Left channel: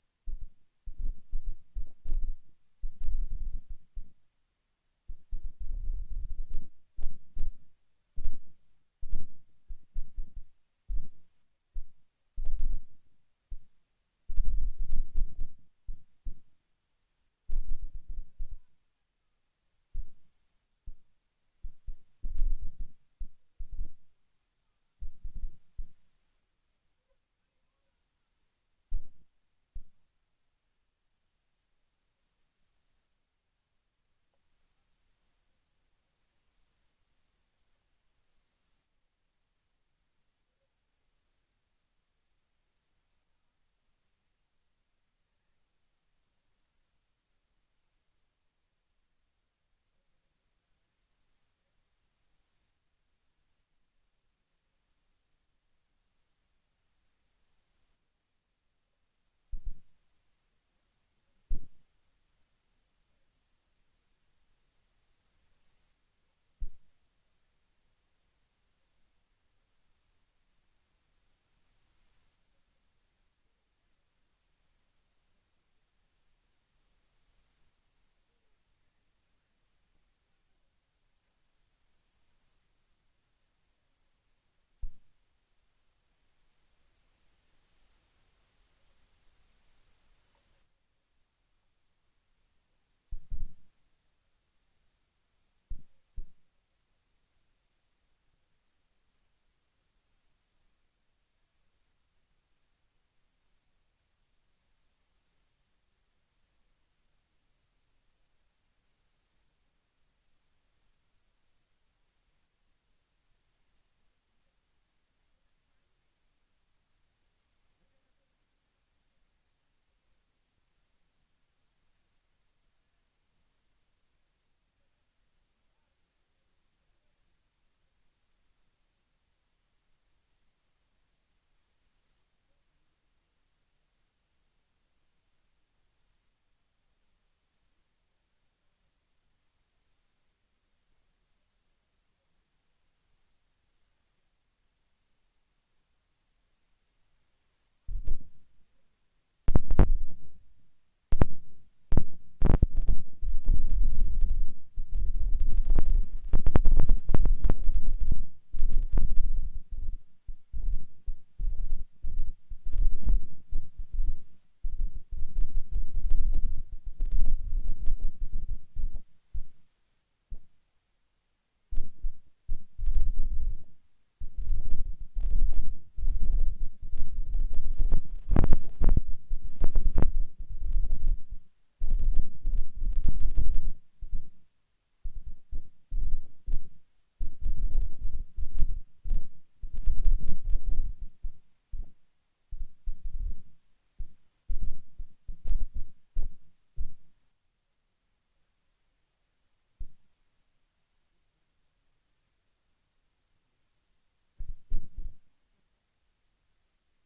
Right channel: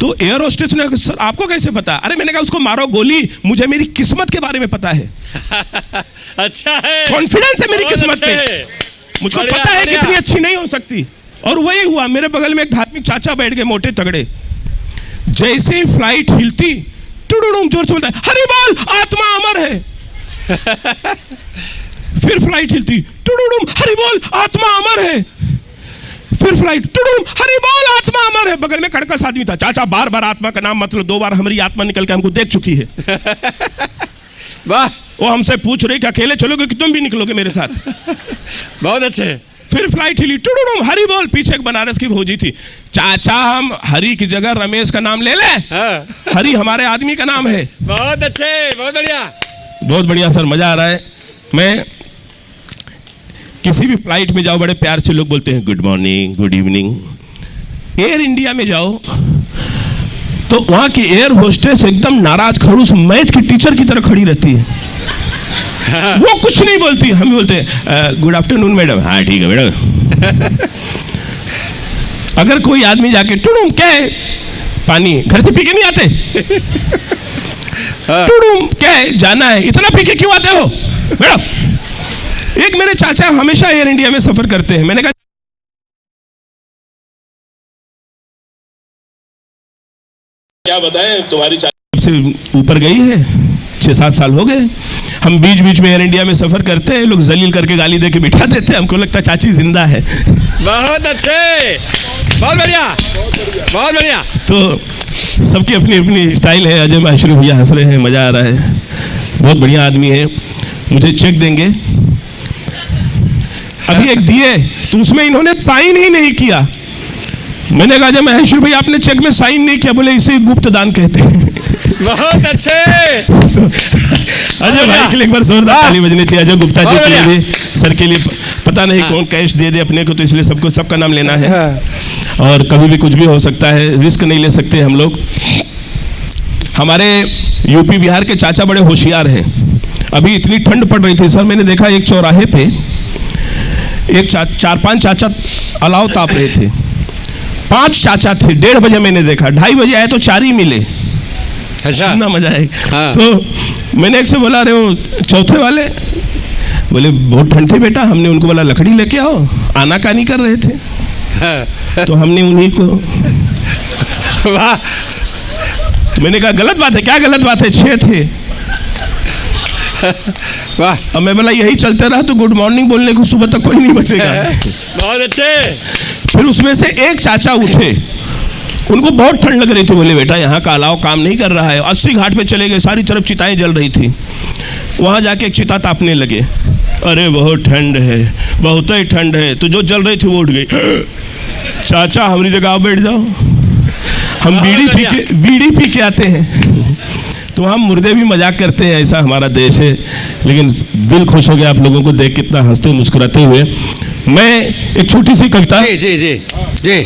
तो air hostess ने, sir आपको कैसे पता? अरे मैंने कहा उसको मारो गोली, मुझे मेरी किस्मत के बारे में पता है। अच्छा है, कॉन्फिडेंस है मेरी किस्मत पे, मुझको पता है कितनी अच्छी नहीं हो सकती। और वही हुआ, मेरे बगल में एक धार्मिक चाचा बैठ गए, मोटे तगड़े। जैसे ही फ्लाइट हिलती, टुडुडुम जोर से बोलता है, हरि बोल आत्मा अमर है। फिर फ्लाइट हिलती, टुडुडुम हरि बोल आत्मा अमर है। फिर फ्लाइट, टुडुडुम हरि बोल आत्मा अमर है। बगल में कड़कस आदमी था, चाचा बार बार आत्मा का नाम मतलब 2 बार हमारी आत्मा निकल के हमको देख चुकी है। वाह, वो हमसे पूछ रही कि अकेले चलोगे कि तुम भी निकलोगे मेरे साथ? बहुत अच्छे। फिर फ्लाइट हिली, टुडुडुम हरि बोल। पीछे एक बनारस की भौजी थी, चाचा हम हरि की जगह रमेश का नाम ले ले। हाँ। हरि हमारे आदमी का नाम है। बहुत अच्छे, बहुत बढ़िया, बहुत बढ़िया सर, मजा आ रहा है। मैं किसी भी फ्लाइट में जाओ, बड़े प्यार से लोग बोलते हैं good morning, good evening. Air India में जाओ तो वहां की एयर होस्टेस एकदम नाराज खड़ूस मैथ की टीचर की तरह खड़ी रहती है। वो कुछ नहीं बोलती, हम बोलते हैं गुड आफ्टरनून मैडम। हाँ ठीक है मैडम। अगर कोई आदमी जाके टुडुम क्या है, पानी घर से पी के नहीं आते? टुडुम क्या है, जाना है, इतना पी के क्यों आते हो मैडम? एक मेरे चाचा हमेशा एयर इंडिया में सफर करते हैं। मैंने कहा क्या बताएं, तुम्हारी चाचा से ऊपर गई है, 6-7 साल हो गए। हम बीच बीच में एयर इंडिया में सफर करते हैं, लोग जलील करके गाली दे के बिठा देते हैं, हमको लगता है चाची जिंदा है। बहुत अच्छे, बहुत बढ़िया, बहुत बढ़िया। तो सबकी अपनी अपनी स्टाइल है। अजय माशरू भैया हंस रहे हैं, मजा आ रहा है, बहुत बढ़िया आदमी है। मुझे चेक देंगे, अभी एक दिए तो उसमें इन्होंने साइन ही नहीं किया। मैंने कहा जब महेश्वर भाई आपने चेक में साइन नहीं किया, बोले इसे गुप्त दान कहते हैं। बहुत अच्छे। अजय भाई के लिए एक बार जोरदार ताली बजनी चाहिए। अजय गुप्ता जी के लिए भी, सर के लिए पता नहीं कौन कैश दे दे अपने को, तो इसलिए सबको सबका नाम लेना है। और कभी भी कुछ भी हो सकता है, रिस्क नहीं ले सकते हम लोग। हमारे यूपी बिहार के चाचा बड़े होशियार हैं। अभी इतनी ठंड पड़ रही थी सर, मैंने देखा एक चौराहे पे एक 4-5 चाचा अलाव ताप रहे थे। 5 चाचा थे, 1:30 बजे मैंने देखा, 2:30 बजे आए तो 4 ही मिले। अच्छा, कितना मजा है। हाँ। तो मैंने एक से बोला, अरे वो चौथे वाले बोले बहुत ठंड थी बेटा। हमने उनको बोला लकड़ी लेके आओ, आनाकानी कर रहे थे। हाँ। तो हमने उन्हीं को, वाह, तो मैंने कहा गलत बात है। क्या गलत बात है? 6 थे। वाह, अब मैं बोला यही चलते रहा तो गुड मॉर्निंग बोलने को सुबह तक कोई नहीं बचेगा। बहुत अच्छे। फिर उसमें से एक चाचा उठे, उनको बहुत ठंड लग रही थी, बोले बेटा यहाँ का अलाव काम नहीं कर रहा है। 80 घाट पे चले गए, सारी तरफ चिताएं जल रही थी। वहाँ जाके एक चिता तापने लगे। अरे बहुत ठंड है, बहुत ही ठंड है। तो जो जल रही थी वो उठ गई। चाचा हमारी जगह बैठ जाओ, हम बीड़ी पी के आते हैं। तो हम मुर्दे भी मजाक करते हैं, ऐसा हमारा देश है। लेकिन दिल खुश हो गया आप लोगों को देख, कितना हंसते मुस्कुराते हुए। मैं एक छोटी सी कविता, जी जी जी,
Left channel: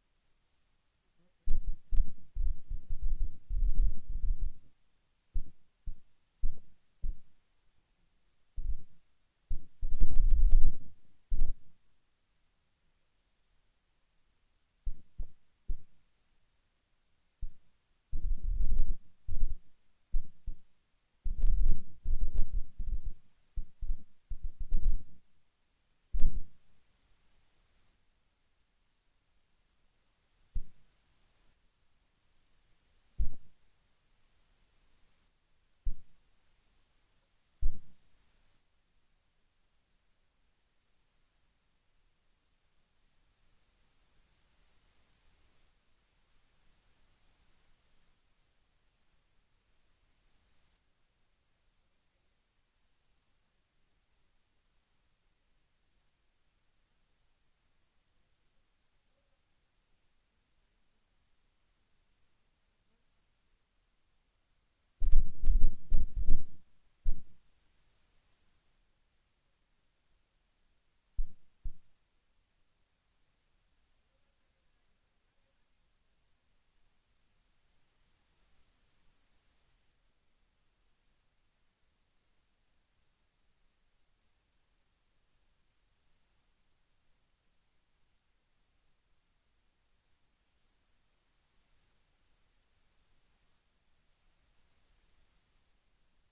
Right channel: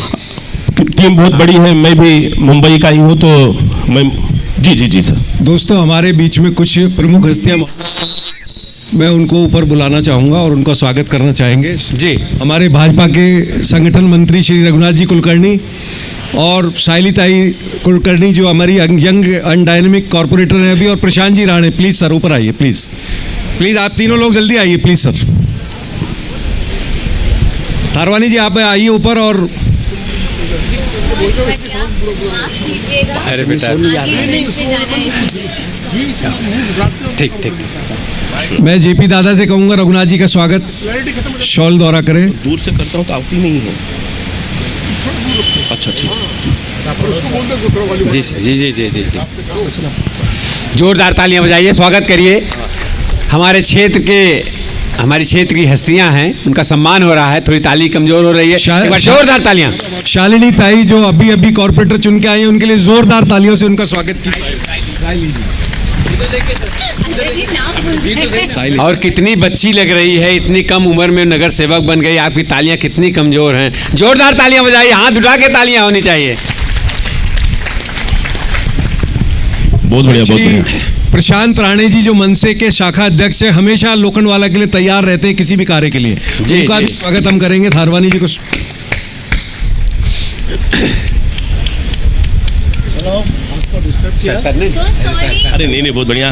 टीम बहुत बड़ी है, मैं भी मुंबई का ही हूँ, तो मैं जी सर। दोस्तों, हमारे बीच में कुछ प्रमुख हस्तियाँ, मैं उनको ऊपर बुलाना चाहूँगा और उनका स्वागत करना चाहेंगे। जी, हमारे भाजपा के संगठन मंत्री श्री रघुनाथ जी कुलकर्णी और साइलीताई कुलकर्णी जो हमारी यंग एंड डायनेमिक कॉर्पोरेटर हैं अभी, और प्रशांत जी राणे। प्लीज़ सर ऊपर आइए, प्लीज़ प्लीज़ आप तीनों लोग जल्दी आइए प्लीज़ सर। थारवानी जी आप आइए ऊपर। और अरे बेटा, ठीक ठीक। मैं जेपी दादा से कहूँगा रघुनाथ जी का स्वागत शॉल द्वारा करें। दूर से करता हूँ तो आती नहीं है। अच्छा ठीक, जी जी जी जी जी, जोरदार तालियां बजाइए, स्वागत करिए। हमारे क्षेत्र की हस्तियां हैं, उनका सम्मान हो रहा है। थोड़ी ताली कमजोर हो रही है, एक बार जोरदार तालियां। शालिनी ताई जो अभी कॉर्पोरेटर चुन के आई हैं, उनके लिए जोरदार तालियों से उनका स्वागत कीजिए। और कितनी बच्ची लग रही है, इतनी कम उम्र में नगर सेवक बन गई। आपकी तालियां कितनी कमजोर हैं। जोरदार तालियां बजाइए, हाथ उठा के तालियां होनी चाहिए। बहुत बढ़िया, बहुत बढ़िया। प्रशांत राणे जी जो मनसे के शाखा अध्यक्ष है, हमेशा लोखंडवाला के लिए तैयार रहते हैं किसी भी कार्य के लिए। उनका भी स्वागत हम करेंगे। थारवानी जी को अरे नहीं, बहुत बढ़िया,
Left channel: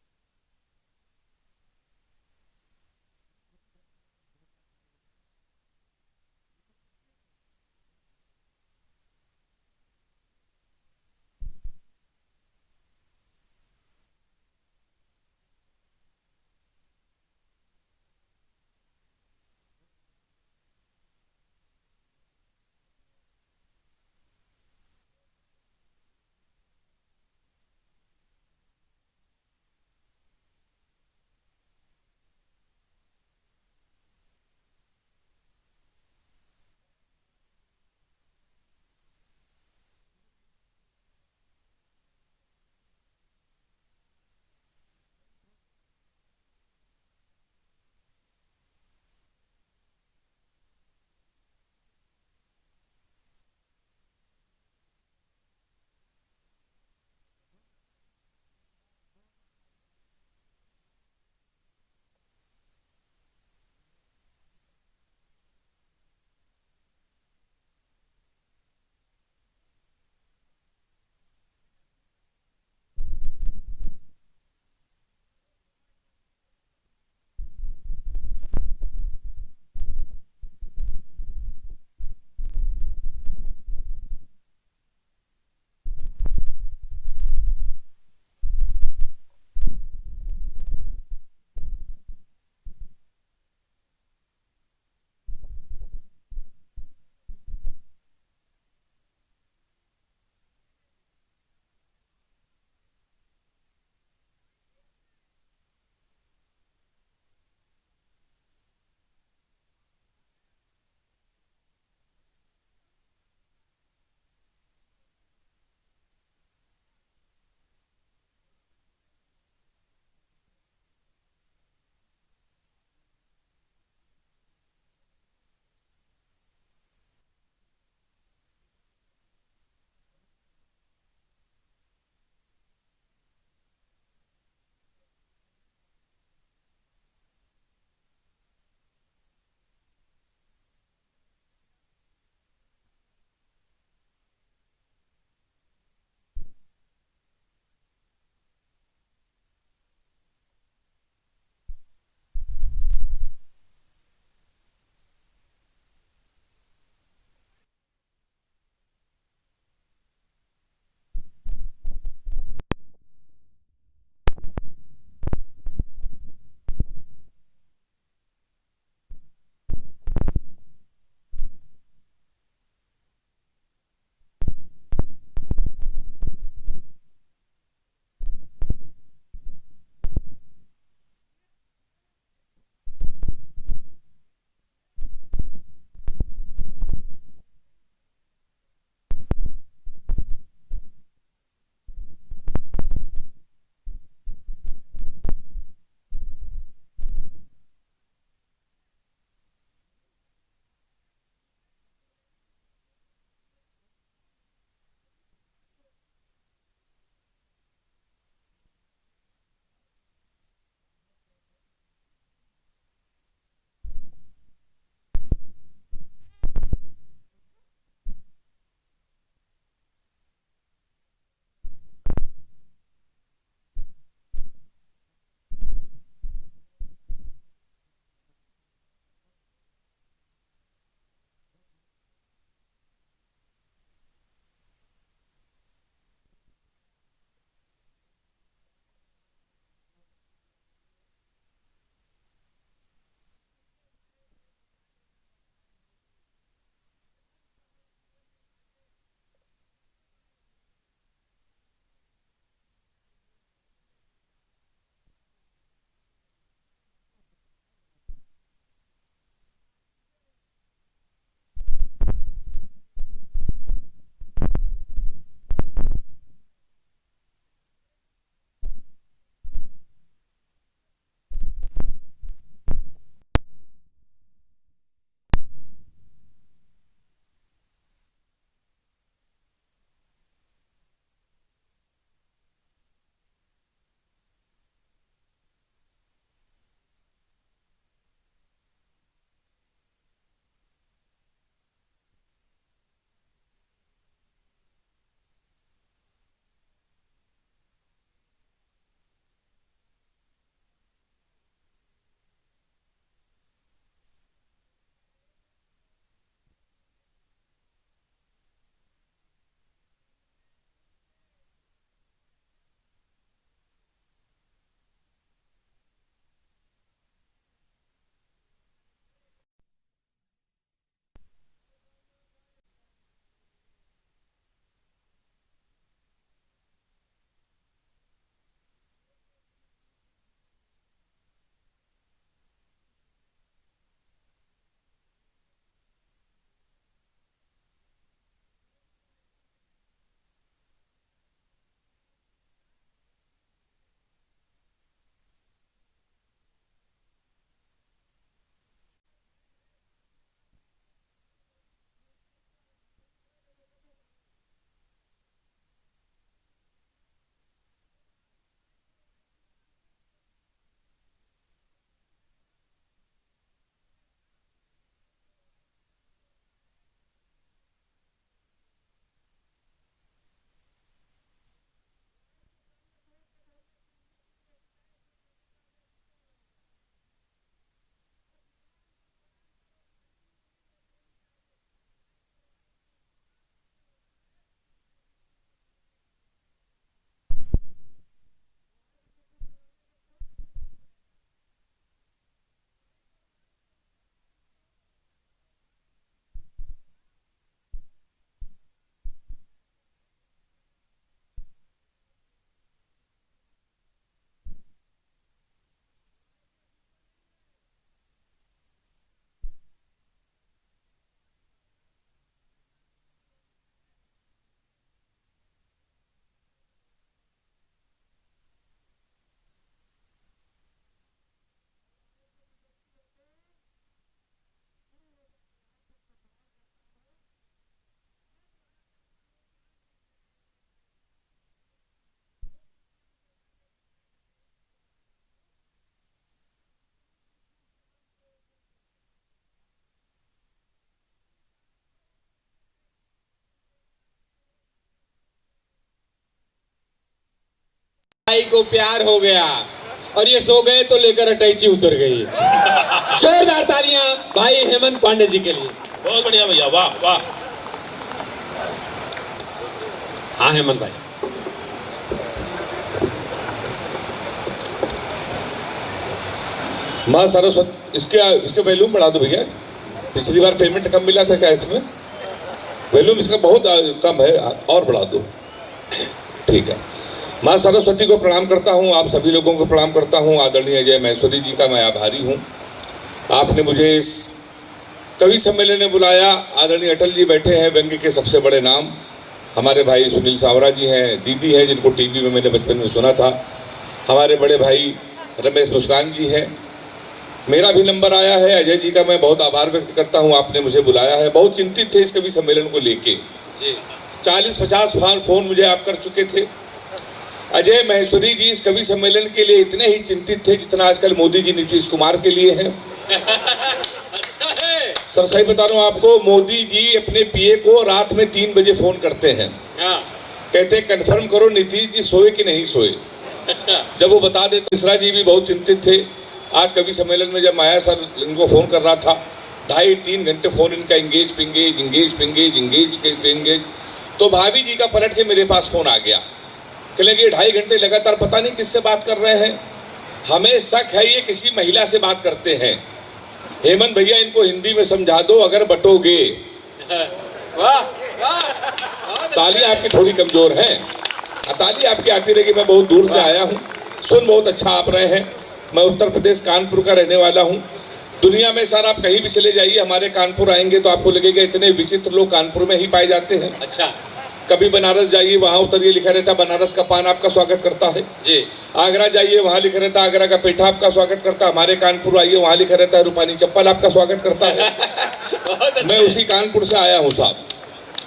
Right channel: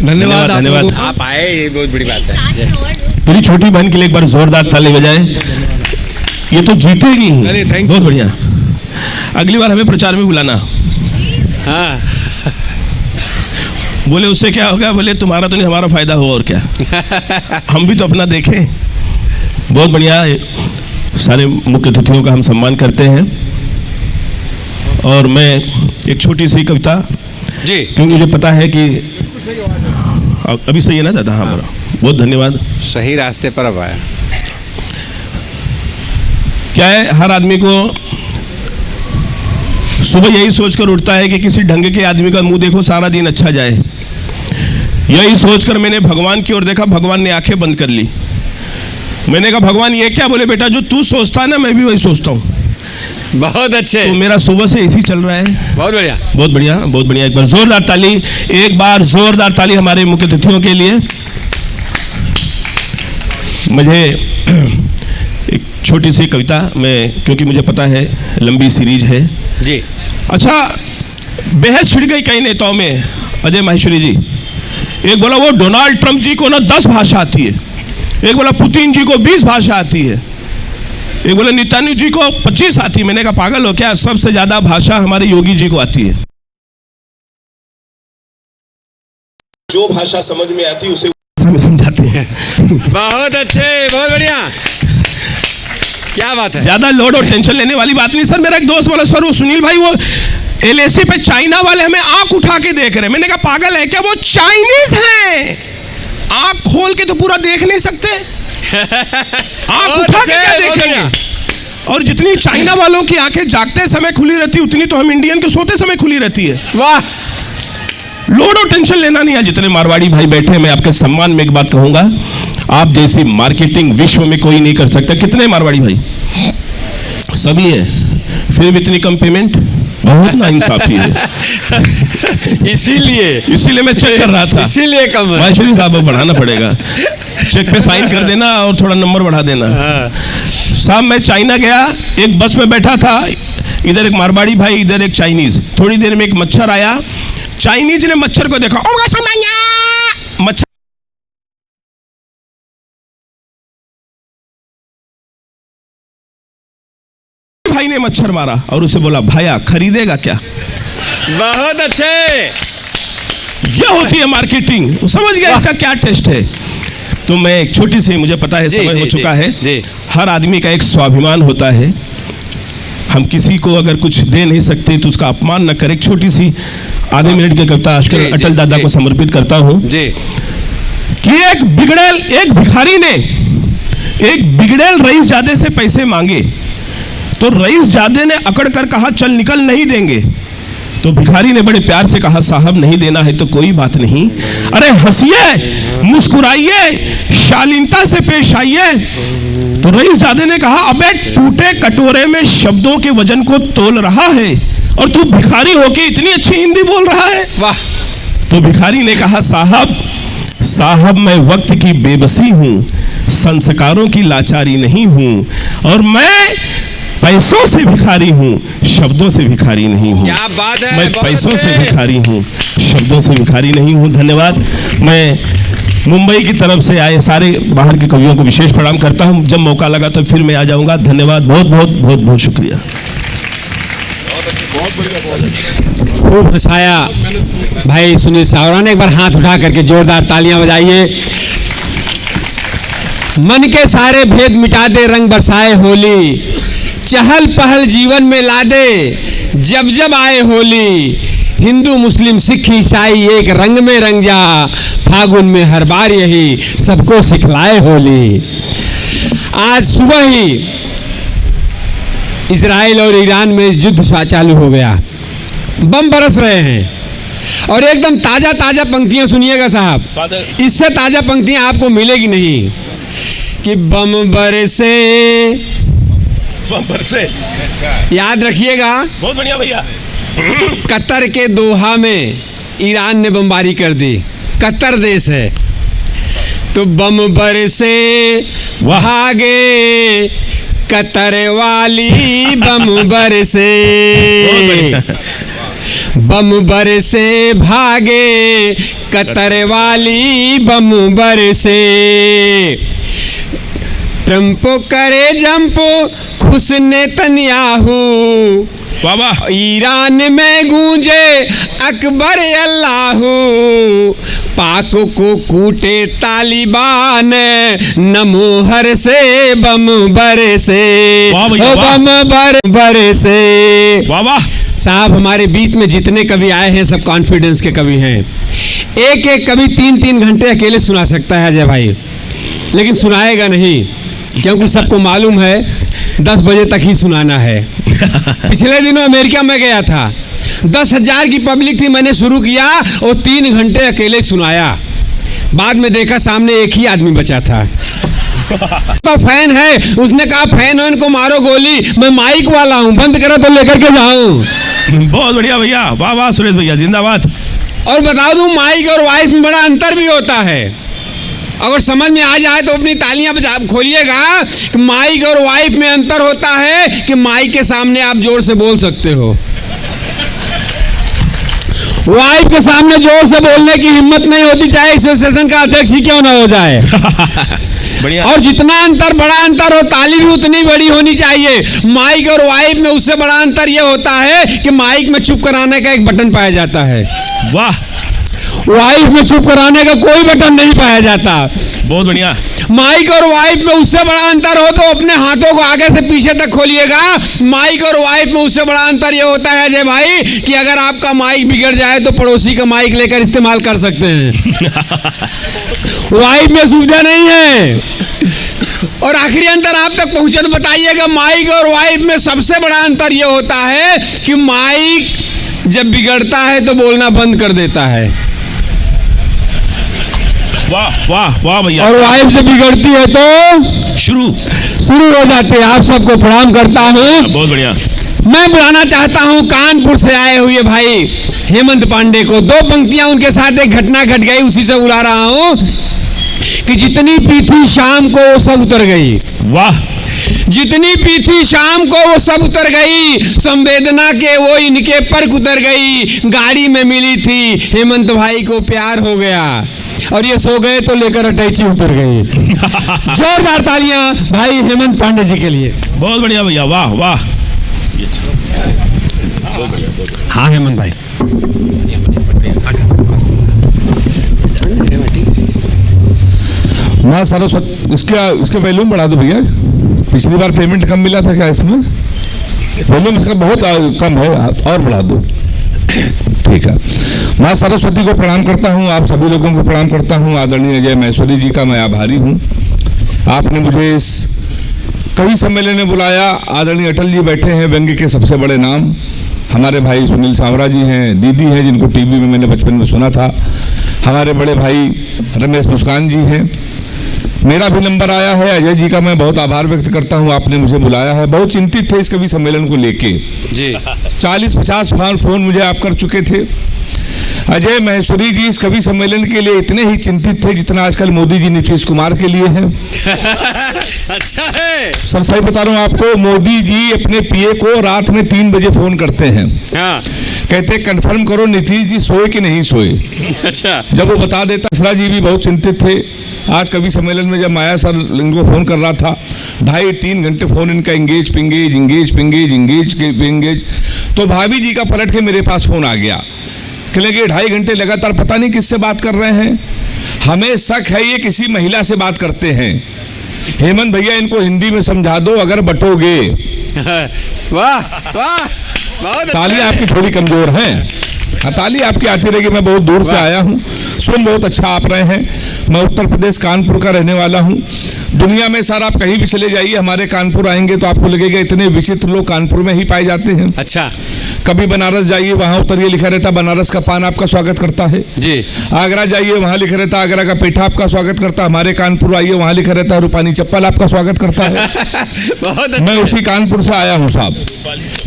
धन्यवाद आप धन्यवाद। लोगों को। आप आए, ये बहुत बड़ी बात है। मेरी छोटी बहन के लिए एक बार जोरदार ताली बजाए। ये तो जीतेगी ही। चलिए, थैंक यू। बहुत बढ़िया। अगली बार हमें प्रचार में बुलाना। हाँ बोले उससे क्या होगा? बोले तुम्हारा तो नहीं, हमारा फायदा हो और क्या। हम भी तो अपना देखें। बहुत बढ़िया। सारे मुख्य अतिथियों का हम सम्मान करते हैं। और मैं एक छोटी सी कविता, जी, क्योंकि मुझे पता है कि अभी सही है ना दादा? हाँ, बोला। बहुत धन्यवाद। सही रास्ते पर अब आया। क्या है, हर आदमी को सुबह यही सोचकर उठता है कि किसी ढंग के आदमी का मुंह देखो, सारा दिन अच्छा जाए। यही सोचकर मैंने भगवान की ओर देखा, भगवान ने आंखें बंद कर ली। मैंने कहा भगवान ये क्या? बोले बेटा जो तू सोचता है ना, मैं भी वही सोचता हूँ। बहुत अच्छे, तो मेरा सुबह से इसी चल रहा है। बहुत बढ़िया, बहुत बढ़िया, बहुत बढ़िया। एक बार जोरदार ताली, एक बार जोरदार ताली हमारे मुख्य अतिथियों के लिए। मुझे एक छोटी सी कविता, मैं, क्योंकि मुझे पता है लंबी सीरीज है। जी। अच्छा, बहस छिड़ गई कई नेताओं में। अजय माहेश्वरी जी, एक बोला वो डोनाल्ड ट्रंप जी को ना 10 भाषा आती है, एक बोला पुतिन जी को 20 भाषा आती है, एक बोला नेतान्याहू जी को 25 आती है। मैंने कहा पागल हो क्या? सबसे ज्यादा भाषा हमारे योगी जी को आती है। जो भाषा समझ में आती है उसे में समझाते हैं। बहुत अच्छे, बहुत बढ़िया, क्या बात है। ज्यादा लोड और टेंशन लेने वाली बात नहीं सर। मेरा एक दोस्त बोला सर वो सुनील भाई वो LAC पे चाइना वाले हमें आंख उठा के देख रहे हैं। मैंने कहा पागल है क्या? वो चाइनीज हैं, आंख खोल के तो पूरा देख नहीं सकते, आंख उठा के क्या देखेंगे? और जितनी चाइना वालों की आंखें जागते समय खुली रहती उतनी तो हम इंडियन के सोते समय खुली रहती है। वाह, लोड और टेंशन लेना नहीं है। जितने मारवाड़ी भाई बैठे हैं, मैं आपके सम्मान में एक बात कहूंगा, आप जैसी मार्केटिंग विश्व में कोई नहीं कर सकता। कितने मारवाड़ी भाई? सभी है, फिर भी इतनी कम पेमेंट, बहुत नाइंसाफी है। इसीलिए मैं चेक कर रहा था, इसीलिए कम है। माहेश्वरी साहब बढ़ाना पड़ेगा, चेक पे साइन कर देना और थोड़ा नंबर बढ़ा देना। साहब मैं चाइना गया, एक बस में बैठा था, इधर एक मारवाड़ी भाई, इधर एक चाइनीज। थोड़ी देर में एक मच्छर आया, चाइनीज ने मच्छर को देखा, मच्छर भाई ने मच्छर मारा और उसे बोला भाया खरीदेगा क्या? बहुत अच्छे, यह होती है मार्केटिंग। वो समझ गया इसका क्या टेस्ट है। तो मैं एक छोटी सी, मुझे पता है समय हो चुका है, हर आदमी का एक स्वाभिमान होता है। हम किसी को अगर कुछ दे नहीं सकते तो उसका अपमान न करें। एक छोटी सी आधे मिनट की कविता आजकल अटल दादा को समर्पित करता हूं कि एक भिखारी ने एक बिगड़ेल रईस जादे से पैसे मांगे तो रईस जादे ने अकड़ कर कहा चल निकल, नहीं देंगे। तो भिखारी ने बड़े प्यार से कहा साहब नहीं देना है तो कोई बात नहीं, अरे हंसिए मुस्कुराइए शालीनता से पेश आइए। तो रईस जादे ने कहा अबे टूटे कटोरे में शब्दों के वजन को तोल रहा है और तू भिखारी होके इतनी अच्छी हिंदी बोल रहा है, वाह। तो भिखारी ने कहा साहब मैं वक्त की बेबसी हूं, संस्कारों की लाचारी नहीं हूं और मैं पैसों से भिखारी हूं, शब्दों से भिखारी नहीं हूं। क्या बात है, मैं पैसों से भिखारी हूं, शब्दों से भिखारी नहीं हूं। धन्यवाद। मैं मुंबई की तरफ से आए सारे बाहर के कवियों को विशेष प्रणाम करता हूं। जब मौका लगा तो फिर मैं आ जाऊंगा। धन्यवाद, बहुत बहुत बहुत बहुत शुक्रिया। खूब हंसाया भाई सुनील सावरा ने। एक बार हाथ उठा करके जोरदार तालियां बजाइए। मन के सारे भेद मिटा दे, रंग बरसाए होली, चहल पहल जीवन में ला दे, जब जब आए होली, हिंदू मुस्लिम सिख ईसाई एक रंग में रंग जा, फागुन में हर बार यही सबको सिखलाए होली। आज सुबह ही इजराइल और ईरान में युद्ध चालू हो गया, बम बरस रहे हैं और एकदम ताजा ताजा पंक्तियां सुनिएगा साहब, इससे ताजा पंक्तियां आपको मिलेगी नहीं कि बम बरसे, याद रखिएगा। बहुत बढ़िया भैया। कतर के दोहा में ईरान ने बमबारी कर दी, कतर देश है, तो बम बरसे भागे कतर वाली बम बरसे, बम बरसे भागे कतर वाली बम बरसे, ट्रंप करे जंप खुश नेतन्याहू, वाह वाह, ईरान में गूंजे अकबर अल्लाहू, पाक को कूटे तालिबान नमोहर से बम बरसे, वाह भैया, ओ वाह। बम बरसे। वाह वाह, साहब हमारे बीच में जितने कवि आए हैं सब कॉन्फिडेंस के कवि हैं। एक एक कवि 3-3 घंटे अकेले सुना सकता है अजय भाई, लेकिन सुनाएगा नहीं, क्योंकि सबको मालूम है 10 बजे तक ही सुनाना है। पिछले दिनों अमेरिका में गया था, 10,000 की पब्लिक थी, मैंने शुरू किया और 3 घंटे अकेले सुनाया। बाद में देखा सामने एक ही आदमी बचा था, तो फैन है, उसने कहा फैन को मारो गोली, मैं माइक वाला हूँ, बंद करो तो लेकर के जाऊँ। बहुत बढ़िया भैया, वाह वाह सुरेश भैया, जिंदाबाद। और बता दूं माइक और वाइफ में बड़ा अंतर भी होता है, अगर समझ में आ जाए तो अपनी तालियां बजा खोलिएगा कि माइक और वाइफ में अंतर होता है कि माइक के सामने आप जोर से बोल सकते हो, वाइफ के सामने जोर से बोलने की हिम्मत नहीं होती, चाहे एसोसिएशन का अध्यक्ष ही क्यों ना हो जाए। बढ़िया। और जितना अंतर बड़ा अंतर हो, ताली भी उतनी बड़ी होनी चाहिए। माइक और वाइफ में उससे बड़ा अंतर यह होता है कि माइक में चुप कराने का एक बटन पाया जाता है, वाह, वाइफ में चुप कराने का कोई बटन नहीं पाया जाता। बहुत बढ़िया। माइक और वाइफ में उससे बड़ा अंतर हो तो अपने हाथों को आगे से पीछे तक खोलिएगा। माइक और वाइफ में उससे बड़ा अंतर यह होता है अजय भाई कि अगर आपका माइक बिगड़ जाए तो पड़ोसी का माइक लेकर इस्तेमाल कर सकते हैं। वाइफ में सुविधा नहीं है। और आखिरी अंतर आप तक पहुंचे तो बताइएगा, माइक और वाइफ में सबसे बड़ा अंतर यह होता है कि माइक जब बिगड़ता है तो बोलना बंद कर देता है, वाह वाह वाह भैया, और वाइफ जब बिगड़ती है तो शुरू हो जाते हैं। आप सबको प्रणाम करता हूँ। बहुत बढ़िया। मैं बुलाना चाहता हूँ कानपुर से आए हुए भाई हेमंत पांडे को। 2 पंक्तियां उनके साथ एक घटना घट गई, उसी से बुला रहा हूँ कि जितनी पीठी शाम को वो सब उतर गई। वाह, जितनी पीठी शाम को वो सब उतर गई, संवेदना के वो इनके पर उतर गई। गाड़ी में मिली थी, हेमंत भाई को प्यार हो गया और ये सो गए तो लेकर अटैची उतर गई। जोरदार तालियां भाई हेमंत पांडे जी के लिए। बहुत बढ़िया भैया, वाह वाह। हाँ हेमंत भाई, माँ सरस्वती, इसके वॉल्यूम बढ़ा दो भैया। पिछली बार पेमेंट कम मिला था क्या इसमें? वॉल्यूम इसका बहुत कम है, और बढ़ा दो। ठीक है। माँ सरस्वती को प्रणाम करता हूँ, आप सभी लोगों को प्रणाम करता हूँ। आदरणीय अजय महेश्वरी जी का मैं आभारी हूँ, आपने मुझे इस कवि सम्मेलन में बुलाया। आदरणीय अटल जी बैठे हैं, व्यंग्य के सबसे बड़े नाम। हमारे भाई सुनील सांवरा जी हैं, दीदी हैं जिनको टीवी में मैंने बचपन में सुना था। हमारे बड़े भाई रमेश मुस्कान जी हैं। मेरा भी नंबर आया है, अजय जी का मैं बहुत आभार व्यक्त करता हूं, आपने मुझे बुलाया है। बहुत चिंतित थे इस कवि सम्मेलन को लेके जी। 40-50 फोन मुझे आप कर चुके थे। अजय महेश्वरी जी इस कवि सम्मेलन के लिए इतने ही चिंतित थे जितना आजकल मोदी जी नीतीश कुमार के लिए है। अच्छा है सर, सही बता रहा हूँ आपको, मोदी जी अपने पीए को रात में 3 बजे फोन करते हैं। हाँ। कहते कंफर्म करो नीतीश जी सोए कि नहीं सोए। अच्छा। जब वो बता देता। मिश्रा जी भी बहुत चिंतित थे। आज कवि सम्मेलन में जब माया सर इनको फोन कर रहा था, 2.5-3 घंटे फोन इनका इंगेज पिंगेज। तो भाभी जी का पलट के मेरे पास फोन आ गया, कहने लगे 2.5 घंटे लगातार पता नहीं किससे बात कर रहे हैं, हमें शक है ये किसी महिला से बात करते हैं। हेमंत भैया इनको हिंदी में समझा दो अगर बटोगे। वाह वाह, ताली आपकी थोड़ी कमजोर है। ताली आपकी आती रहेगी। मैं बहुत दूर से आया हूँ, सुन बहुत अच्छा आप रहे हैं। मैं उत्तर प्रदेश कानपुर का रहने वाला हूँ। दुनिया में सर आप कहीं भी चले जाइए, हमारे कानपुर आएंगे तो आपको लगेगा इतने विचित्र लोग कानपुर में ही पाए जाते हैं। अच्छा। कभी बनारस जाइए, वहाँ उतरिए, लिखा रहता बनारस का पान आपका स्वागत करता है जी। आगरा जाइए, वहाँ लिखा रहता आगरा का पेठा आपका स्वागत करता है। हमारे कानपुर आइए, वहाँ लिखा रहता रूपानी चप्पल आपका स्वागत करता है। बहुत मैं उसी कानपुर से आया हूँ साहब।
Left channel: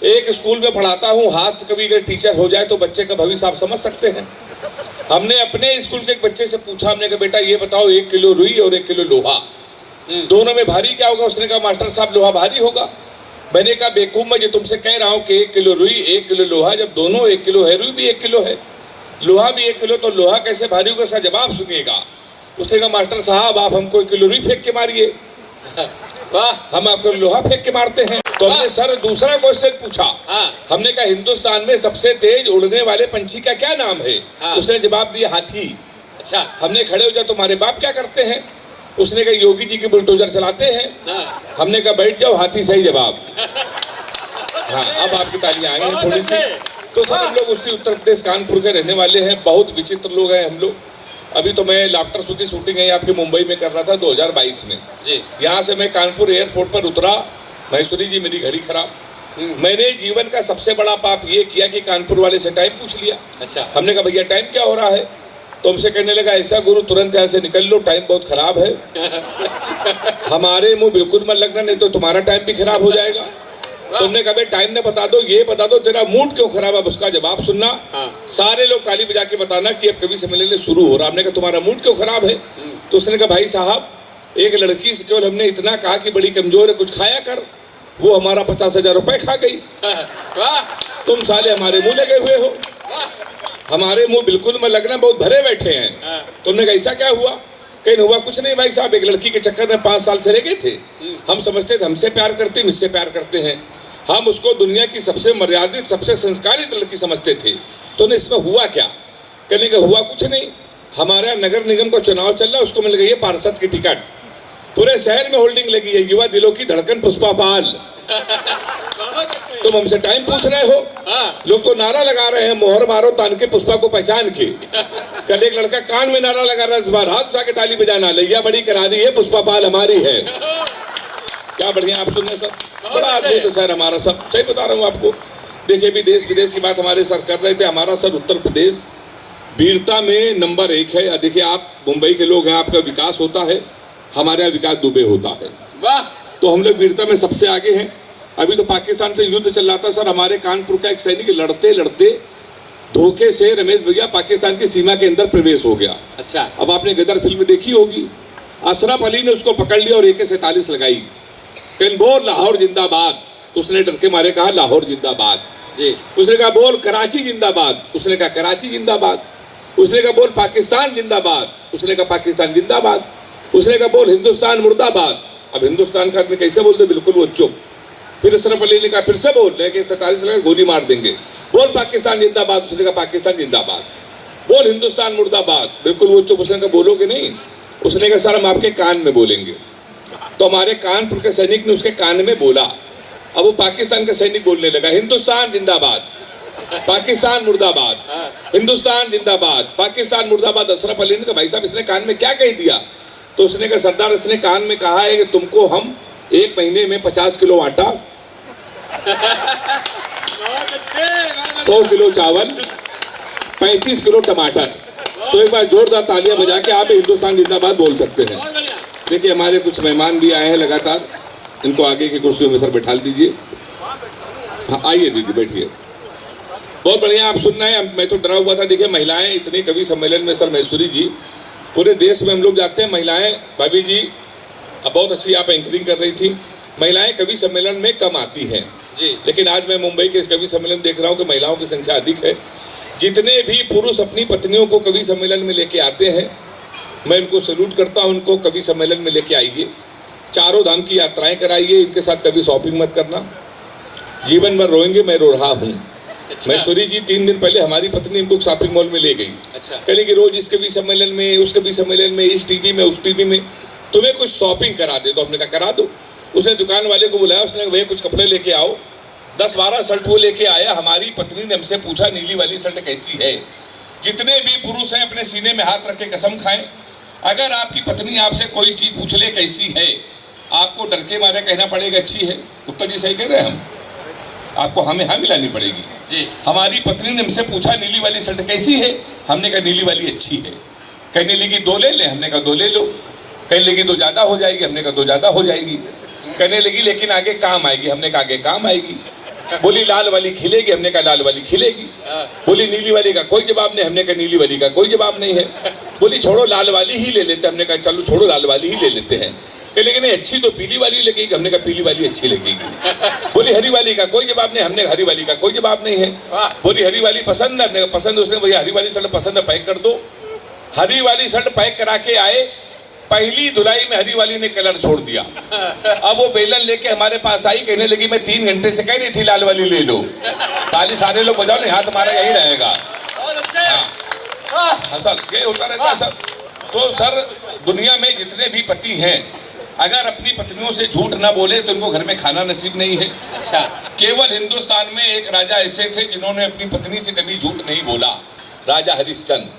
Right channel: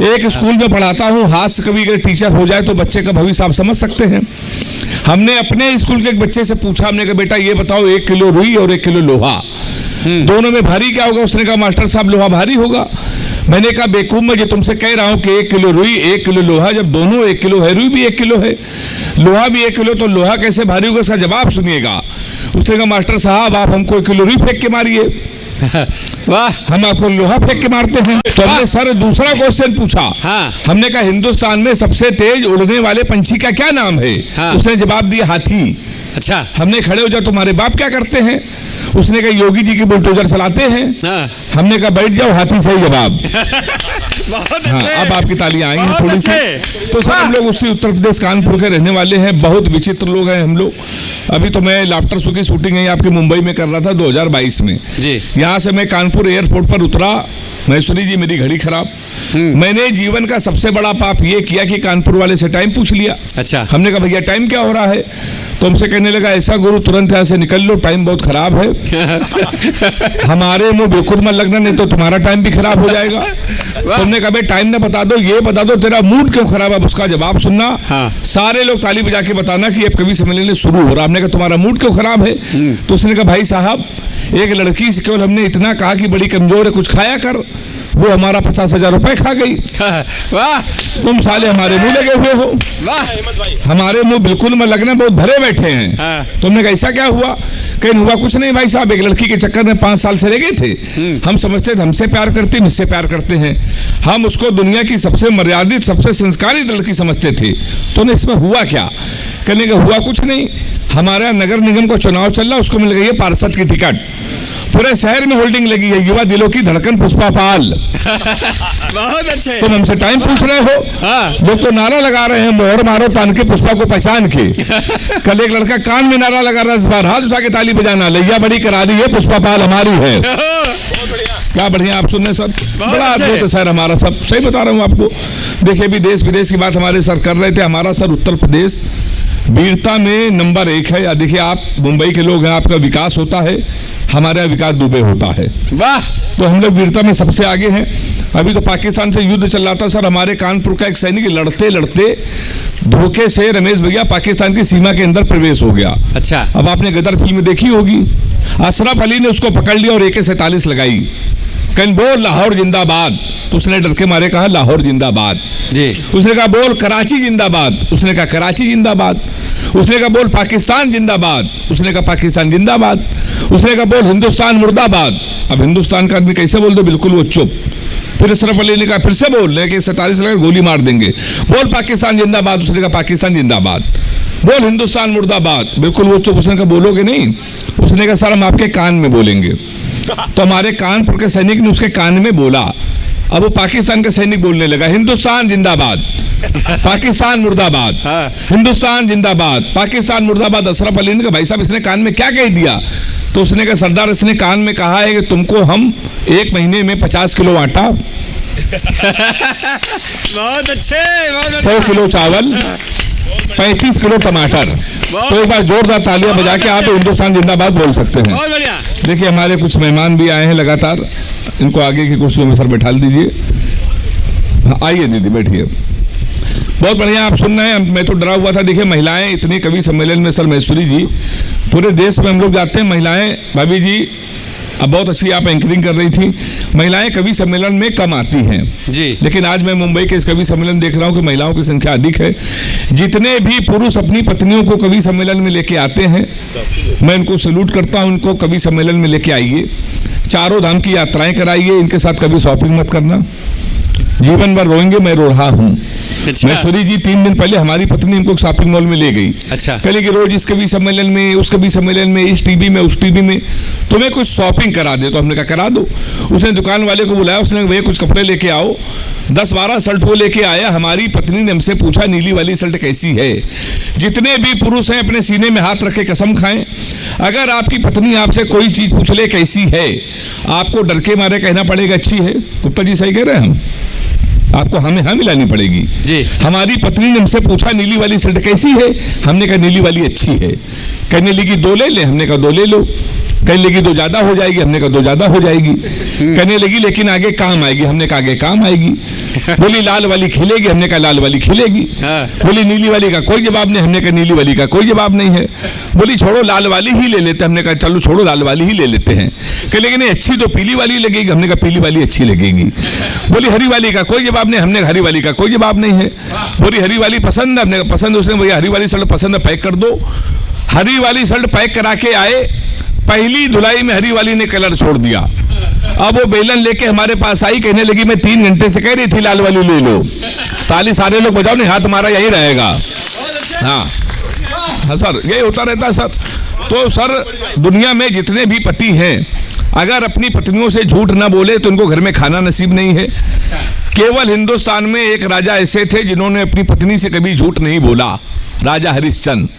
एक स्कूल में पढ़ाता हूँ। हास्य कवि अगर टीचर हो जाए तो बच्चे का भविष्य आप समझ सकते हैं। हमने अपने स्कूल के एक बच्चे से पूछा, हमने कहा बेटा ये बताओ 1 किलो रुई और 1 किलो लोहा दोनों में भारी क्या होगा? उसने कहा मास्टर साहब लोहा भारी होगा। मैंने कहा बेवकूफ, मैं जो तुमसे कह रहा हूं कि 1 किलो रुई 1 किलो लोहा, जब दोनों 1 किलो है, रुई भी 1 किलो है, लोहा भी 1 किलो, तो लोहा कैसे भारी होगा? इसका जवाब सुनिएगा। उसने कहा मास्टर साहब आप हमको 1 किलो रुई फेंक के मारिए। वाह, हम आपको लोहा फेंक के मारते हैं। तो हमने सर दूसरा क्वेश्चन पूछा। हाँ। हमने कहा हिंदुस्तान में सबसे तेज उड़ने वाले पंछी का क्या नाम है? हाँ। उसने जवाब दिया हाथी। अच्छा। हमने खड़े हो जाओ, तुम्हारे बाप क्या करते हैं? उसने कहा योगी जी की बुलडोजर चलाते हैं। हाँ। हमने कहा बैठ जाओ, हाथी से जवाब। हाँ, अब आपकी तालियां आई हैं थोड़ी सी। तो सर हम लोग उसी उत्तर प्रदेश कानपुर के रहने वाले हैं, बहुत विचित्र लोग हैं हम लोग। अभी तो मैं लाफ्टर शो की शूटिंग है आपके मुंबई में कर रहा था 2022 में जी। यहाँ से मैं कानपुर एयरपोर्ट पर उतरा, महेश्वरी जी मेरी घड़ी खराब। मैंने जीवन का सबसे बड़ा पाप ये किया कि कानपुर वाले से टाइम पूछ लिया। अच्छा। हमने कहा भैया टाइम क्या हो रहा है? तो हमसे कहने लगा ऐसा गुरु तुरंत यहाँ से निकल लो, टाइम बहुत खराब है। हमारे मुंह बिल्कुल मत लगना, नहीं तो तुम्हारा टाइम भी खराब हो जाएगा। तुमने कहा टाइम ना बता दो, ये बता दो तेरा मूड क्यों खराब है, उसका जवाब सुनना। हाँ। सारे लोग ताली बजा के बताना कि अब कवि सम्मेलन शुरू हो रहा। हमने कहा तुम्हारा मूड क्यों खराब है? तो उसने कहा भाई साहब एक लड़की से केवल हमने इतना कहा कि बड़ी कमजोर है, कुछ खाया कर, वो हमारा 50,000 रुपए खा गई। वाह, तुम साले हमारे मुंह लगे हुए हो। वाह, हमारे मुंह बिल्कुल में लगना, बहुत भरे बैठे हैं। हाँ। तुमने कहा ऐसा क्या हुआ? कहीं हुआ कुछ नहीं भाई साहब, एक लड़की के चक्कर में 5 साल से रह गए थे। हम समझते थे हमसे प्यार करते, मुझसे प्यार करते हैं, हम उसको दुनिया की सबसे मर्यादित सबसे संस्कारित लड़की समझते थे। तुमने इसमें हुआ क्या? कहने का हुआ कुछ नहीं, हमारा नगर निगम का चुनाव चल रहा, उसको मिल गई है पार्षद की टिकट, पूरे शहर में होल्डिंग लगी है, युवा दिलों की धड़कन पुष्पा पाल। बहुत अच्छे। तुम हमसे टाइम पूछ रहे हो? हाँ। लोग तो नारा लगा रहे हैं, मोहर मारो तान के पुष्पा को पहचान के। कल एक लड़का कान में नारा लगा रहा है, इस बार हाथ उठा के ताली बजाना, लैया बड़ी करा दी है, पुष्पा पाल हमारी है। क्या बढ़िया, आप सुनने सब बड़ा अद्भुत है सर हमारा, सब सही बता रहा हूँ आपको। देखिए भी देश विदेश की बात हमारे सर कर रहे थे, हमारा सर उत्तर प्रदेश वीरता में नंबर 1 है। देखिए आप मुंबई के लोग हैं, आपका विकास होता है, हमारा विकास दुबे होता है। वाह, तो हम लोग वीरता में सबसे आगे हैं। अभी तो पाकिस्तान से युद्ध चल रहा था सर, हमारे कानपुर का एक सैनिक लड़ते लड़ते धोखे से रमेश भैया पाकिस्तान की सीमा के अंदर प्रवेश हो गया। अच्छा। अब आपने गदर फिल्म देखी होगी, अशरफ अली ने उसको पकड़ लिया और AK-47 लगाई, कहीं बोल लाहौर जिंदाबाद, तो उसने डर के मारे कहा लाहौर जिंदाबाद जी। उसने कहा बोल कराची जिंदाबाद, उसने कहा कराची जिंदाबाद। उसने कहा बोल पाकिस्तान जिंदाबाद, उसने कहा पाकिस्तान जिंदाबाद। उसने कहा बोल हिंदुस्तान मुर्दाबाद। अब हिंदुस्तान का आदमी कैसे बोल दो, बिल्कुल वो चुप। फिर अशरफ अली ने कहा फिर से बोल, लेकिन 47 लगा गोली मार देंगे। बोल पाकिस्तान जिंदाबाद, उसने कहा पाकिस्तान जिंदाबाद। बोल हिंदुस्तान मुर्दाबाद, बिल्कुल वो चुप। उसने कहा बोलोगे नहीं? उसने कहा सर हम आपके कान में बोलेंगे। तो हमारे कानपुर के सैनिक ने उसके कान में बोला। अब वो पाकिस्तान का सैनिक बोलने लगा हिंदुस्तान जिंदाबाद, पाकिस्तान मुर्दाबाद, हिंदुस्तान जिंदाबाद, पाकिस्तान मुर्दाबाद। अशरफ अली ने कहा भाई साहब इसने कान में क्या कह दिया? तो उसने कहा सरदार इसने कान में कहा है कि तुमको हम 1 महीने में 50 किलो आटा, बहुत अच्छे, 100 किलो चावल, 35 किलो टमाटर। तो एक बार जोरदार तालियां बजा के आप हिंदुस्तान जिंदाबाद बोल सकते हैं। बहुत बढ़िया। देखिए हमारे कुछ मेहमान भी आए हैं लगातार, इनको आगे की कुर्सियों में सर बैठा दीजिए। हाँ, आइए दीदी बैठिए। बहुत बढ़िया, आप सुन रहे हैं। मैं तो डरा हुआ था। देखिए महिलाएं इतने कवि सम्मेलन में, सर महेश्वरी जी पूरे देश में हम लोग जाते हैं, महिलाएं, भाभी जी अब बहुत अच्छी आप एंकरिंग कर रही थी, महिलाएं कवि सम्मेलन में कम आती हैं जी। लेकिन आज मैं मुंबई के इस कवि सम्मेलन देख रहा हूं कि महिलाओं की संख्या अधिक है। जितने भी पुरुष अपनी पत्नियों को कवि सम्मेलन में लेके आते हैं, मैं इनको सैल्यूट करता हूं। इनको कवि सम्मेलन में लेके आइए, चारों धाम की यात्राएं कराइए, इनके साथ कभी शॉपिंग मत करना, जीवन भर रोएंगे मैं रो रहा हूँ। अच्छा। महेश्वरी जी 3 दिन पहले हमारी पत्नी इनको शॉपिंग मॉल में ले गई। अच्छा। कल की रोज इस कवि सम्मेलन में, उस कवि सम्मेलन में, इस टीवी में, उस टीवी में, तुम्हें कुछ शॉपिंग करा दे। तो हमने कहा करा दो। उसने दुकान वाले को बुलाया, उसने भैया कुछ कपड़े लेके आओ। 10-12 शर्ट वो लेके आया। हमारी पत्नी ने हमसे पूछा नीली वाली शर्ट कैसी है। जितने भी पुरुष हैं अपने सीने में हाथ रख के कसम खाएं, अगर आपकी पत्नी आपसे कोई चीज पूछ ले कैसी है, आपको डर के मारे कहना पड़ेगा अच्छी है। गुप्ता जी सही कह रहे हैं, आपको हमें हाँ मिलानी पड़ेगी जी। हमारी पत्नी ने हमसे पूछा नीली वाली शर्ट कैसी है, हमने कहा नीली वाली अच्छी है। कहने लगी 2 ले ले, हमने कहा 2 ले लो। कहने लगी तो ज्यादा हो जाएगी, हमने कहा तो ज्यादा हो जाएगी। कहने लगी लेकिन आगे काम आएगी, हमने कहा आगे काम आएगी। बोली लाल वाली खिलेगी, हमने कहा लाल वाली खिलेगी। बोली नीली वाली का कोई जवाब नहीं, हमने कहा नीली वाली का कोई जवाब नहीं है। बोली छोड़ो लाल वाली ही ले लेते, हमने कहा चलो छोड़ो लाल वाली ही ले लेते हैं। कहने लगी नहीं अच्छी तो पीली वाली लगेगी, हमने कहा पीली वाली अच्छी लगेगी। बोली हरी वाली का कोई जवाब नहीं, हमने हरी वाली का कोई जवाब नहीं है। बोली हरी वाली पसंद है, हमने कहा पसंद। उसने भैया हरी वाली शर्ट पसंद है, पैक कर दो। हरी वाली शर्ट पैक करा के आए, पहली धुलाई में हरी वाली ने कलर छोड़ दिया। अब वो बेलन लेके हमारे पास आई, कहने लगी मैं 3 घंटे से कह रही थी लाल वाली ले लो। ताली सारे लोग बजाओ, नहीं हाथ हमारा यही रहेगा। हाँ सर, ये होता रहता सर। तो सर दुनिया में जितने भी पति हैं, अगर अपनी पत्नियों से झूठ ना बोले तो इनको घर में खाना नसीब नहीं है। केवल हिंदुस्तान में एक राजा ऐसे थे जिन्होंने अपनी पत्नी से कभी झूठ नहीं बोला, राजा हरिश्चंद्र।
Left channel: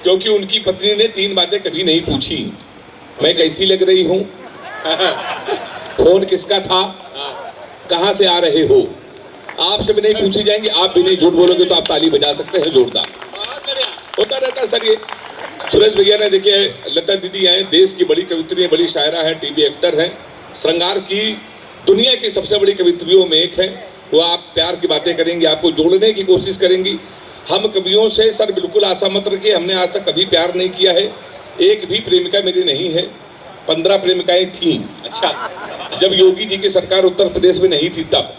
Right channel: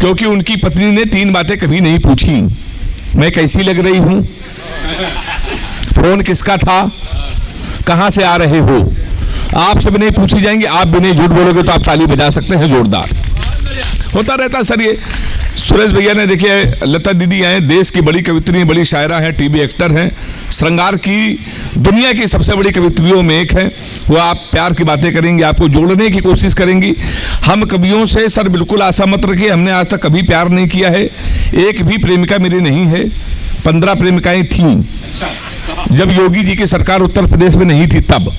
क्योंकि उनकी पत्नी ने 3 बातें कभी नहीं पूछी। मैं कैसी लग रही हूं, फोन किसका था, कहां से आ रहे हो, आपसे भी नहीं पूछी जाएंगी। आप भी नहीं झूठ बोलोगे तो आप ताली बजा सकते हैं जोरदार। होता रहता सर ये। सुरेश भैया ने देखिए, लता दीदी हैं, देश की बड़ी कवित्री, बड़ी शायरा है, टीवी एक्टर हैं, श्रृंगार की दुनिया की सबसे बड़ी कवित्रियों में एक है। वो आप प्यार की बातें करेंगे, आपको जोड़ने की कोशिश करेंगी। हम कवियों से सर बिल्कुल आशा मत रखिए, हमने आज तक कभी प्यार नहीं किया है। एक भी प्रेमिका मेरी नहीं है। 15 प्रेमिकाएं थीं। जब योगी जी की सरकार उत्तर प्रदेश में नहीं थी तब।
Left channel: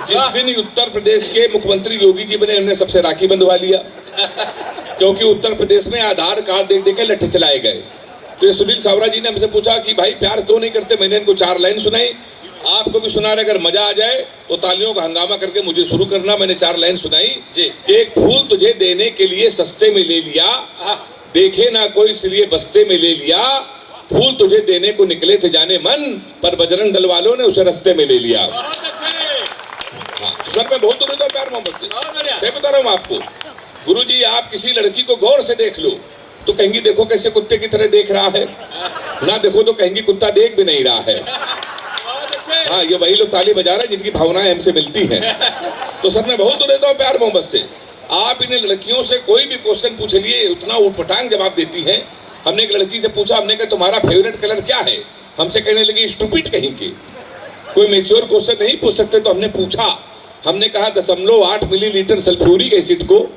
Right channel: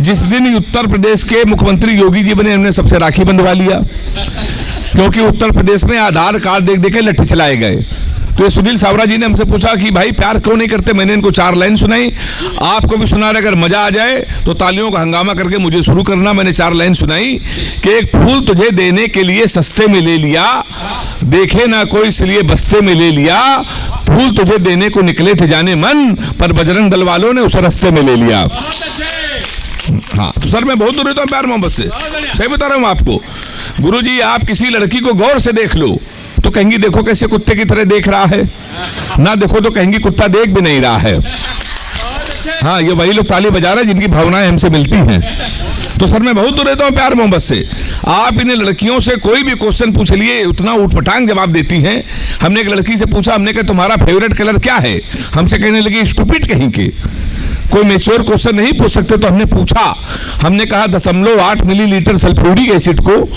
जिस दिन उत्तर प्रदेश के मुख्यमंत्री योगी जी बने, हमने सबसे राखी बंधवा लिया। क्योंकि उत्तर प्रदेश में आधार कार्ड देख देख के लट्ठी चलाए गए। तो सुनील सावरा जी ने हमसे पूछा कि भाई प्यार क्यों नहीं करते। मैंने इनको 4 लाइन सुनाई, आपको भी सुना रहे, अगर मजा आ जाए तो तालियों का हंगामा करके मुझे शुरू करना। मैंने 4 लाइन सुनाई कि एक फूल तुझे देने के लिए सस्ते में ले लिया, देखे ना कोई इसलिए बस्ते में ले लिया। फूल तुझे देने को निकले थे जाने मन, पर बजरंग दल वालों ने उस रास्ते में ले लिया। हाँ तो सर मैं बहुत दूर रहता हूँ प्यार मोहब्बत से, सही बता रहा हूँ आपको। गुरुजी आप किसी लड़की को गौर से देख लो तो कहेंगी देखो कैसे कुत्ते की तरह देख रहा है, ना देखो तो कहेंगी कुत्ता देख भी नहीं रहा है। हाँ ये वही लोग ताली बजा रहे हैं जिनकी भावनाएं हमसे मिलती हैं। तो सर मैं बहुत दूर रहता हूँ प्यार मोहब्बत से। आप इन्हें लड़कियों से कोई भी क्वेश्चन पूछ लिए, उतना उठपटांग जवाब देती हैं। हमने एक लड़की से पूछा, हमने कहा तुम्हारा फेवरेट कलर क्या है, हमसे कहने लगी स्टूपिड कहीं के, कोई मेच्योर क्वेश्चन नहीं पूछ सकते। तो हमने पूछा, हमने कहा 0.8 मिलीलीटर सल्फ्यूरिक एसिड को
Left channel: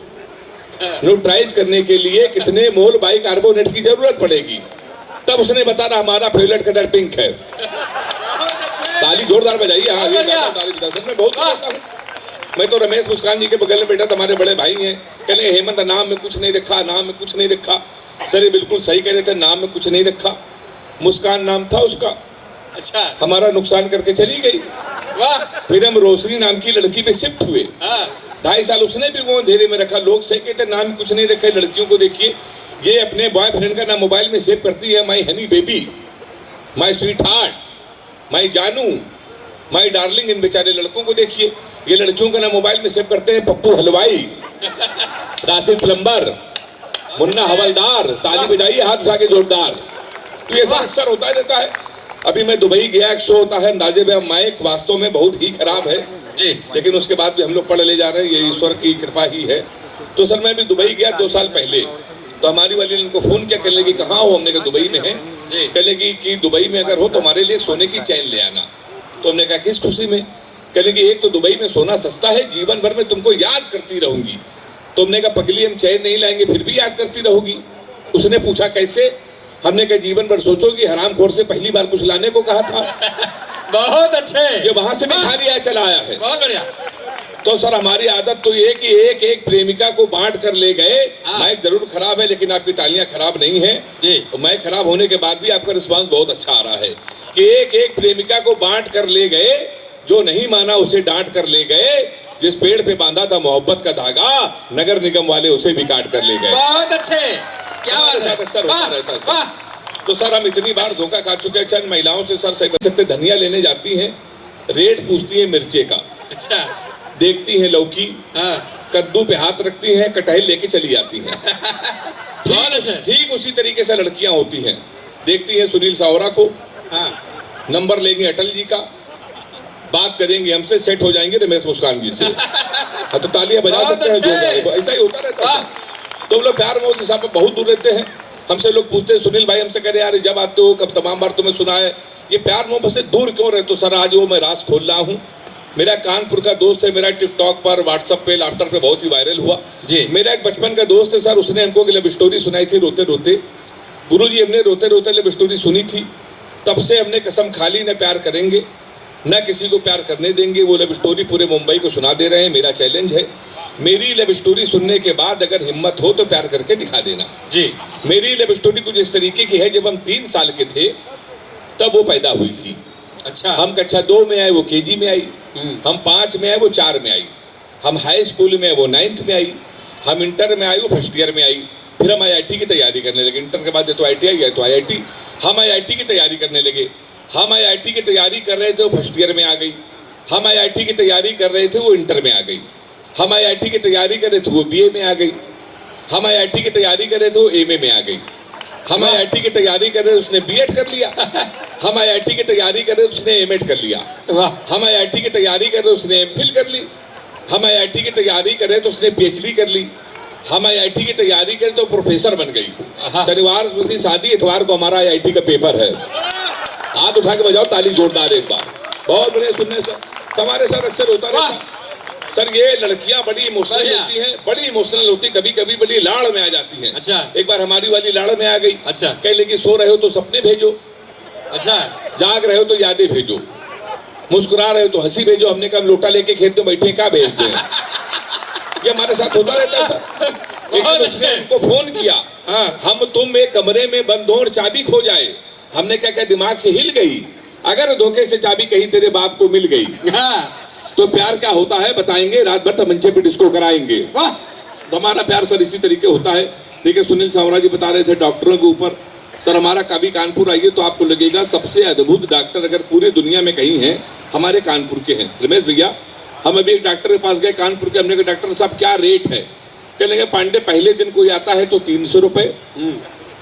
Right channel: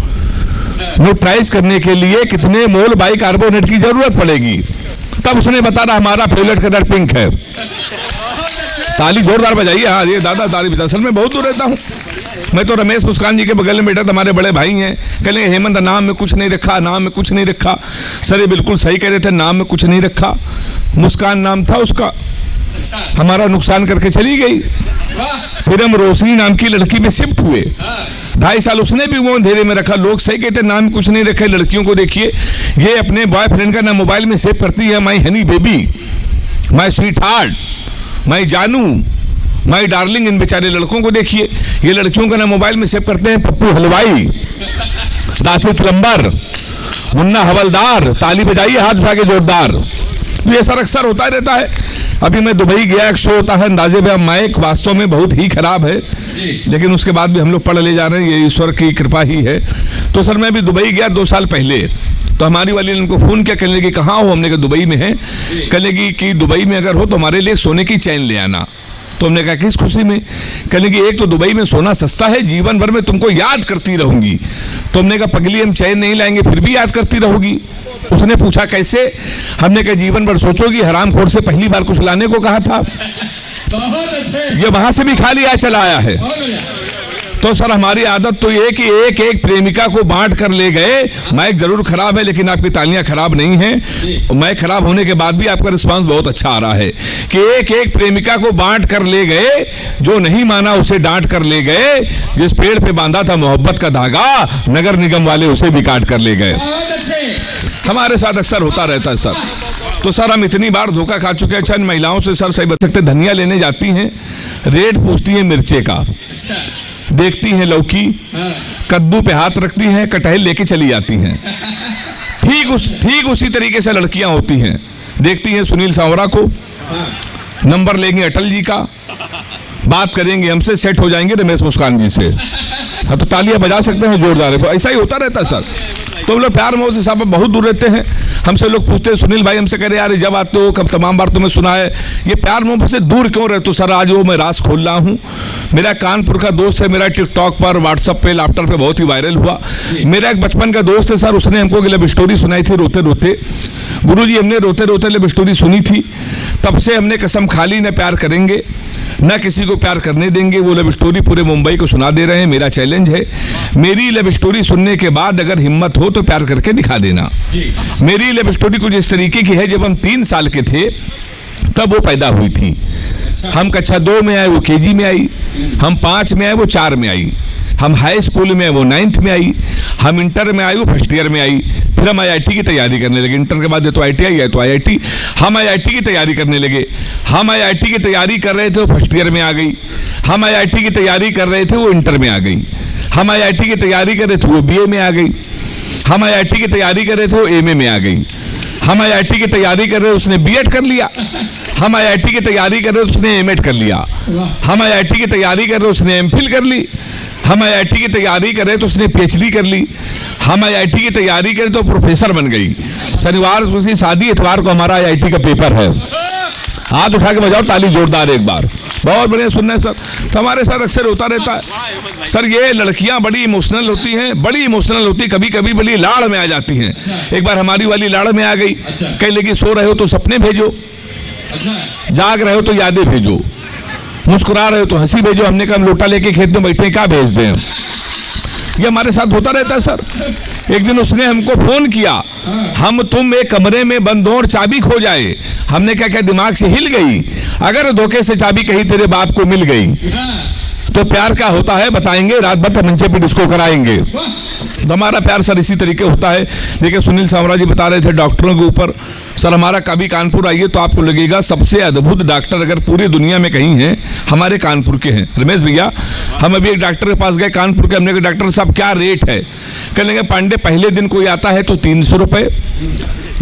न्यूट्रलाइज करने के लिए कितने मोल बाइकार्बोनेट की जरूरत पड़ेगी। तब उसने बताया हमारा फेवरेट कलर पिंक है। ताली जोरदार बजाइए। हाँ ये दादा ताली बजा। सर मैं बहुत दूर रहता हूँ। मैं तो रमेश मुस्कान जी के बगल में बैठा, हमारे बड़े भाई हैं। कहले हेमंत नाम में कुछ नहीं रखा, नाम में कुछ नहीं रखा। सर ये बिल्कुल सही कह रहे थे, नाम में कुछ नहीं रखा। मुस्कान नाम था उसका, हमारा नुकसान करके चली गई। फिर हम रोशनी नाम की लड़की में शिफ्ट हुए। 2.5 साल उसने भी वो अंधेरे में रखा। लोग सही कहते नाम कुछ नहीं रखे। लड़कियों को देखिए, ये अपने बॉयफ्रेंड का नाम मोबाइल में सेव करती है, my honey baby, my sweetheart, my जानू, माई डार्लिंग। इन बेचारे लड़कों को देखिए, ये लड़कियों का नाम मोबाइल में सेव करते हैं, पप्पू हलवाई, राशि प्लम्बर, मुन्ना हवलदार। ताली बजाइए हाथ उठा के जोरदार। तो ये सर अक्सर होता रहता है। अभी मैं दुबई गया, एक शो होता है अंदाजे में माइक, वास्तव में बहुत ही खराब है, लेकिन उसके बाद भी हम लोग पढ़ ले जा रहे हैं, ये ईश्वर की कृपा ही है। तो सर मैं भी दुबई गया 2 साल पहले। तो हमारी वाली ने उनको फोन किया, कहने लगी कहाँ हो, हमने कहा दुबई में है। कहने लगी कि दुबई में अगर हो तो हमारे लिए सोने की चैन ले आना। तो हमने कहा किस खुशी में। कहने लगी एक तो दुबई में सोना सस्ता है, जीवन भर में तुमको याद करती रहूंगी। तो हमने कहा पगली हम चैन नहीं लाएंगे फिर भी याद करती रहोगी। उसने पूछा कैसे। हमने कहा जीवन भर सोचोगी, हरामखोर से पहली बार कुछ लाने को कहा था। बहुत अच्छे। ये वहां से भी खाली आया चला आया है। तो सर हमारी आदत तो ये कि एक एक प्रेमिका को बांट कर ले गए। माइक जरूर खराब है लेकिन आपकी तालियां खराब नहीं है। माइक खराब होने के बाद भी आपका रिस्पांस बहुत अच्छा आ रहा है कि एक एक प्रेमिका को बांट कर ले गए। जो नहीं माना उसे डांट कर ले गए। जिस पेड़ पे बांधा था मोहब्बत का धागा, नगर निगम वाले उसे भी काट कर ले गए। बहुत अच्छे। हमारे साथ अक्सर होता रहता है सर। तो सर हम इतनी बार धोखा खा चुके हैं। अच्छा महिलाओं से सर सही बच सकते, धनिया लेने जाती हैं, रेट पूछती है मिर्चे का, अच्छा देखती हैं लौकी, कद्दू पे हाथ रखती हैं, कटहल लेके चली जाती हैं। ठीक उसी तरीके से लड़कियां होती हैं। देखती हैं सुनील सावरा को, नंबर लेंगे अटल जी का, बात करेंगे हमसे, सेट हो जाएंगे रमेश मुस्कान जी से। हाँ तो तालियां बजा सकते हैं जोरदार। ऐसा ही होता रहता है सर। तो हम लोग प्यार मोह से सब बहुत दूर रहते हैं। हमसे लोग पूछते हैं, सुनील भाई हमसे कह रहे यार जब आते हो कब तमाम बार तुम्हें सुना है, ये प्यार मोहब्बत से दूर क्यों रहे? तो सर आज वो मैं राज खोल रहा हूँ। मेरा कानपुर का दोस्त है, मेरा टिकटॉक पर, व्हाट्सएप पे, लैपटॉप पे बहुत ही वायरल हुआ। मेरा एक बचपन का दोस्त है सर, उसने हमको लव स्टोरी सुनाई थी रोते रोते। गुरुजी हमने रोते रोते लव स्टोरी सुनी थी, तब से हमने कसम खा ली न प्यार करेंगे न किसी को प्यार करने देंगे। वो लव स्टोरी पूरे मुंबई को सुना दे रहे हैं। मेरा चैलेंज है, मेरी लव स्टोरी सुनने के बाद अगर हिम्मत हो तो प्यार करके दिखा देना। जी। मेरी लव स्टोरी कुछ इस तरीके की है, जब हम 3 साल के थे तब वो पैदा हुई थी। अच्छा। हम कक्षा 2 में आए, वो केजी में आई। हम 5 में आए, वो 4 में आई। हम हाई स्कूल में, वो 9th में आई। हम इंटर में आए, वो फर्स्ट ईयर में आई। फिर हम IIT की तैयारी करने लगे। इंटर के बाद तो ITI है तो IIT। हम IIT की तैयारी करने लगे। हम IIT की तैयारी कर रहे थे, वो फर्स्ट ईयर में आ गई। हम IIT की तैयारी कर रहे थे, वो इंटर में आ गई। हम IIT की तैयारी कर रहे थे, वो BA में आ गई। हम IIT की तैयारी कर रहे थे, वो MA में आ गई। हम IIT की तैयारी कर रहे थे, उसने B.Ed कर लिया। हम IIT की तैयारी कर रहे थे, उसने M.Ed कर लिया। हम IIT की तैयारी कर रहे थे, उसने MPhil कर ली। हम IIT की तैयारी कर रहे तो उसने PhD कर ली। हम IIT की तैयारी करें तो प्रोफेसर बन गई। शनिवार को उसकी शादी, इतवार को हमारा IIT का पेपर है। हाथ उठा के बजाओ ताली जोरदार एक बार। बहुत बढ़िया सुनने सर। हमारे सर अक्सर होता रहता है सर, ये लड़कियां बड़ी इमोशनल होती हैं, बड़ी इमोशनल होती, कभी कभी बड़ी लाड़ में आ जाती हैं। अच्छा। एक बार हमारी वाली लाड़ में आ गई। अच्छा। कह लगी सो रहे हो तो सपने भेजो, अच्छा। जाग रहे हो तो यादें भेजो, मुस्कुरा रहे हो तो हंसी भेजो। हमने कहा लोटा लेके खेत में बैठे क्या भेज दें? ये हमारे साथ होता रहता है सर। एक दिन उसने हमको फोन किया, हम तुम एक कमरे में बंद हो और चाबी खो जाए। हमने क्या दिमाग से हिल गई, अगर धोखे से चाबी कहीं तेरे बाप को मिल गई तो प्यार क्या होता है बताएंगे, रात भर तक मंचे पे डिस्को कराएंगे। तो हमारा प्यार सर इसी तरीके होता है। देखिए सुनील सावरा जी बता रहे थे डॉक्टरों के ऊपर। सर हमारा कभी कानपुर आइए तो आपको लगेगा सबसे अद्भुत डॉक्टर अगर पूरी दुनिया में कहीं है, हमारे कानपुर के हैं। रमेश भैया, हम अभी एक डॉक्टर के पास गए कानपुर के। हमने कहा डॉक्टर साहब क्या रेट है? कहने लगे पांडे पहले दिन कोई आता है तो 300 रुपए,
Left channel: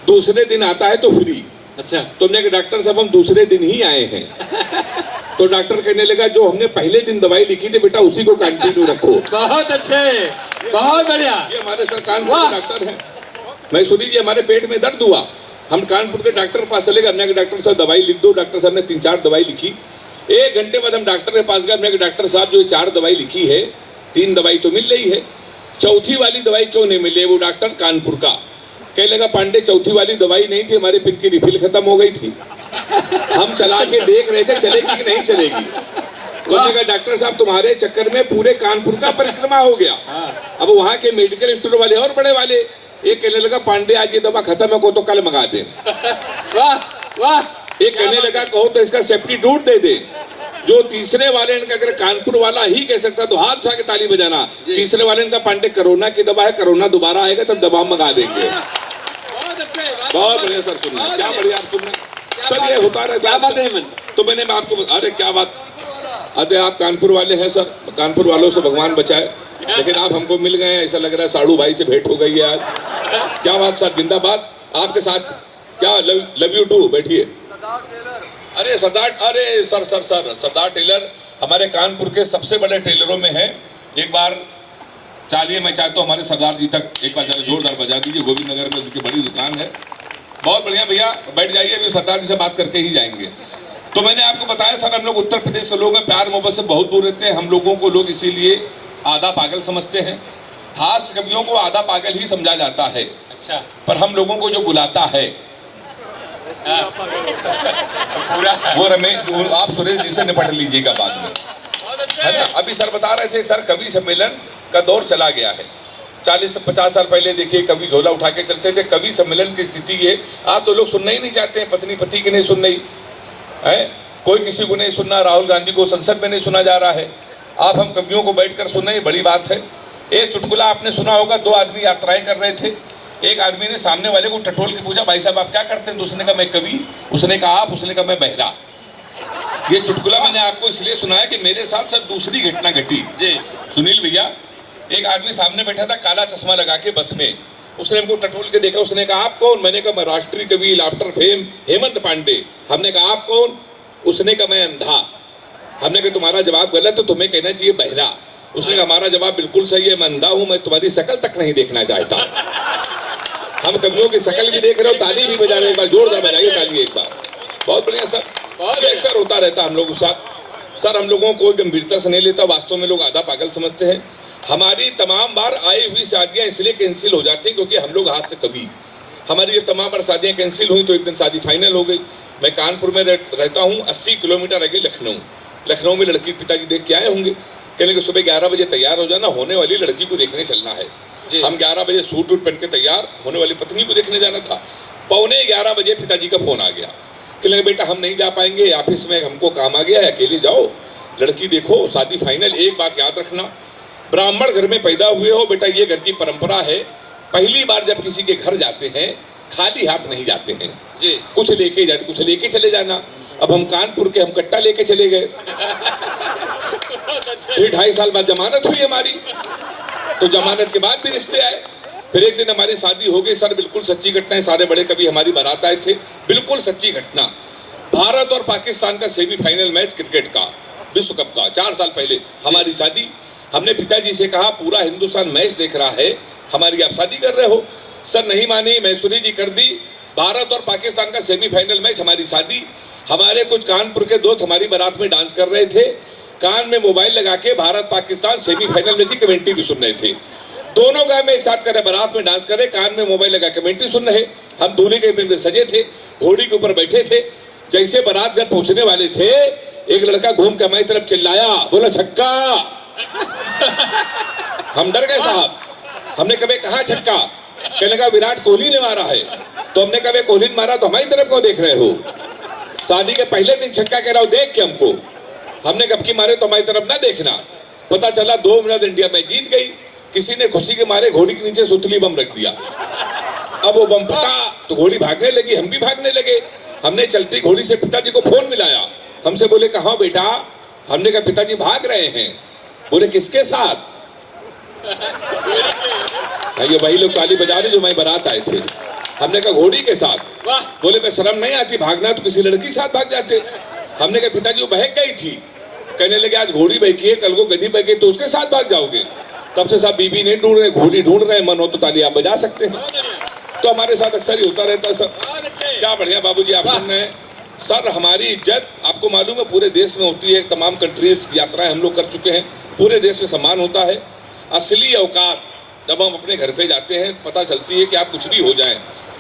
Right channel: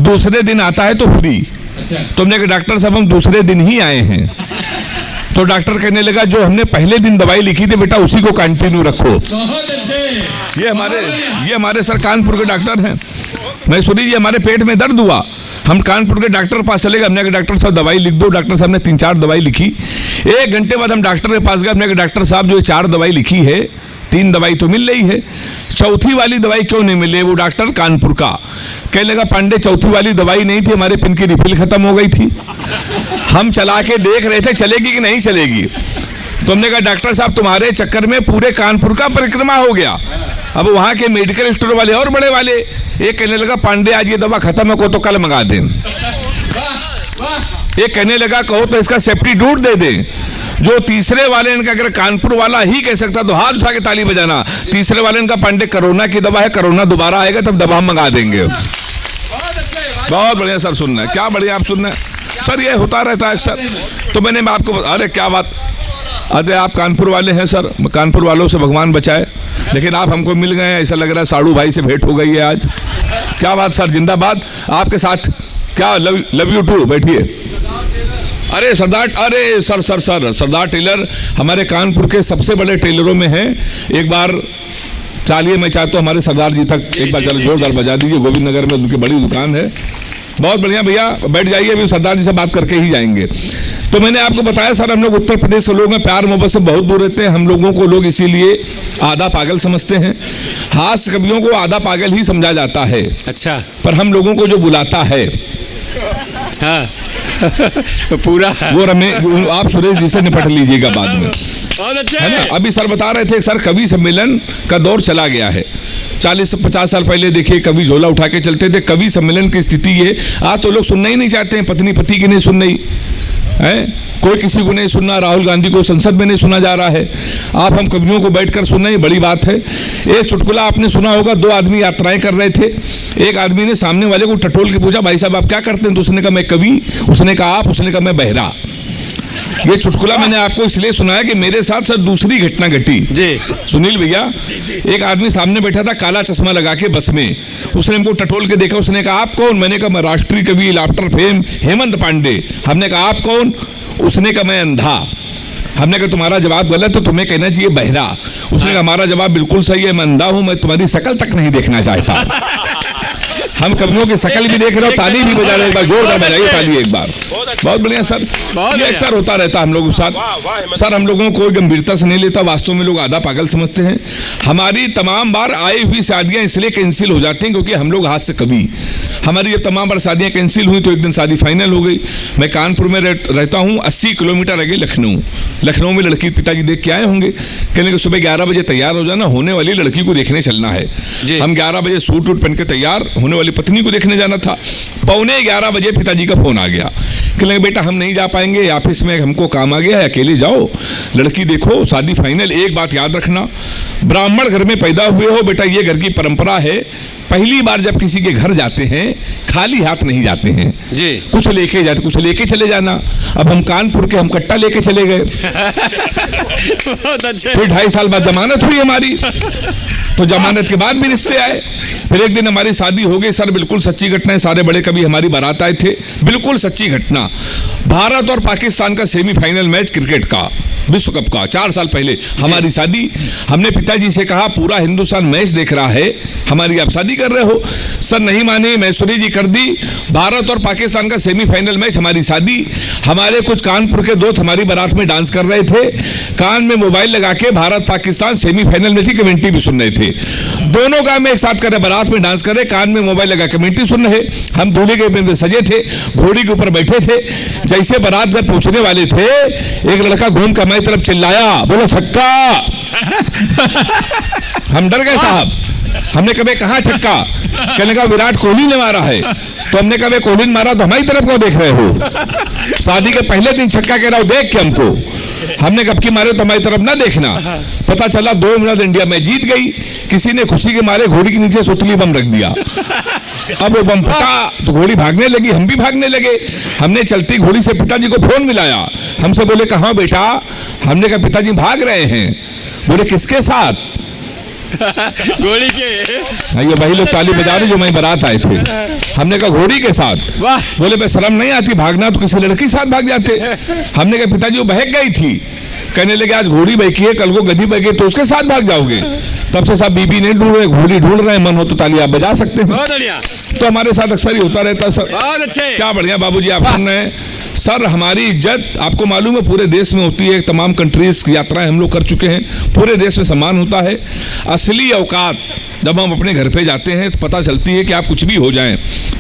दूसरे दिन आता है तो फ्री। अच्छा। तो हमने कहा डॉक्टर साहब हम दूसरे दिन ही आए हैं। तो डॉक्टर कहने लगा जो हमने पहले दिन दवाई लिखी थी बेटा उसी को कंटिन्यू रखो। बहुत अच्छे। ये हमारे सर कानपुर के डॉक्टर हैं। मैं सुनी जी हमारे पेट में दर्द हुआ, हम कानपुर के डॉक्टर के पास चले गए। हमने डॉक्टर साहब दवाई लिख दो। डॉक्टर साहब ने 3-4 दवाई लिखी। 1 घंटे बाद हम डॉक्टर के पास गए। हमने डॉक्टर साहब जो 4 दवाई लिखी है, 3 दवाई तो मिल रही है, चौथी वाली दवाई क्यों नहीं मिली? वो डॉक्टर कानपुर का कहने लगा पांडे चौथी वाली दवाई नहीं थी, हमारे पिन की रिफिल खत्म हो गई थी। हम चला के देख रहे थे चलेगी कि नहीं चलेगी। तुमने कहा डॉक्टर साहब तुम्हारे चक्कर में पूरे कानपुर का परिक्रमा हो गया। अब वहां के मेडिकल स्टोर वाले और बड़े वाले एक कहने लगा पांडे आज ये दवा खत्म हो तो कल मंगा दे। एक कहने लगा कहो तो इसका सब्स्टिट्यूट दे दे। जो तीसरे वाले इनका अगर कानपुर वाला ही कह सकता तो हाथ उठा के ताली बजाना। तीसरे वाले इनका पांडे कोरोना की दवा है, कोरोना दोबारा आएगा तब दवा मंगा देंगे। बहुत बढ़िया सर सुनना है, क्या बढ़िया आप सुनना है सर, ये होता रहता है अक्सर। तो मैंने आपको अरे क्या बात, अरे आप कानपुर वाले हैं सर, कानपुर वालों से भगवान बचाए। लेकिन आप हमको मिल गए, ऐसा लग रहा है साड़ू भाई से भेंट हो गई है आज। क्या बात सर, जिंदाबाद आपके साथ। क्या लव यू टू, बैठिए। अरे सरदार, अरे सर सर सर सरदार टेलर हमारे कानपुर के सबसे बड़े टेलरों में हैं। एक बार चालिए मैं चाहता हूँ हमारे सरदार जी तक एक बार जोरदार बजा दीजिए। गोविंद नगर में उनकी बड़ी दुकान है। बहुत बढ़िया भैया, बैठ जाइए, अभी सरदार जी से बात करके ही जाएंगे। तो मैंने आपको बताया सर हम लोग उत्तर प्रदेश के लोग में प्यार मोहब्बत से बहुत दूर रहते हैं। हम लोगों को लोग इसीलिए आधा पागल समझते हैं। हास्य कवियों को आधा पागल ही समझा जाता है। अच्छा। पर हम लोगों को जो बुलाता है हाँ तो पूरा वो आप सुरेश जी से निपट लीजिएगा बाद में, है ना। अभी सर बता रहे थे सर कवि सम्मेलन का दौर चला गया है। 40-50 साल पहले देखिए कवि झोला उठा के चलते थे। कवि सम्मेलन की स्थिति है आज तो लोग सुनना ही नहीं चाहते हैं। पत्नी पति की नहीं सुन रही है, कोई किसी को नहीं सुनना। राहुल गांधी को संसद में नहीं सुना जा रहा है। आप हम कवियों को बैठकर सुनना ही बड़ी बात है। एक चुटकुला आपने सुना होगा, 2 आदमी यात्राएं कर रहे थे। एक आदमी ने सामने वाले को टटोल के पूछा भाई साहब आप क्या करते हैं? तो उसने कहा मैं कवि। उसने कहा आप? उसने कहा मैं बहरा। ये चुटकुला मैंने आपको इसलिए सुनाया कि मेरे साथ सर दूसरी घटना घटी जी। सुनील भैया, एक आदमी सामने बैठा था काला चश्मा लगा के बस में। उसने हमको टटोल के देखा। उसने कहा आप कौन? मैंने कहा मैं राष्ट्रीय कवि लाफ्टर फेम हेमंत पांडे। हमने कहा आप कौन? उसने कहा मैं अंधा। हमने कहा तुम्हारा जवाब गलत, तो तुम्हें कहना चाहिए बहरा। उसने कहा हमारा जवाब बिल्कुल सही है, मैं अंधा हूं, मैं तुम्हारी शक्ल तक नहीं देखना चाहता। हम कवियों की शकल भी देख रहे हो, ताली भी बजा रहे, एक बार जोरदार बजाइए ताली एक बार। बहुत बढ़िया सर, ये अक्सर होता रहता हम लोगों के साथ। सर हम लोगों को गंभीरता से नहीं लेता, वास्तव में लोग आधा पागल समझते हैं। हमारी तमाम बार आई हुई शादियां इसलिए कैंसिल हो जाती हैं क्योंकि हम लोग हाथ से कवि, हमारी ये तमाम बार शादियां कैंसिल हुई तो एक दिन शादी फाइनल हो गई। मैं कानपुर में रहता हूँ, 80 किलोमीटर रह गई लखनऊ में लड़की पिताजी देख के आए होंगे, कहने को सुबह 11 बजे तैयार हो जाना, होने वाली लड़की को देखने चलना है। हम 11 बजे सूट वूट पहन के तैयार, होने वाली पत्नी को देखने जाना था। 11:15 बजे पिताजी का फोन आ गया, कहने बेटा हम नहीं जा पाएंगे, ऑफिस में हमको काम आ गया है, अकेले जाओ, लड़की देखो, शादी फाइनल। एक बात याद रखना, ब्राह्मण घर में पैदा हुए हो बेटा, ये घर की परंपरा है, पहली बार जब किसी के घर जाते हैं खाली हाथ नहीं जाते हैं जी, कुछ लेके जाते, कुछ लेके चले जाना। अब हम कानपुर के हम कट्टा लेके चले गए फिर 2.5 साल बाद जमानत हुई हमारी, तो जमानत के बाद भी रिश्ते आए। फिर एक दिन हमारी शादी हो गई सर, बिल्कुल सच्ची घटना है, सारे बड़े कवि हमारी बारात आए थे, बिल्कुल सच्ची घटना। भारत और पाकिस्तान का सेमीफाइनल मैच क्रिकेट का, विश्व कप का, 4 साल पहले हमारी शादी। हमने पिताजी से कहा पूरा हिंदुस्तान मैच देख रहा है, हमारी आप शादी कर रहे हो? सर नहीं माने, मैसूरी जी कर दी। भारत और पाकिस्तान का सेमीफाइनल मैच, हमारी शादी। हमारे कुछ कानपुर के दोस्त हमारी बारात में डांस कर रहे थे, कान में मोबाइल लगा के भारत पाकिस्तान सेमीफाइनल में थी, कमेंट्री भी सुन रहे थे। दोनों काम में एक साथ कर रहे, बारात में डांस कर रहे, कान में मोबाइल लगा कमेंट्री सुन रहे। हम दूल्हे के सजे थे, घोड़ी के ऊपर बैठे थे। जैसे बारात में पहुंचने वाले थे, एक लड़का घूम कर हमारी तरफ चिल्लाया, बोला छक्का। हम डर गए साहब, हमने कभी कहा छक्का? कहने का विराट कोहली ने मारा है। तो हमने कहा कोहली ने मारा तो हमारी तरफ को देख रहे हो? शादी के पहले दिन छक्का कह रहा हो देख के हमको, हमने कब की मारे तो हमारी तरफ ना देखना। पता चला 2 मिनट इंडिया में जीत गई, किसी ने खुशी के मारे घोड़ी के नीचे सुतली बम रख दिया। अब वो बम फटा तो घोड़ी भागने लगी, हम भी भागने लगे। हमने चलती घोड़ी से पिताजी को फोन मिलाया, हमसे बोले कहाँ बेटा? हमने कहा पिताजी भाग रहे हैं। बोले किसके साथ? घोड़ी के। ये वही लोग ताली बजा रहे जो मैं बारात आए थे। हमने कहा घोड़ी के साथ। बोले मैं शर्म नहीं आती, भागना तो किसी लड़की के साथ भाग जाते। हमने कहा पिताजी वो बहक गई थी। कहने लगे आज घोड़ी बहकी है, कल को गधी बहके तो उसके साथ भाग जाओगे। तब से सब बीबी नहीं ढूंढ रहे, घोड़ी ढूंढ रहे, मन हो तो ताली आप बजा सकते हैं। तो हमारे साथ अक्सर ही होता रहता है सर। क्या बढ़िया बाबूजी आप सुन रहे हैं सर। हमारी इज्जत आपको मालूम है पूरे देश में होती है, तमाम कंट्रीज की यात्राएं हम लोग कर चुके हैं, पूरे देश में सम्मान होता है। असली औकात जब हम अपने घर पे जाते हैं तो पता चलती है कि आप कुछ भी हो जाएं,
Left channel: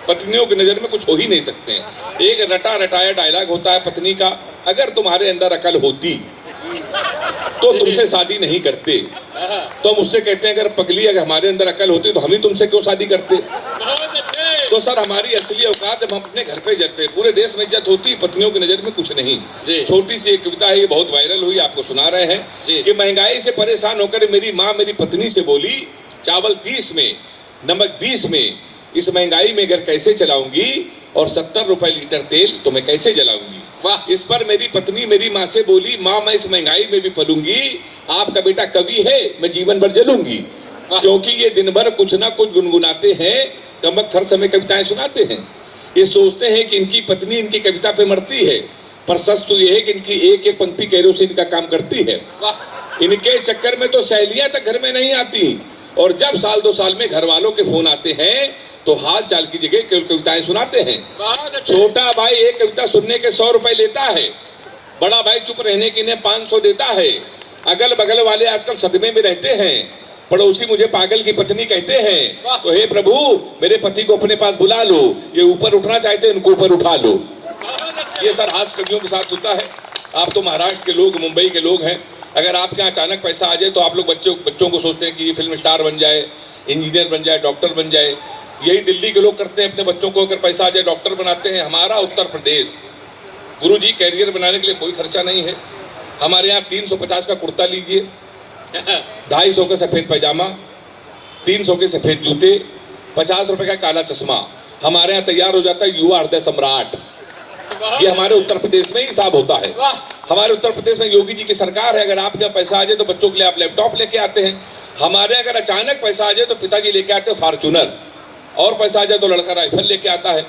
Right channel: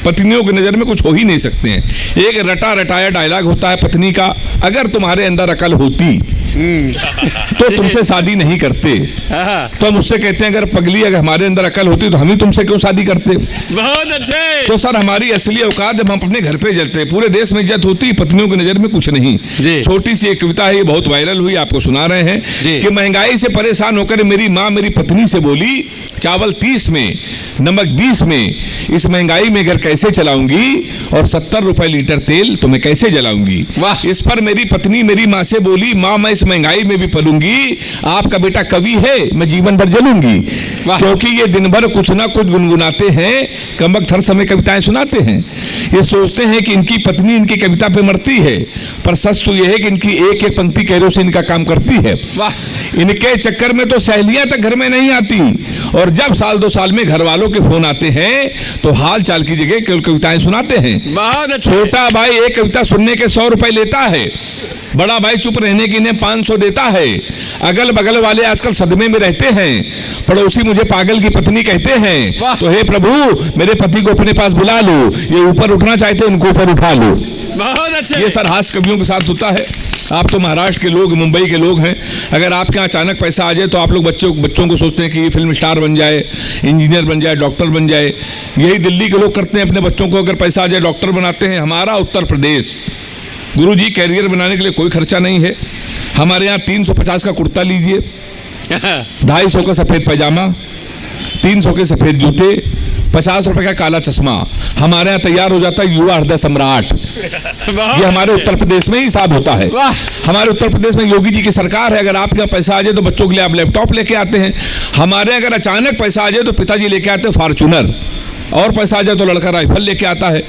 पत्नियों की नज़र में कुछ हो ही नहीं सकते हैं। एक रटा रटाया डायलॉग होता है पत्नी का, अगर तुम्हारे अंदर अकल होती तो तुमसे शादी नहीं करते। तो हम उससे कहते हैं अगर पगली अगर हमारे अंदर अकल होती तो हम ही तुमसे क्यों शादी करते? बहुत अच्छे। तो सर हमारी असली औकात जब हम अपने घर पे जाते हैं, पूरे देश में इज्जत होती, पत्नियों की नजर में कुछ नहीं। छोटी सी एक कविता है, बहुत वायरल हुई, आपको सुना रहे हैं कि महंगाई से परेशान होकर मेरी माँ मेरी पत्नी से बोली, चावल 30 में नमक 20 में, इस महंगाई में घर कैसे चलाऊंगी और 70 रुपए लीटर तेल तो मैं कैसे जलाऊंगी? इस पर मेरी पत्नी मेरी माँ से बोली, माँ मैं इस महंगाई में भी पलूंगी, आपका बेटा कवि है, मैं जीवन भर जलूंगी। क्योंकि ये दिन भर कुछ ना कुछ गुनगुनाते हैं, कमबख्त हर समय कविताएं सुनाते हैं। ये सोचते हैं कि इनकी पत्नी इनकी कविता पे मरती है, पर सच तो ये है कि इनकी एक एक पंक्ति केरोसिन का काम करती है। इनके चक्कर में तो सहेलियां तक घर में नहीं आती, और जब साल 2 साल में घर वालों के फोन आते हैं तो हाल चाल की जगह केवल कविताएं सुनाते हैं। छोटा भाई एक कविता सुनने के 100 रुपए लेता है, बड़ा भाई चुप रहने के लिए 500 देता है। अगल बगल वाले आजकल सदमे में रहते हैं, पड़ोसी मुझे पागल की पत्नी कहते हैं। तो हे प्रभु मेरे पति को अपने पास बुला लो, ये ऊपर उठना चाहते हैं उनको ऊपर उठा लो। बहुत अच्छे। ये सर हास्य कवियों के साथ होता है। आप तो महाराष्ट्र के लोग, मुंबई के लोग हैं, अगर आपके यहाँ अचानक पैसा आ जाए तो आप लोग बच्चों को सोचते हैं कि फिल्म स्टार बन जाए, इंजीनियर बन जाए, डॉक्टर बन जाए। यही दिल्ली के लोग करते हैं, अपने बच्चों को अगर पैसा आ जाए डॉक्टर बनाते हैं। हमारा उत्तर प्रदेश गुरुजी कैरियर बनाने के लिए कोई खर्चा नहीं है। हमारे यहाँ 350 का कुर्ता लीजिए, 250 का सफेद पैजामा, 300 के सफेद जूते, 50 रुपए का काला चश्मा, हमारे यहाँ तैयार हो जाता है युवा हृदय सम्राट। ये हमारे उत्तर प्रदेश में ही हिसाब होता है। हमारे उत्तर प्रदेश में योगी जी की सरकार है, अगर आपके यहाँ पैसा आ जाए तो बच्चों के लिए आप लैपटॉप लेके आते हैं। हमारे अगर अचानक पैसा आ जाए तो पिताजी लेके आते हैं फॉर्च्यूनर, और पैसा आ जाए तो लड़का राइफल लेके आता है।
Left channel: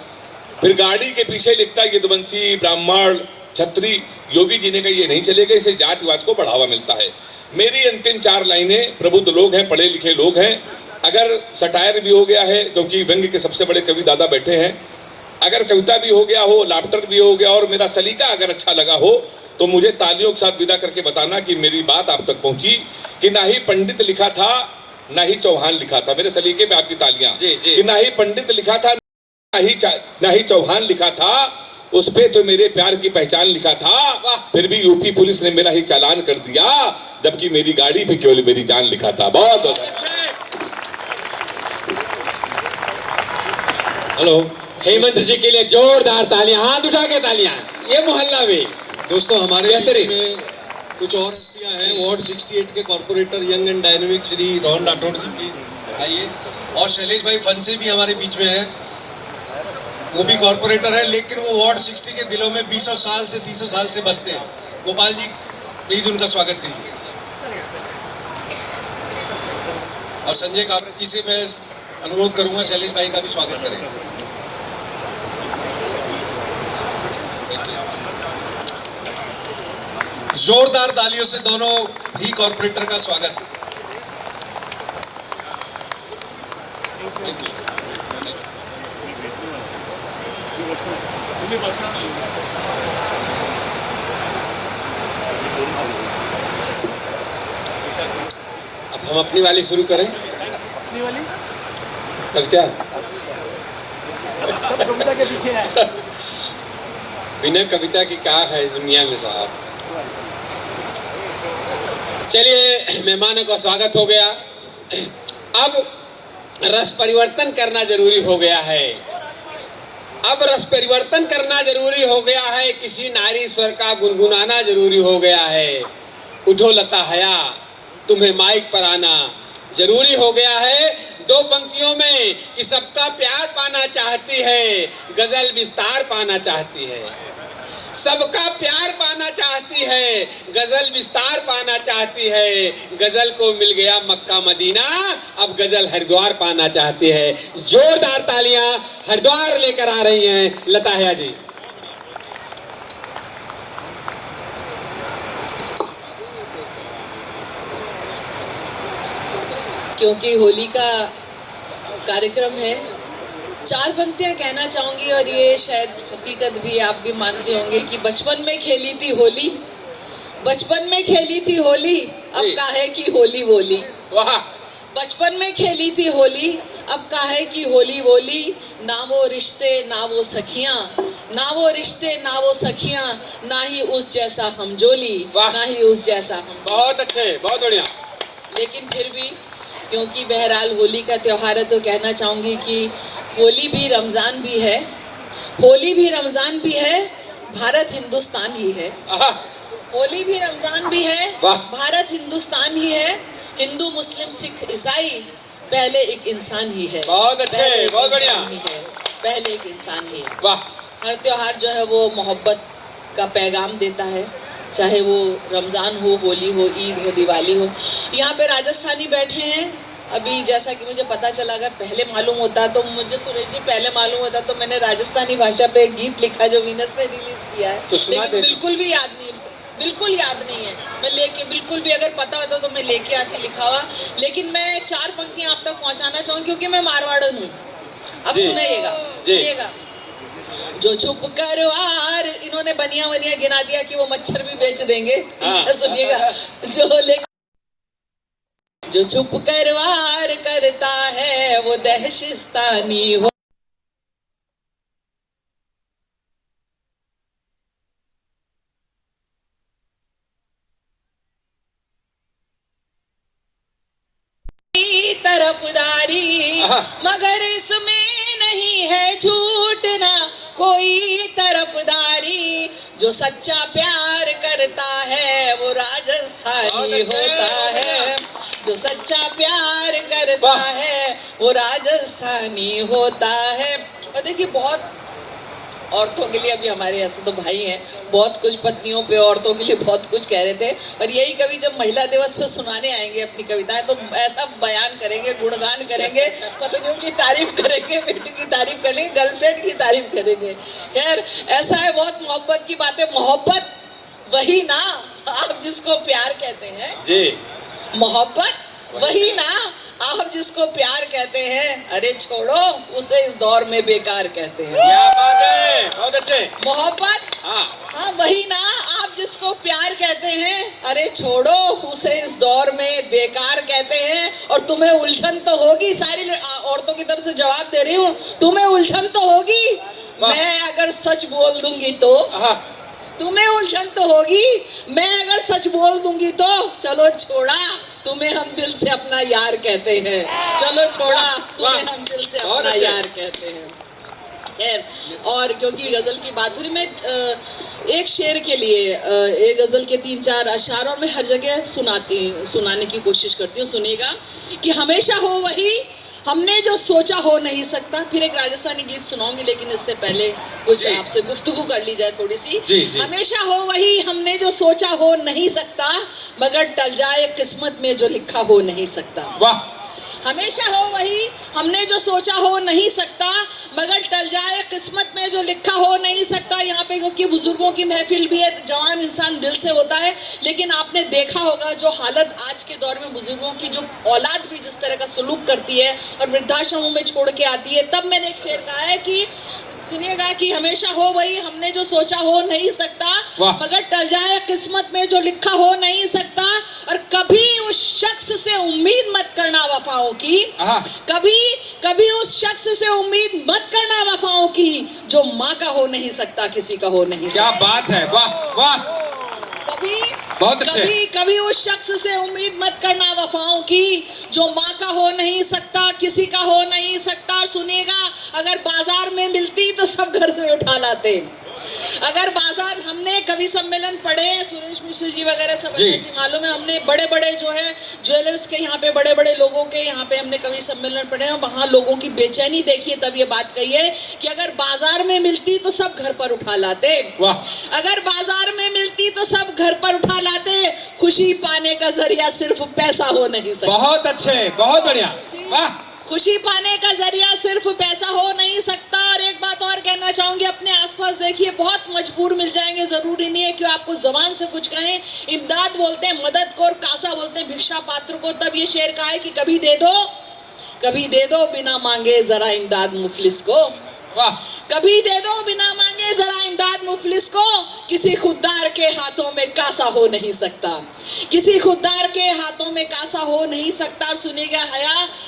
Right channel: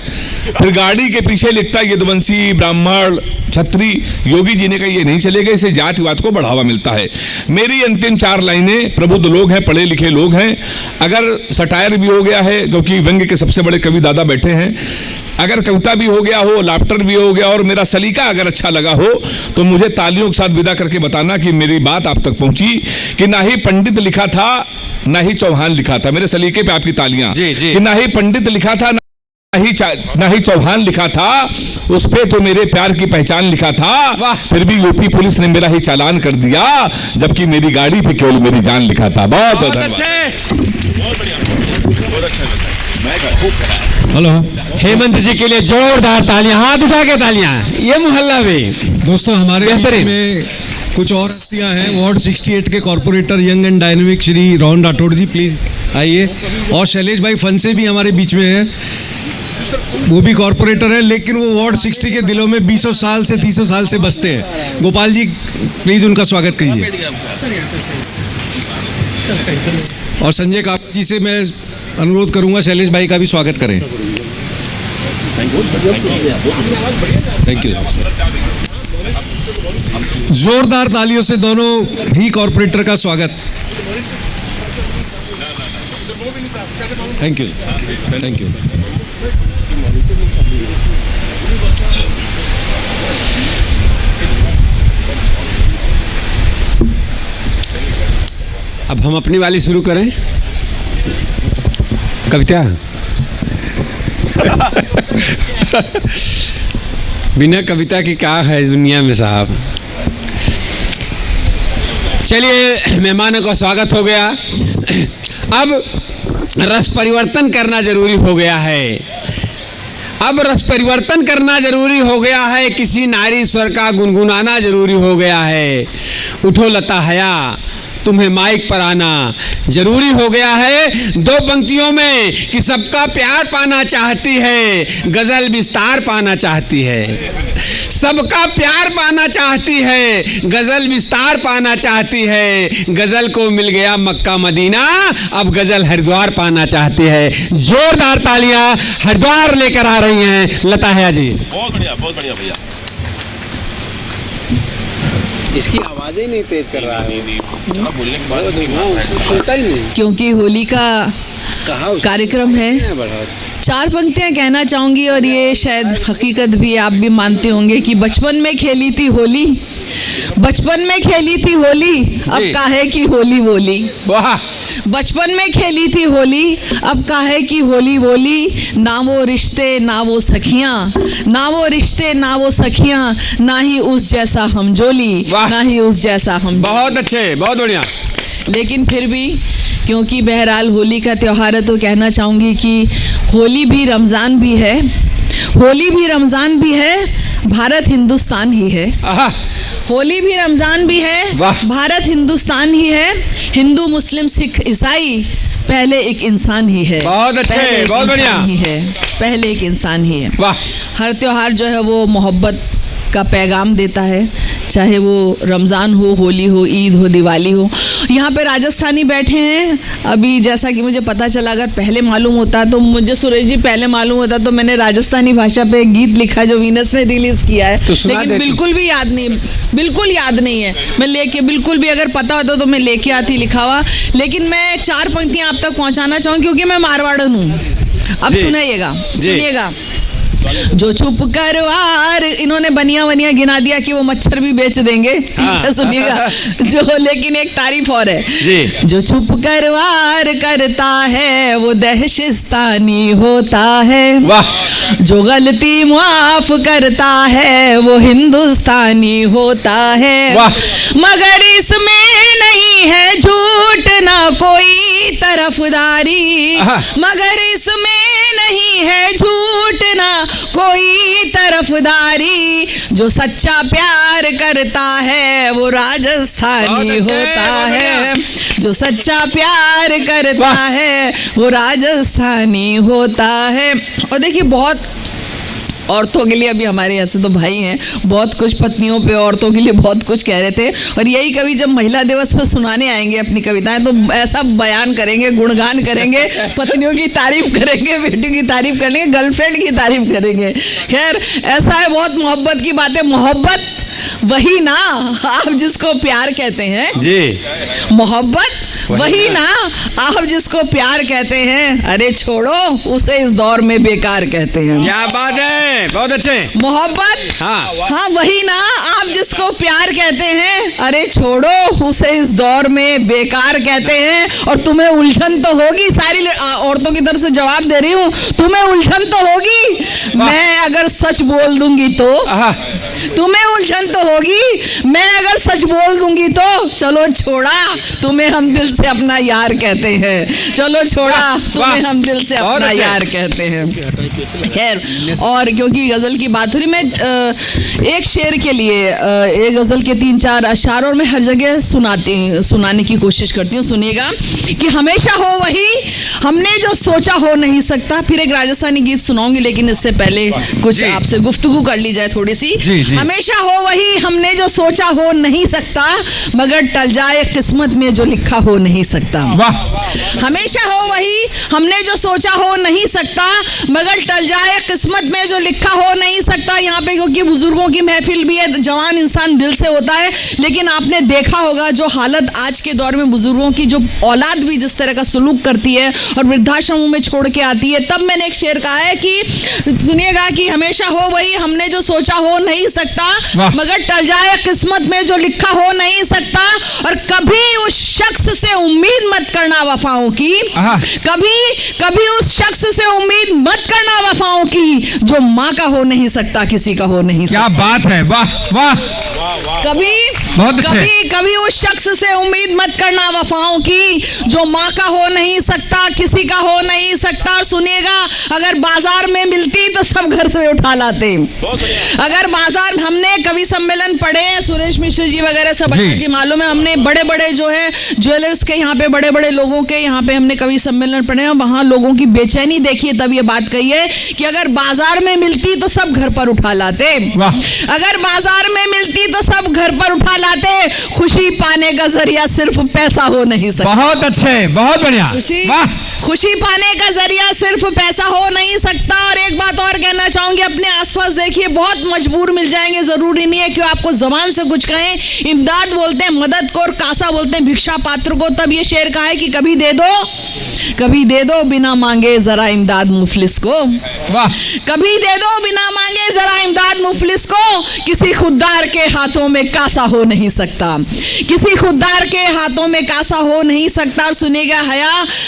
फिर गाड़ी के पीछे लिखता है यदुवंशी, ब्राह्मण, छत्री। योगी जी ने कहा ये नहीं चलेगा, इससे जातिवाद को बढ़ावा मिलता है। मेरी अंतिम 4 लाइनें, प्रबुद्ध लोग हैं, पढ़े लिखे लोग हैं, अगर सटायर भी हो गया है, क्योंकि व्यंग्य के सबसे बड़े कवि दादा बैठे हैं, अगर कविता भी हो गया हो, लाफ्टर भी हो गया और मेरा सलीका अगर अच्छा लगा हो, तो मुझे तालियों के साथ विदा करके बताना कि मेरी बात आप तक पहुंची, कि ना ही पंडित लिखा था ना ही चौहान लिखा था। मेरे सलीके पे आपकी तालियां। कि ना ही पंडित लिखा था ना ही चौहान लिखा था, उस पे तो मेरे प्यार की पहचान लिखा था। फिर भी यूपी पुलिस ने मेरा ही चालान कर दिया, जबकि मेरी गाड़ी पे केवल मेरी जान लिखा था। बहुत बहुत धन्यवाद। हेलो हेमंत जी के लिए जोरदार तालियां, हाथ उठा के तालियां। ये मोहल्ला में दोस्तों, हमारे बीच में कुछ और हस्तियां हैं। वार्ड 68 के corporator young and dynamic Shri Rohan Rathod ji, please आइए। और शैलेश भाई फंसे भी हमारे बीच में हैं, वो भी कॉर्पोरेटर है, लेकिन वो वार्ड 60 के दिलों में 20 साल से 30 साल से बसते हैं। गोपाल जी प्लीज उनका स्वागत कीजिए। और संजय काका जी से मैं अनुरोध करूंगा शैलेश भाई का भी स्वागत करें। Thank you. जोरदार तालियों से दोनों ही कॉर्पोरेटर का स्वागत। Thank you, thank you. अब हम अपनी वाली शुरू करें। कविता बिना कविता की क्या है दुनिया में साहब। चलिए, मेहमानों का स्वागत हो गया। अब रस परिवर्तन करना जरूरी हो गया है। अब रस परिवर्तन करना जरूरी हो गया है, किसी नारी स्वर का गुनगुनाना जरूरी हो गया है। उठो लता हया, तुम्हें माइक पर आना जरूरी हो गया है। 2 पंक्तियों में कि सबका प्यार पाना चाहती है, गजल विस्तार पाना चाहती है। सबका प्यार पाना चाहती है, गजल विस्तार पाना चाहती है। गजल को मिल गया मक्का मदीना, अब गजल हरिद्वार पाना चाहती है। जोरदार तालियां हरिद्वार लेकर आ रही हैं लता हया जी। बहुत बढ़िया भैया। इसकी आवाजें नहीं तेज कर रहा है, बोलने के बाद सुनता ही नहीं। क्योंकि होली का कार्यक्रम है। 4 पंक्तियां कहना चाहूंगी, और ये शायद हकीकत भी आप भी मानते होंगे कि बचपन में खेली थी होली, बचपन में खेली थी होली, अब काहे की होली बोली। वाह, बचपन में खेली थी होली, अब काहे की होली बोली। ना वो रिश्ते ना वो सखियां, ना वो रिश्ते ना वो सखियां, ना ही उस जैसा हमजोली, ना ही उस जैसा हम। बहुत अच्छे, बहुत बढ़िया। लेकिन फिर भी क्योंकि बहरहाल होली का त्यौहार है, तो कहना चाहूंगी कि होली भी रमज़ान भी है, होली भी रमज़ान भी है, भारत हिंदुस्तान ही है। होली भी रमज़ान भी है, भारत हिंदुस्तान ही है। हिंदू मुस्लिम सिख ईसाई पहले एक इंसान ही है। बहुत अच्छे, बहुत बढ़िया ही है, पहले एक इंसान ही है। वाह। हर त्योहार जो है वो मोहब्बत का पैगाम देता है, चाहे वो रमज़ान हो, होली हो, ईद हो, दिवाली हो। यहाँ पे राजस्थानी बैठे हैं। अभी जैसा कि मुझे पता चला, अगर पहले मालूम होता तो मुझे, सुरेश जी, पहले मालूम होता तो मैंने राजस्थानी भाषा पे एक गीत लिखा जो वीनस ने रिलीज़ किया है, तो लेकिन बिल्कुल भी याद नहीं, बिल्कुल याद नहीं है। मैं लेके, बिल्कुल भी अगर पता होता तो मैं लेके आती, लिखा हुआ। लेकिन मैं 4 पंक्तियाँ आप तक पहुँचाना चाहूँ, क्योंकि मैं मारवाड़न हूँ। अब सुनिएगा, सुनिएगा। जो चुप करवार, इन्होंने बनिया बनिया गिना दिया कि वो मच्छर भी बेच देंगे। सुनिएगा, जो लेकिन एक तारीफ और है जी। जो चुप करवार करता है वो दहशिस्तानी होता है। वाह। जो गलती माफ करता है वो हिंदुस्तानी होता है। वाह। मगर इसमें नहीं है झूठ ना कोई तरफदारी, मगर इसमें नहीं है झूठ ना कोई तरफदारी। जो सच्चा प्यार करता है वो राजस्थानी होता है, जो सच्चा प्यार करता है वो राजस्थानी होता है। और देखिए, बहुत औरतों के लिए अभी हमारे ऐसे तो भाई हैं, बहुत कुछ पत्नियों पे औरतों के लिए बहुत कुछ कह रहे थे, और यही कवि जब महिला दिवस पर सुनाने आएंगे अपनी कविताएं तो ऐसा बयान करेंगे, गुणगान करेंगे, पत्नियों की तारीफ करेंगे, बेटी की तारीफ करेंगे, गर्लफ्रेंड की तारीफ करेंगे। खैर ऐसा है, बहुत मोहब्बत की बात है। मोहब्बत वही ना आप जिसको प्यार कहते हैं जी, मोहब्बत वही ना आप जिसको प्यार कहते हैं, अरे छोड़ो उसे इस दौर में बेकार कहते हैं। क्या बात है, बहुत अच्छे। मोहब्बत हाँ वही ना आप जिसको प्यार कहते हैं, अरे छोड़ो उसे इस दौर में बेकार कहते हैं। और तुम्हें उलझन तो होगी, सारी औरतों की तरफ से जवाब दे रही हूँ, तुम्हें उलझन तो होगी, मैं अगर सच बोल दूंगी तो, तुम्हें उलझन तो होगी, मैं अगर सच बोल दूंगी तो, चलो छोड़ा तुम्हें हम दिल से अपना यार कहते हैं, चलो छोड़ा तुम्हें हम दिल से अपना यार कहते हैं। खैर, और क्योंकि गजल की बात हो रही, मैं एक शेर के लिए एक गजल के 3-4 अशार और मैं हर जगह सुनाने की कोशिश करती हूँ। सुनिएगा कि हमेशा हो वही हमने जो सोचा हो नहीं सकता। फिर एक राजस्थानी गीत सुनाऊंगी, लेकिन इससे पहले कुछ आपसे गुफ्तगू कर ली जाए थोड़ी सी। हमेशा हो वही हमने जो सोचा हो नहीं सकता, मगर टल जाए किस्मत में जो लिखा हो नहीं सकता। हमेशा हो वही हमने जो सोचा हो नहीं सकता, मगर टल जाए किस्मत में जो लिखा हो नहीं सकता। यहाँ पे क्योंकि बुजुर्गों की महफिल भी है, जवान इंसान दिल से होता है, लेकिन आपने देखा होगा जो हालत आज के दौर में बुजुर्गों की, जो औलाद भी जिस तरह का सलूक करती है और वृद्धाश्रमों में छोड़ के आती है। तब मैंने एक शेर कहा है कि सुनिएगा कि हमेशा हो वही हमने जो सोचा हो नहीं सकता, मगर टल जाए किस्मत में जो लिखा हो नहीं सकता। और कभी उस शख्स से उम्मीद मत करना वफाओं की, कभी उस शख्स से उम्मीद मत करना वफाओं की, जो माँ का हो नहीं सकता किसी का हो नहीं सकता। क्या बात है, वाह वाह। कभी उस शख्स से उम्मीद मत करना वफाओं की, जो माँ का हो नहीं सकता किसी का हो नहीं सकता। सुनिएगा, अगर बाजार में मिलती तो सब घर से उठा लाते। अगर बाजार, हमने कवि सम्मेलन पढ़े, सुरेश मिश्र जी वगैरह सब की मालूम है, हमने बड़े बड़े जो है ज्वेलर्स के यहाँ पे, बड़े बड़े लोगों के यहाँ पे हमने कवि सम्मेलन पढ़े हैं, वहां लोगों की बेचैनी देखिए। तब ये बात कही है कि अगर बाजार में मिलती तो सब घर पर उठा लाते, अगर बाजार में मिलती तो सब घर पर उठा लाते। खुशी पाने का जरिया सिर्फ पैसा हो नहीं सकता। बहुत अच्छे, बहुत बढ़िया, वाह। खुशी पाने का जरिया सिर्फ पैसा हो नहीं सकता। और एक बात और कहना चाहूंगी, अपने आसपास देखिए, बहुत मजबूर मिल जाएंगे, जरूरी नहीं है कि आपको जबान से कुछ कहें। इमदाद बोलते हैं मदद को, और कासा बोलते हैं भिक्षा पात्र को। तब ये शेर कहा है कि कभी दे दो बिना मांगे जरा इमदाद मुफलिस को, कभी दे दो बिना मांगे जरा इमदाद मुफलिस को। किसी खुददार के हाथों में कासा हो नहीं सकता, किसी खुददार के हाथों में कासा हो नहीं सकता। सुनिएगा,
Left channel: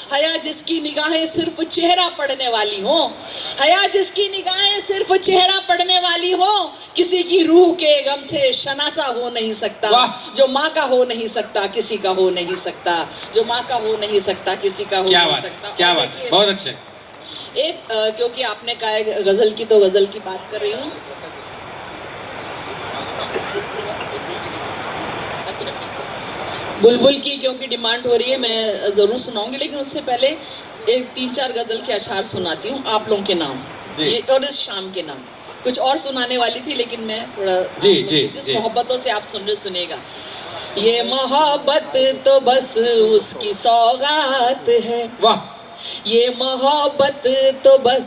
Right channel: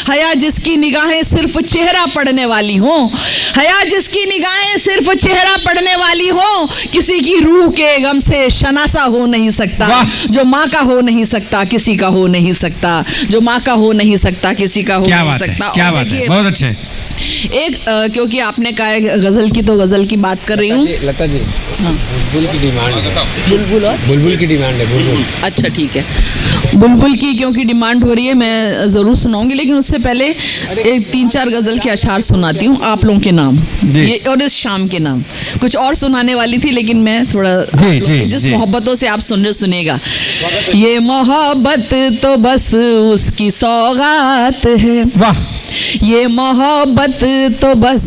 हया जिसकी निगाहें सिर्फ चेहरा पढ़ने वाली हो, हया जिसकी निगाहें सिर्फ चेहरा पढ़ने वाली हो, किसी की रूह के गम से शनासा हो नहीं सकता। जो माँ का हो नहीं सकता किसी का हो नहीं सकता, जो माँ का हो नहीं सकता किसी का हो नहीं सकता। क्या बात है, बहुत अच्छे। एक क्योंकि आपने कहा है गजल की, तो गजल की बात कर रही हूँ। लता जी, बुलबुल की डिमांड है, बुलबुल की डिमांड है, बुलबुल। अच्छा ठीक है, बुलबुल की क्योंकि डिमांड हो रही है, मैं जरूर सुनाऊंगी, लेकिन उससे पहले एक 3-4 गजल के अशार सुनाती हूँ आप लोगों के नाम, ये और इस शाम के नाम। कुछ और सुनाने वाली थी, लेकिन मैं थोड़ा जिस मोहब्बतों से आप सुनिएगा। ये मोहब्बत तो बस उसकी सौगात है, ये मोहब्बत तो बस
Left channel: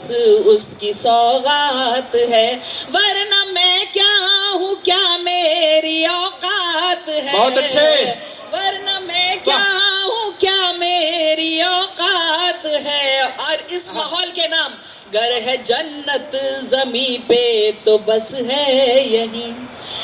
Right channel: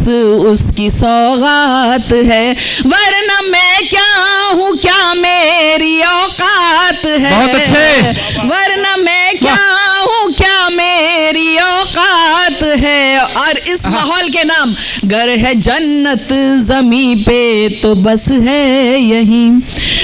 उसकी सौगात है, वरना मैं क्या हूँ, क्या मेरी औकात है। बहुत अच्छे। वरना मैं क्या हूँ, क्या मेरी औकात है। और इस माहौल के नाम, गर है जन्नत जमी पे तो बस है यही,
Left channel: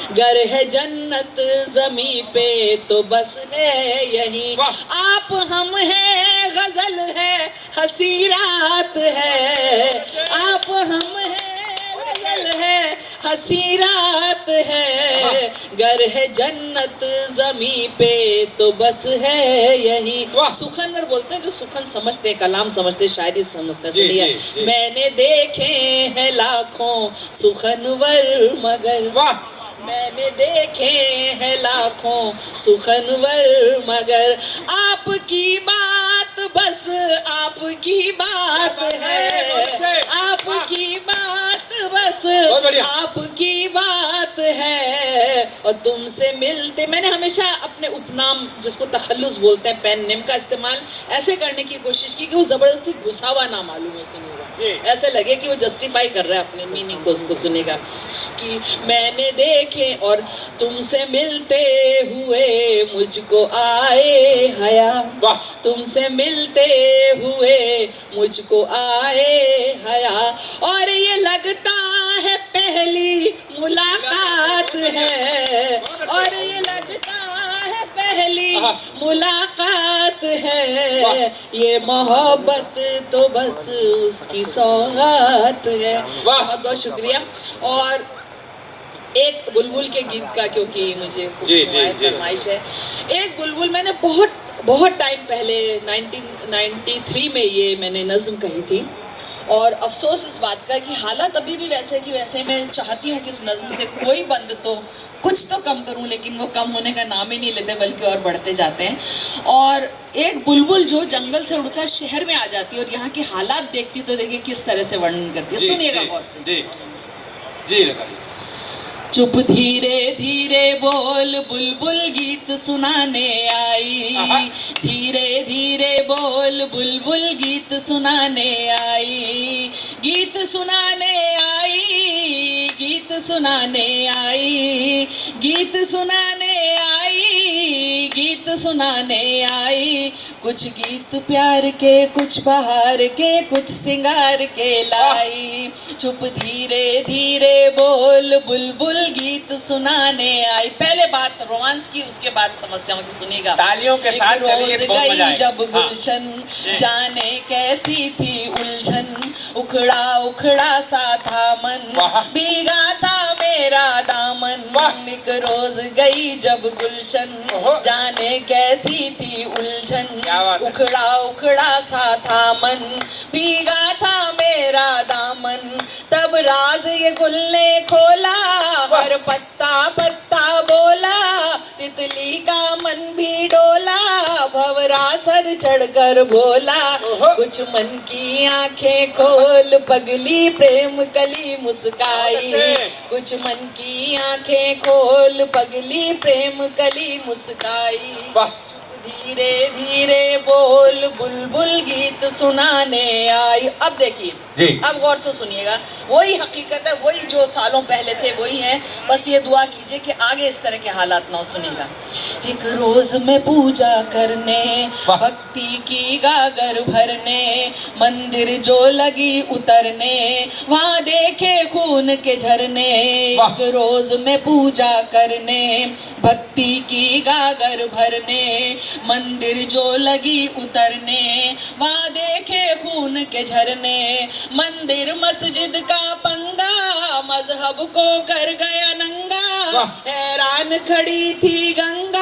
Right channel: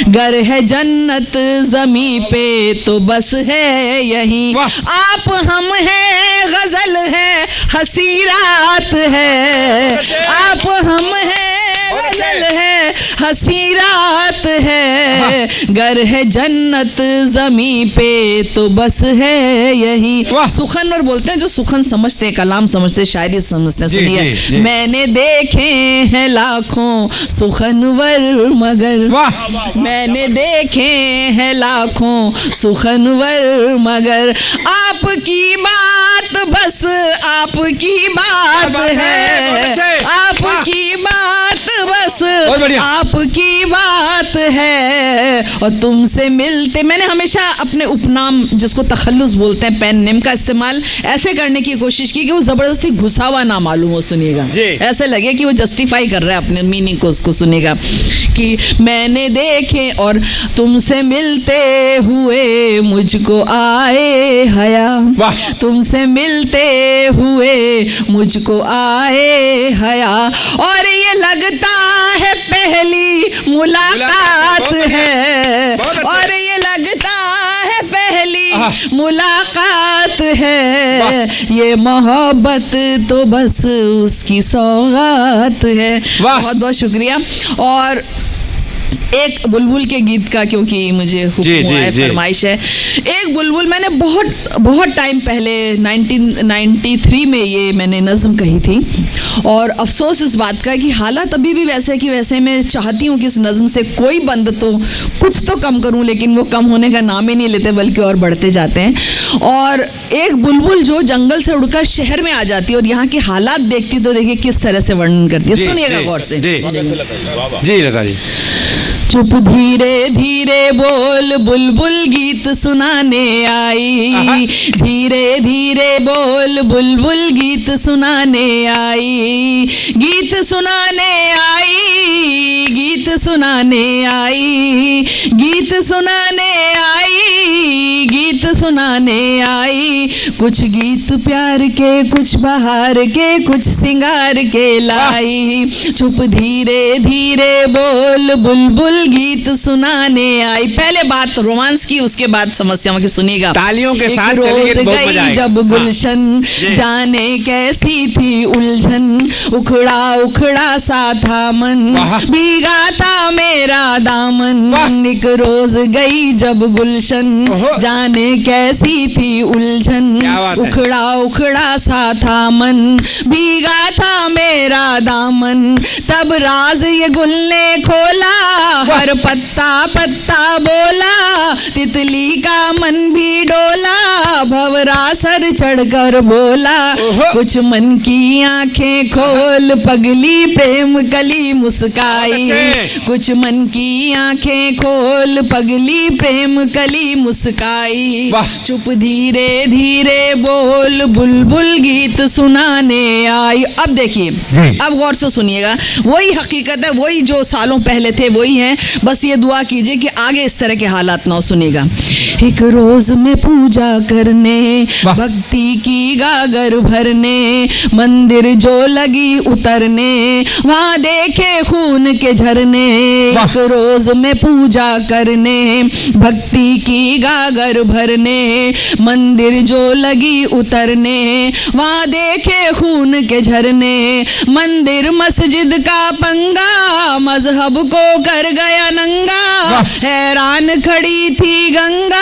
गर है जन्नत जमी पे तो बस है यही। आप हम हैं, गजल है, हंसी रात है, आप हम हैं, गजल है, हंसी रात है। गर है जन्नत जमी पे तो बस है यही। सुखनवर बोलते हैं, जो सुखन समझते, कलाम समझते, शायरी समझते। सुनिए, मैंने देखे हैं लाखों सुखनवर मगर, मैंने देखे हैं लाखों सुखनवर मगर, आपकी बात बस आपकी बात है, आपकी बात बस बहुत बढ़िया। आपकी बात है और तुमसे मिलते। मैंने हमेशा अपने उपनाम जिसको तखल्लुस बोलते हैं पेन नेम का इस्तेमाल ऐसे करने की कोशिश की कि वो जबरदस्ती घुसा हुआ ना मालूम हो, सुनिएगा जी। ऐसे लगे कि वो जस्टिफाई कर रहा है अपने मीनिंग को, उसको सुनिएगा कि मैंने देखे और तुमसे मिलते हुए मुझको आए हया, वाह। तुमसे मिलते हुए मुझको आए हया और ये लगता है पहली मुलाकात है, और ये लगता है पहली मुलाकात है, ये मोहब्बत तो बस उसकी सौगात है। बहुत बहुत शुक्रिया। और एक बुलबुल के गीत का, क्योंकि मुझे हुक्म हुआ है, फरमाइश है। एक बुलबुल मैंने बहुत टाइम पहले 1993 में ये मैंने नज़्म कही थी, और अफसोस इस बात का कि हालात अभी भी वैसे कि वैसे। मैं चाहती हूँ कि इस नज़्म से कोई बंद तो कुछ तो कम करूँ, लेकिन वो कम होने का नाम ही नहीं लेते बल्कि और बढ़ते जाते हैं। और एक बुलबुल जो जंगल से उड़कर शहर में आ जाती है और यहाँ के हालात देखती तो देखिए किस तरह से वर्णन करती है। सुनिएगा गौर से। जी लता जी। चुप धीरे धीरे बोल बुलबुल गीत सुनाने आई, धीरे धीरे बोल बुलबुल गीत सुनाने आई, गीत सुनाने आई, गीत सुनाने आई, गीत सुनाने आई, गीत सुनाने आई। कुछ गीत प्यार के, कुछ बहार के, कुछ सिंगार के लाई। चुप धीरे धीरे बोल बुलबुल गीत सुनाने आई। पहले बात रोमांस की, उसके बाद समस्याओं की। सुनिएगा तालियों के साथ रोज चलिए, बहुत मजा गई आएगा। जब गुलशन, जाने कैसी थी उलझन, उखड़ा उखड़ा सा था मन, भीगा था मेरा दामन। एक रोज गई जब गुलशन, जाने कैसी थी उलझन, उखड़ा उखड़ा सा था मन, भीगा था मेरा दामन। तब राज ये गुल ने खोला, हर पत्ता पत्ता बोला, तितली का मन भी डोला, भंवरा सर चढ़कर बोला। कुछ मन की आंखें खोल पगली, प्रेम कली मुस्काई। कुछ मन की आंखें खोल पगली, प्रेम कली मुस्काई। चुप धीरे धीरे बोल बुलबुल गीत सुनाने आई। अब देखिए, अब गौर से सुनिएगा, वही हकीकत है, वही जो सालों पहले थे वही है। बस ये दुआ कीजिए कि आगे इस तरह के हालात ना हो। सुनिएगा। एक रोज में पूजा करने, भक्ति की गागर भरने, मंदिर जो लगी उतरने, वहां देखे खून के झरने। एक रोज में पूजा करने, भक्ति की गागर भरने, मंदिर जो लगी उतरने, वहां देखे खून के झरने। मंदिर मस्जिद का पंगा, मजहब को कर गया नंगा, हैरान खड़ी थी गंगा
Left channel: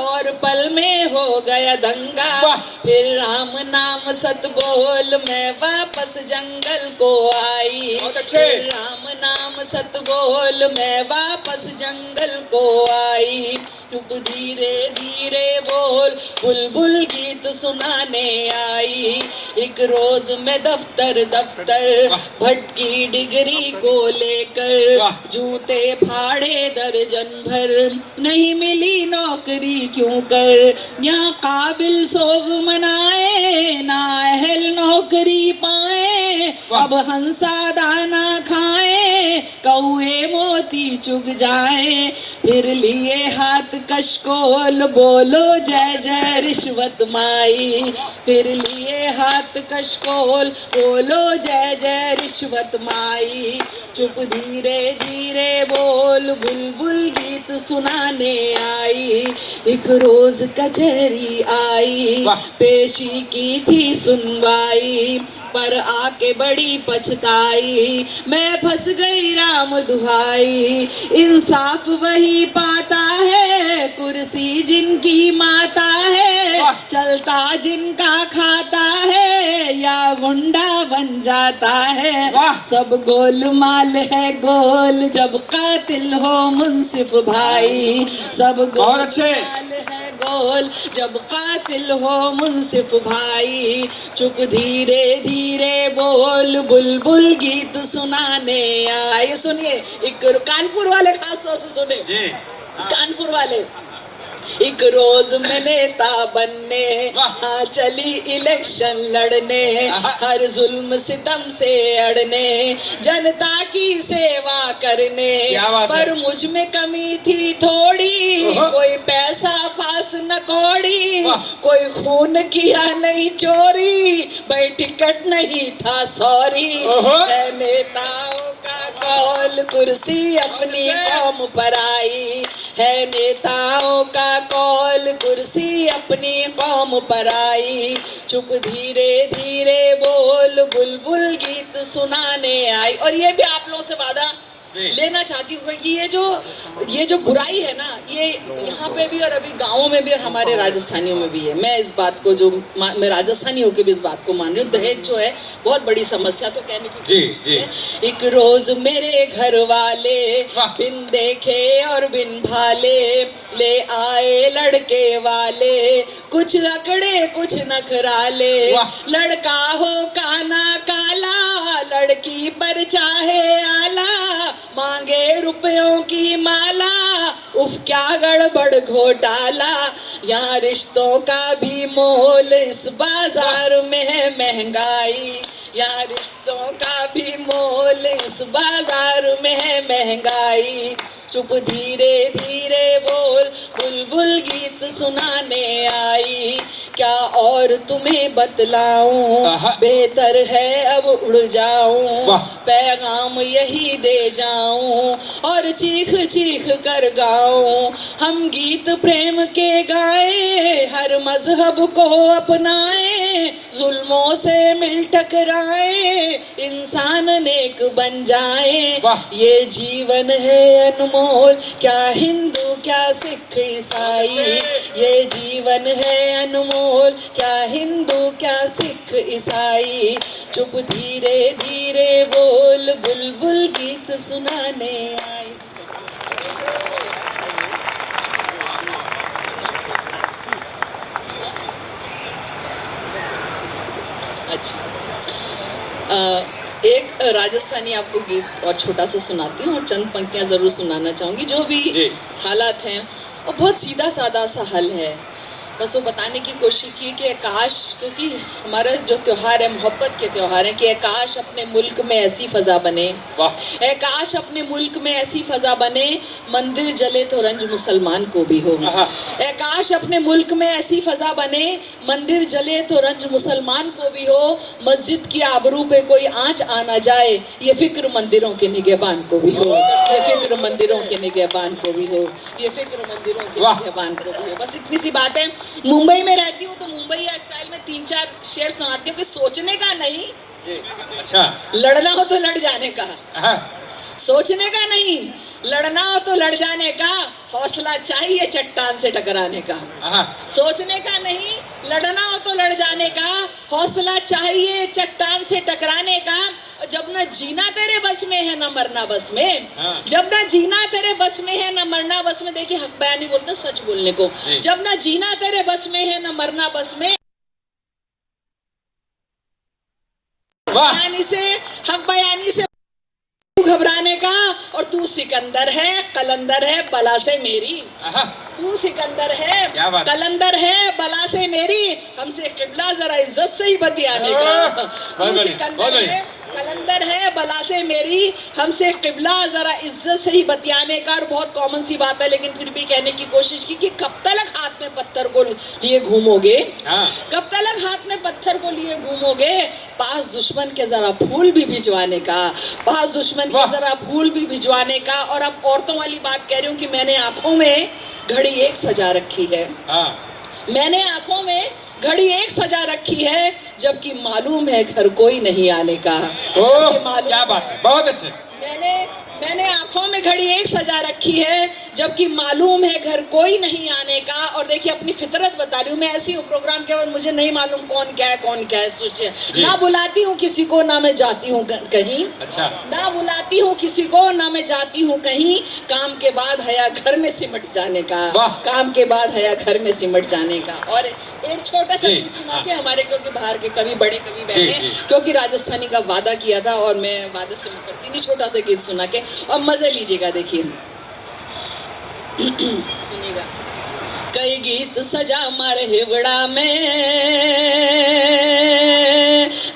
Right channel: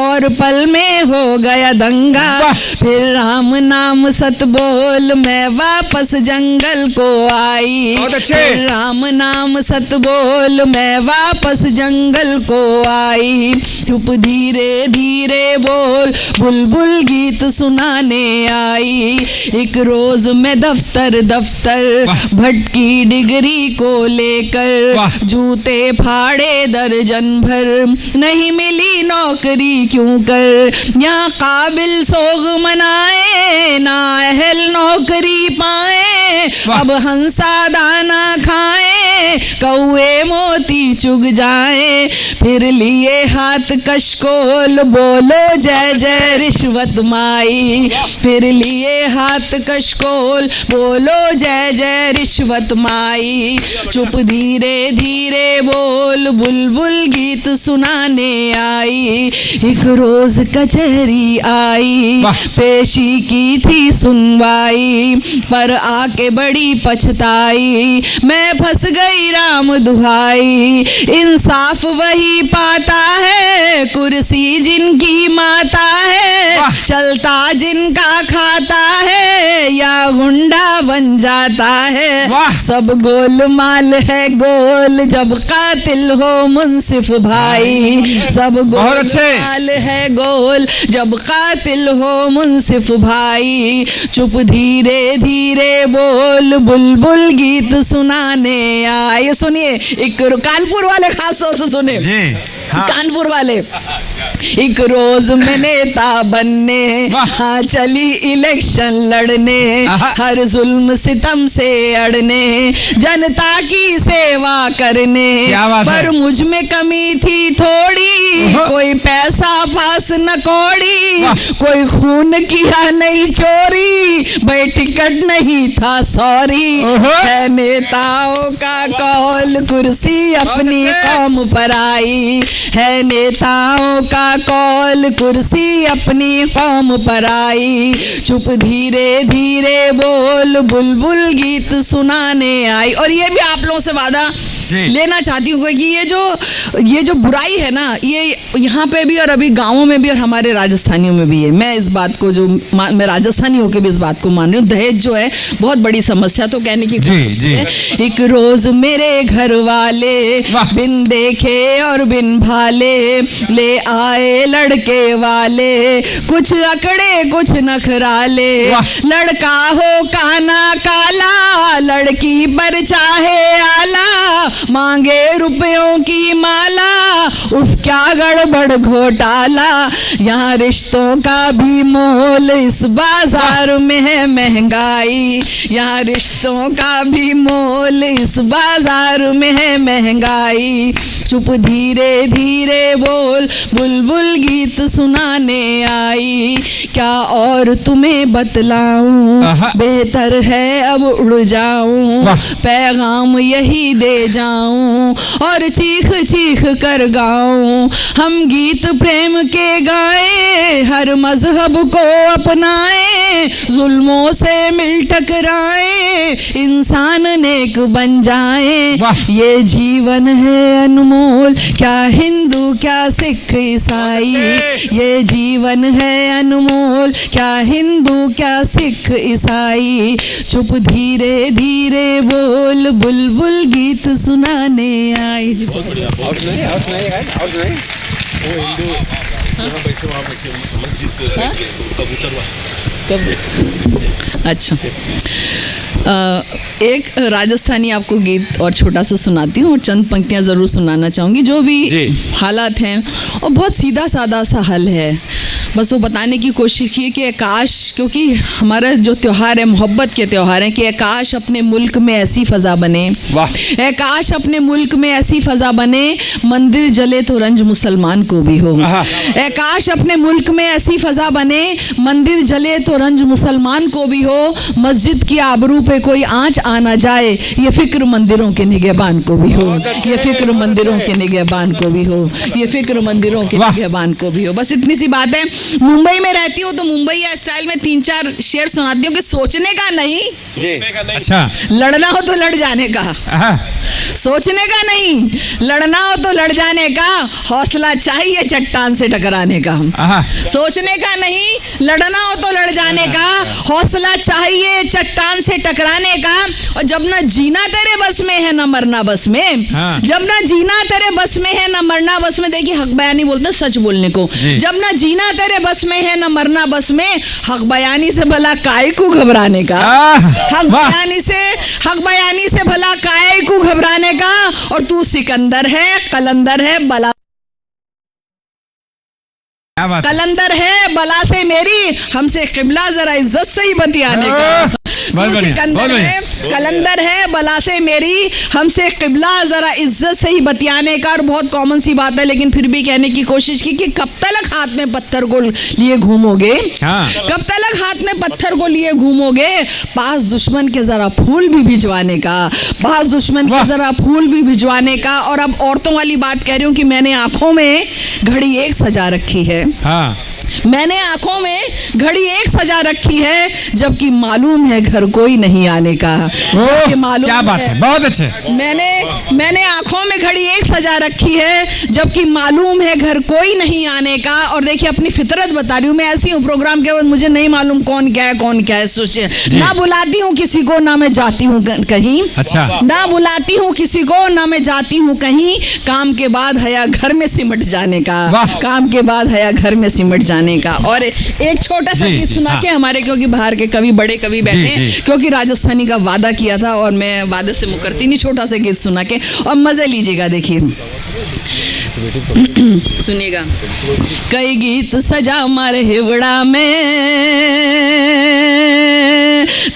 और पल में हो गया दंगा। फिर राम नाम सत बोल मैं वापस जंगल को आई, फिर राम नाम सत बोल मैं वापस जंगल को आई। चुप धीरे धीरे बोल बुलबुल गीत सुनाने आई। एक रोज में दफ्तर दफ्तर भटकी डिग्री को लेकर, जूते फाड़े दर्जन भर, नहीं मिली नौकरी क्यों कर। यहाँ काबिल सोग मनाए, ना अहल नौकरी पाए, अब हंसा दाना खाए, कौए मोती चुग जाए। फिर लिए हाथ कशकोल बोलो जय जय रिश्वत माई, फिर लिए हाथ कशकोल बोलो जय जय रिश्वत माई। चुप धीरे धीरे बोल बुलबुल गीत सुनाने आई। एक रोज कचहरी आई, पेशी की थी सुनवाई, पर आके बड़ी पछताई, मैं फंस गई राम दुहाई। इंसाफ वही पाता है, कुर्सी जिनकी माता है, चलता जिनका खाता है, या गुंडा बन जाता है। सब गोलमाल है गोल जब कातिल हो मुंसिफ भाई, सब गोलमाल है गोल जब कातिल हो मुंसिफ भाई। चुप धीरे धीरे बोल बुलबुल गीत सुनाने आए। सुनिए, एक कानपुर वाले खास तौर से सुने जी, हाँ। कानपुर वाले, एक रोज में नेता बनने, हाँ चली इलेक्शन लड़ने, हर जुल्म सितम से अड़ने, जनता की सेवा करने, पर मुझ में कमी थी थोड़ी, कोई पैसा पास न कौड़ी, कोई खून किया नहीं चोरी, भाई टिकट नहीं था सॉरी। है नेताओं का कौल कुर्सी अपनी कौम पर आई, है नेताओं का कौल कुर्सी अपनी कौम पर आई। चुप धीरे धीरे बोल बुलबुल गीत सुनाने आई। और ये भी आप लोगों से वादा लेना चाहती हूँ कि ये जो बुराई है ना, ये यहाँ पे भी और अभी गाँव में भी और हमारे राजस्थानियों में भी है। मैं इस बात को मैं राजस्थानी होकर भी इस बात को मान रही हूँ। दहेज जो है बहुत बड़ी समस्या, तो कहने की कोशिश है। एक रोज मेरे घर वाले बिन देखे और बिन भाले ले आए लड़के वाले, कुछ अकड़े कुछ नखराले, लड़का हो काना काला, लड़की पर चाहे आला, मांगे रुपयों की माला, उफ क्या गड़बड़ घोटाला। यहाँ रिश्तों का भी मोल इस बाजार में है महंगाई, यहाँ रिश्तों का भी मोल इस बाजार में है महंगाई। चुप धीरे धीरे बोल बुलबुल गीत सुनाने आई, क्या और तुम्हें बतलाऊं, बेहतर है अब उड़ जाऊं, पैगाम यही दे जाऊं और चीख चीख कर गाऊं। हम गीत प्रेम के गाएं, हर मजहब को अपनाएं, जुल्मों से मिल टकराएं, इंसान नेक बन जाएं। ये जीवन है अनमोल, क्या हिंदू क्या सिख ईसाई, ये जीवन है अनमोल, क्या हिंदू क्या सिख ईसाई। चुप धीरे धीरे बोल बुलबुल गीत सुनाने आई। अच्छा, एक राजस्थानी आपको गीत और छोटा सा सुनाती हूँ और चंद पंक्तियाँ ज़रूर सुनाना चाहूँगी। जो भी हालात हैं और बहुत सीधा साधा सा हल है, बस वो बताने की कोशिश की कि काश, क्योंकि हमारा जो त्यौहार है मोहब्बत के त्यौहार है, कि काश अपने मुल्क में ऐसी फ़ज़ा बने, काश अपने मुल्क में ऐसी फ़ज़ा बने, मंदिर जले तो रंज मुसलमान को भी हो। काश अपने मुल्क में ऐसी फ़ज़ा बने, मंदिर जले तो रंज मुसलमान को भी हो, मस्जिद की आबरू पे कोई आंच आना जाए, ये फिक्र मंदिरों के निगहबान को भी हो, ये फिक्र मंदिरों के निगहबान को भी हो, ये फिक्र मंदिरों के निगहबान को भी हो। बस इतनी सी बात है। मुंबई में रहती हूँ तो मुंबई या स्टाइल में 3-4 शेर सुनाती हूँ कि सोचने का नहीं, अच्छा, लड़ना हो तो लड़ जाने का, सोचने का नहीं, लड़ना हो तो लड़ जाने का, हौसला चाहिए चट्टान से टकराने का। सोचने का नहीं, लड़ना हो तो लड़ जाने का, हौसला चाहिए चट्टान से टकराने का। और जब ना जीना तेरे बस में है ना मरना बस में, जब ना जीना तेरे बस में है ना मरना बस में, देखिए हक बयानी बोलते हैं सच बोलने को, जब ना जीना तेरे बस में है ना मरना बस में, हक बयानी से भला काय को घबराने का, हक बयानी से भला काय को घबराने का। और तू सिकंदर है कलंदर है बला से मेरी, तू सिकंदर है कलंदर है बला से मेरी, हमसे किबला जरा इज्जत से ही बतियाने का। तू सिकंदर है कलंदर है बला से मेरी, हमसे किबला जरा इज्जत से ही बतियाने का। और बहुत कॉमन सी बात है लेकिन फिर भी कहने की कोशिश की कि कब तक हाथ में पत्थर को लिए घूमोगे, कब तक हाथ में पत्थर को लिए घूमोगे, पास दुश्मन के जरा फूल भी भिजवाने का, पास दुश्मन के जरा फूल भी भिजवाने का। और अब औरतों वाली बात कह रही हूँ कि मैंने आंखों में घड़ी एक सजा रखी है, मैंने आंखों में घड़ी एक सजा रखी है, जबकि मालूम है घर कोई नहीं आने का। जबकि मालूम क्या बात है, बहुत अच्छे। मैंने आंखों में घड़ी एक सजा रखी है, जबकि मालूम है घर कोई नहीं आने का। और देखिए अपनी फितरत बता रही हूँ, मैं ऐसी हूँ प्रोग्राम के बाद मुझे नहीं मालूम कौन क्या है सोचिए। ना बुलाती हूँ किसी को, ना मैं जाती हूँ कहीं। अच्छा। ना बुलाती हूँ किसी को, ना मैं जाती हूँ कहीं। काम के बाद है या घर में सिमट जाने का, काम के बाद है या घर में सिमट जाने का। और एक छोटा सा गीत सुना के हमारे, क्योंकि बाहर के कवि बड़े कवि बैठे, क्योंकि राजस्थानी का वादा किया था और मैं वादे से मुकरती नहीं। छोटा सा गीत सुना के और मजे लीजिएगा। देखिए सुनिएगा। कई गीत सजा मारे हिवड़ा में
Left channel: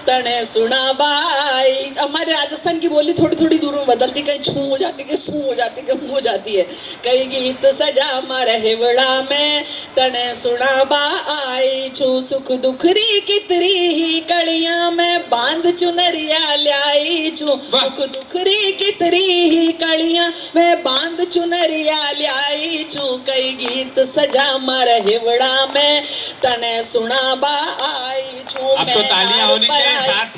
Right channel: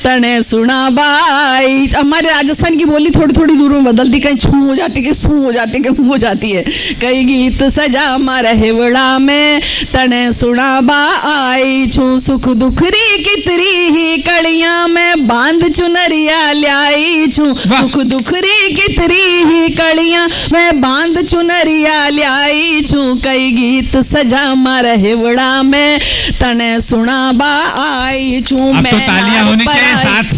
तने सुना बाई। हमारे राजस्थान की बोली थोड़ी थोड़ी दूर में बदलती, कहीं छू हो जाती, कहीं सू हो जाती, कहीं हो जाती है। कई गीत सजा मारे हिवड़ा में तने सुना बाई छू। सुख दुखरी कितरी ही कड़िया में बांध चुनरिया ल्याई छू। सुख दुखरी कितरी ही कड़िया में बांध चुनरिया ल्याई छू। कई गीत सजा मारे हिवड़ा में तने सुना बाई छू। मैं तो तालियां होनी चाहिए,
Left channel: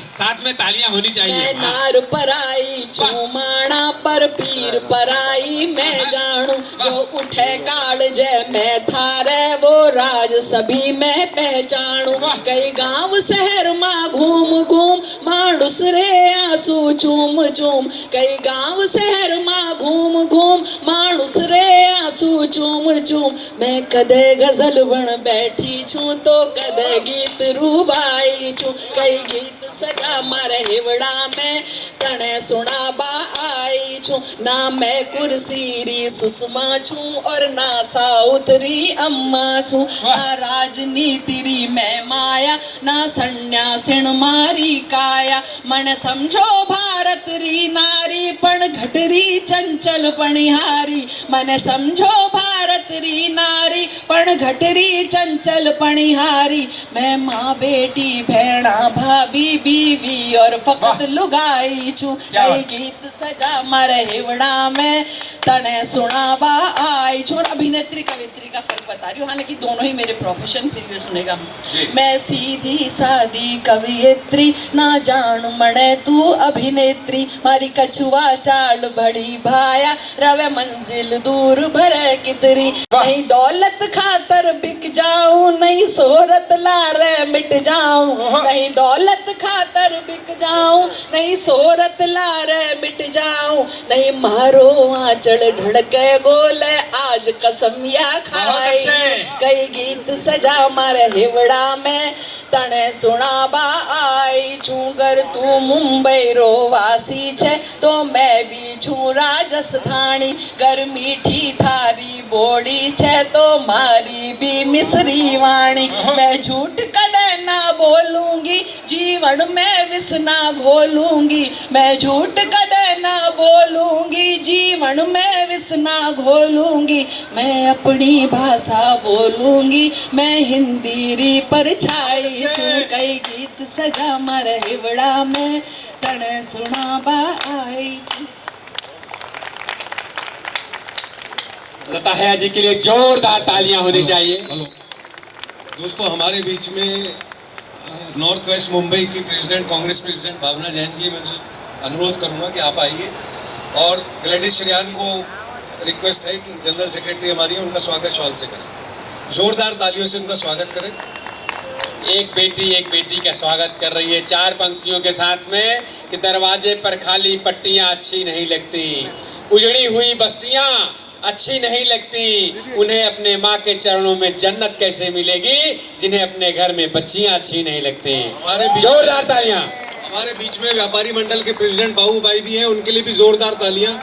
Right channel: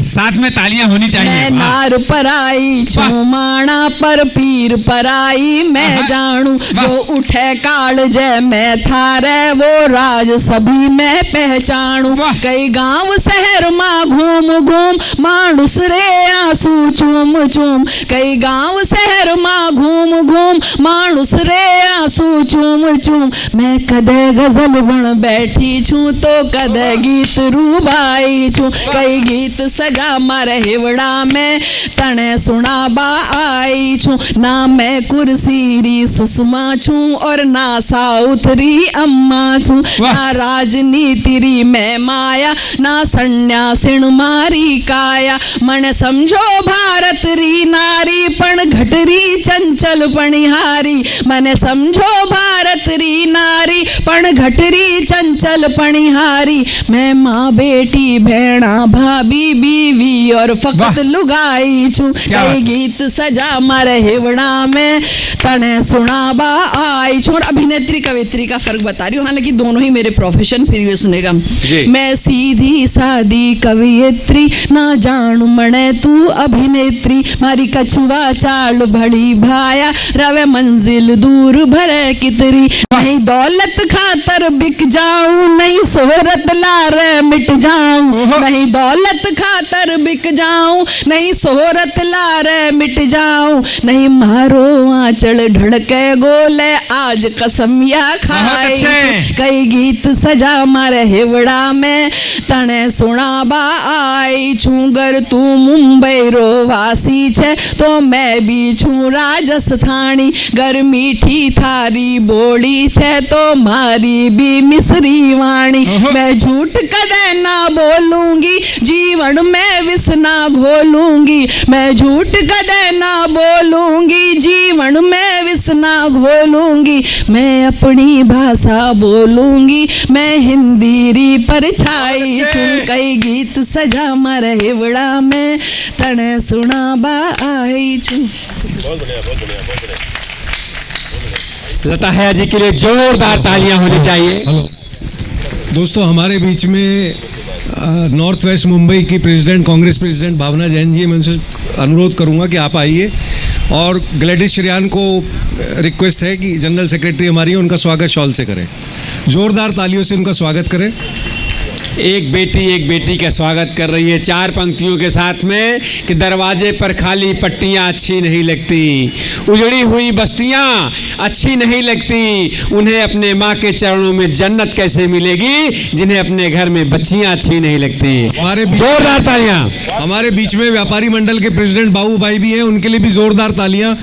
साथ में तालियां होनी चाहिए। मैं नार पर आई छू, माणा पर पीर पर आई। मैं जानू जो उठे काल जय मैं थारे वो राज सभी मैं पहचानू। कई गांव शहर माँ घूम घूम मानुस रे आंसू चूम चूम। कई गांव शहर माँ घूम घूम मानुस रे आंसू चूम चूम। मैं कदे गजल बन बैठी छू तो कदे गीत रूबाई छू। कई गीत सजा मारे हिवड़ा में तने सुना बाई छू। ना मैं कुर्सीरी सुषमा छू और ना साउथरी अम्मा छू। ना राजनीति री मैं माया, ना सन्यासिन मारी काया। मन समझो भारत री नारी पण घटरी चंचल पणिहारी। मन समझो भारत री नारी पण घटरी चंचल पणिहारी। मैं माँ बेटी भेड़ा भाभी बीवी और फकत लुगाई छू। कई गीत सजा मारे हिवड़ा में तने सुना बाई छू। अभिनेत्री कवित्री का फर्क बता रही हूँ, हालांकि दोनों ही मेरे प्रोफेशन, फिर भी सुनेगा। मैं सीधी सादी कवियत्री ना जानू मने तू अभिनेत्री। मारी कछुआ चाल बड़ी भाया रवे मंजिल दूर भरे कितरी। नहीं दौलत खातर बिक जाऊं, नहीं शोहरत लारे मिट जाऊं। नहीं दौलत खातर बिक जाऊं, नहीं शोहरत लारे मिट जाऊं। नहीं मारो आंचल ढड़के गोले आज कसम या खाई। कई गीत सजा मारे हिवड़ा में तने सुना बाई छू। गर तू मुंबई रो वासी छे तो मैं भी छू राजस्थानी। गर मीठी थारी बोली छे तो मारी भी मिसरी वाणी। मैं झूठ कदे ना बोलूंगी, जीवन में विष ना घोलूंगी। मैं झूठ कदे ना बोलूंगी, जीवन में विष ना घोलूंगी। मैं अपनी भाषा बोलूंगी, मैं हिंदी री परछाई छू। कई गीत सजा मारे हिवड़ा में तने सुना बाई छू। लता हया जी के लिए जोरदार तालियां होनी चाहिए। दोस्तों हमारे बीच में नॉर्थ वेस्ट मुंबई की प्रेसिडेंट, कांग्रेस प्रेसिडेंट भावना जैन जी, मैं उनसे अनुरोध करूंगा कि आप आइए। और ग्लैडिस श्रेयान को रिक्वेस्ट है कि जनरल सेक्रेटरी हमारी, उनका स्वागत शॉल से करें। जोरदार तालियों से उनका स्वागत करें। एक बेटी का स्वागत कर रही है चार पंक्तियों के साथ में कि दरवाजे पर खाली पट्टियां अच्छी नहीं लगती, उजड़ी हुई बस्तियां अच्छी नहीं लगती। उन्हें अपने माँ के चरणों में जन्नत कैसे मिलेगी जिन्हें अपने घर में बच्चियां अच्छी नहीं लगती। जोरदार तालियां। हमारे बीच में व्यापारी मंडल के प्रेसिडेंट बाबू भाई भी हैं, उनके लिए भी जोरदार तालियां।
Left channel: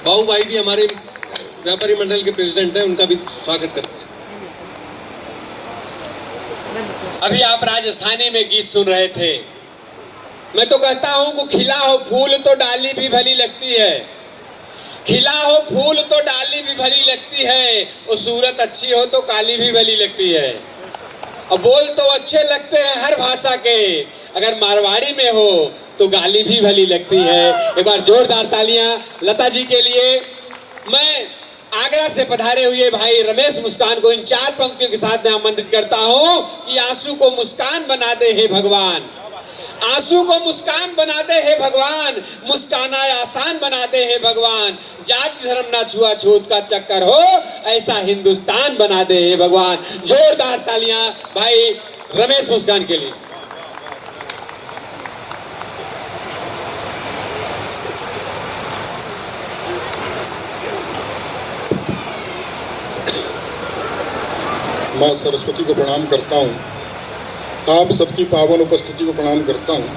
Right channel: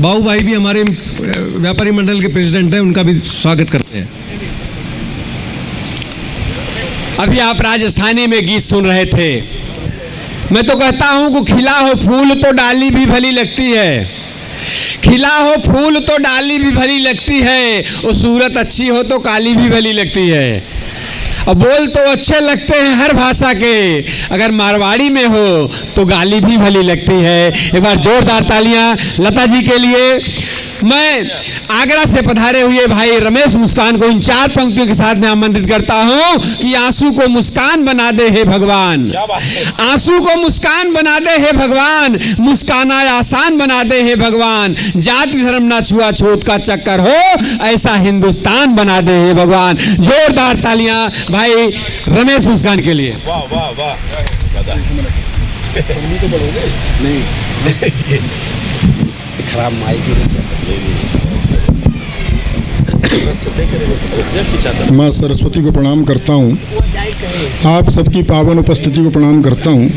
बाबू भाई भी हमारे व्यापारी मंडल के प्रेसिडेंट हैं, उनका भी स्वागत करते हैं। अभी आप राजस्थानी में गीत सुन रहे थे। मैं तो कहता हूं कि खिला हो फूल तो डाली भी भली लगती है। खिला हो फूल तो डाली भी भली लगती है, और सूरत अच्छी हो तो काली भी भली लगती है। और बोल तो अच्छे लगते हैं हर भाषा के, अगर मारवाड़ी में हो तो गाली भी भली लगती है। एक बार जोरदार तालियां लता जी के लिए। मैं आगरा से पधारे हुए भाई रमेश मुस्कान को इन 4 पंक्तियों के साथ मैं आमंत्रित करता हूं कि आंसू को मुस्कान बना दे हे भगवान, आंसू को मुस्कान बना दे हे भगवान, मुस्काना आसान बना दे हे भगवान, जाति धर्म ना छुआछूत का चक्कर हो ऐसा हिंदुस्तान बना दे हे भगवान। जोरदार तालियां भाई रमेश मुस्कान के लिए। माँ सरस्वती को प्रणाम करता हूँ, आप सबकी पावन उपस्थिति को प्रणाम करता हूँ।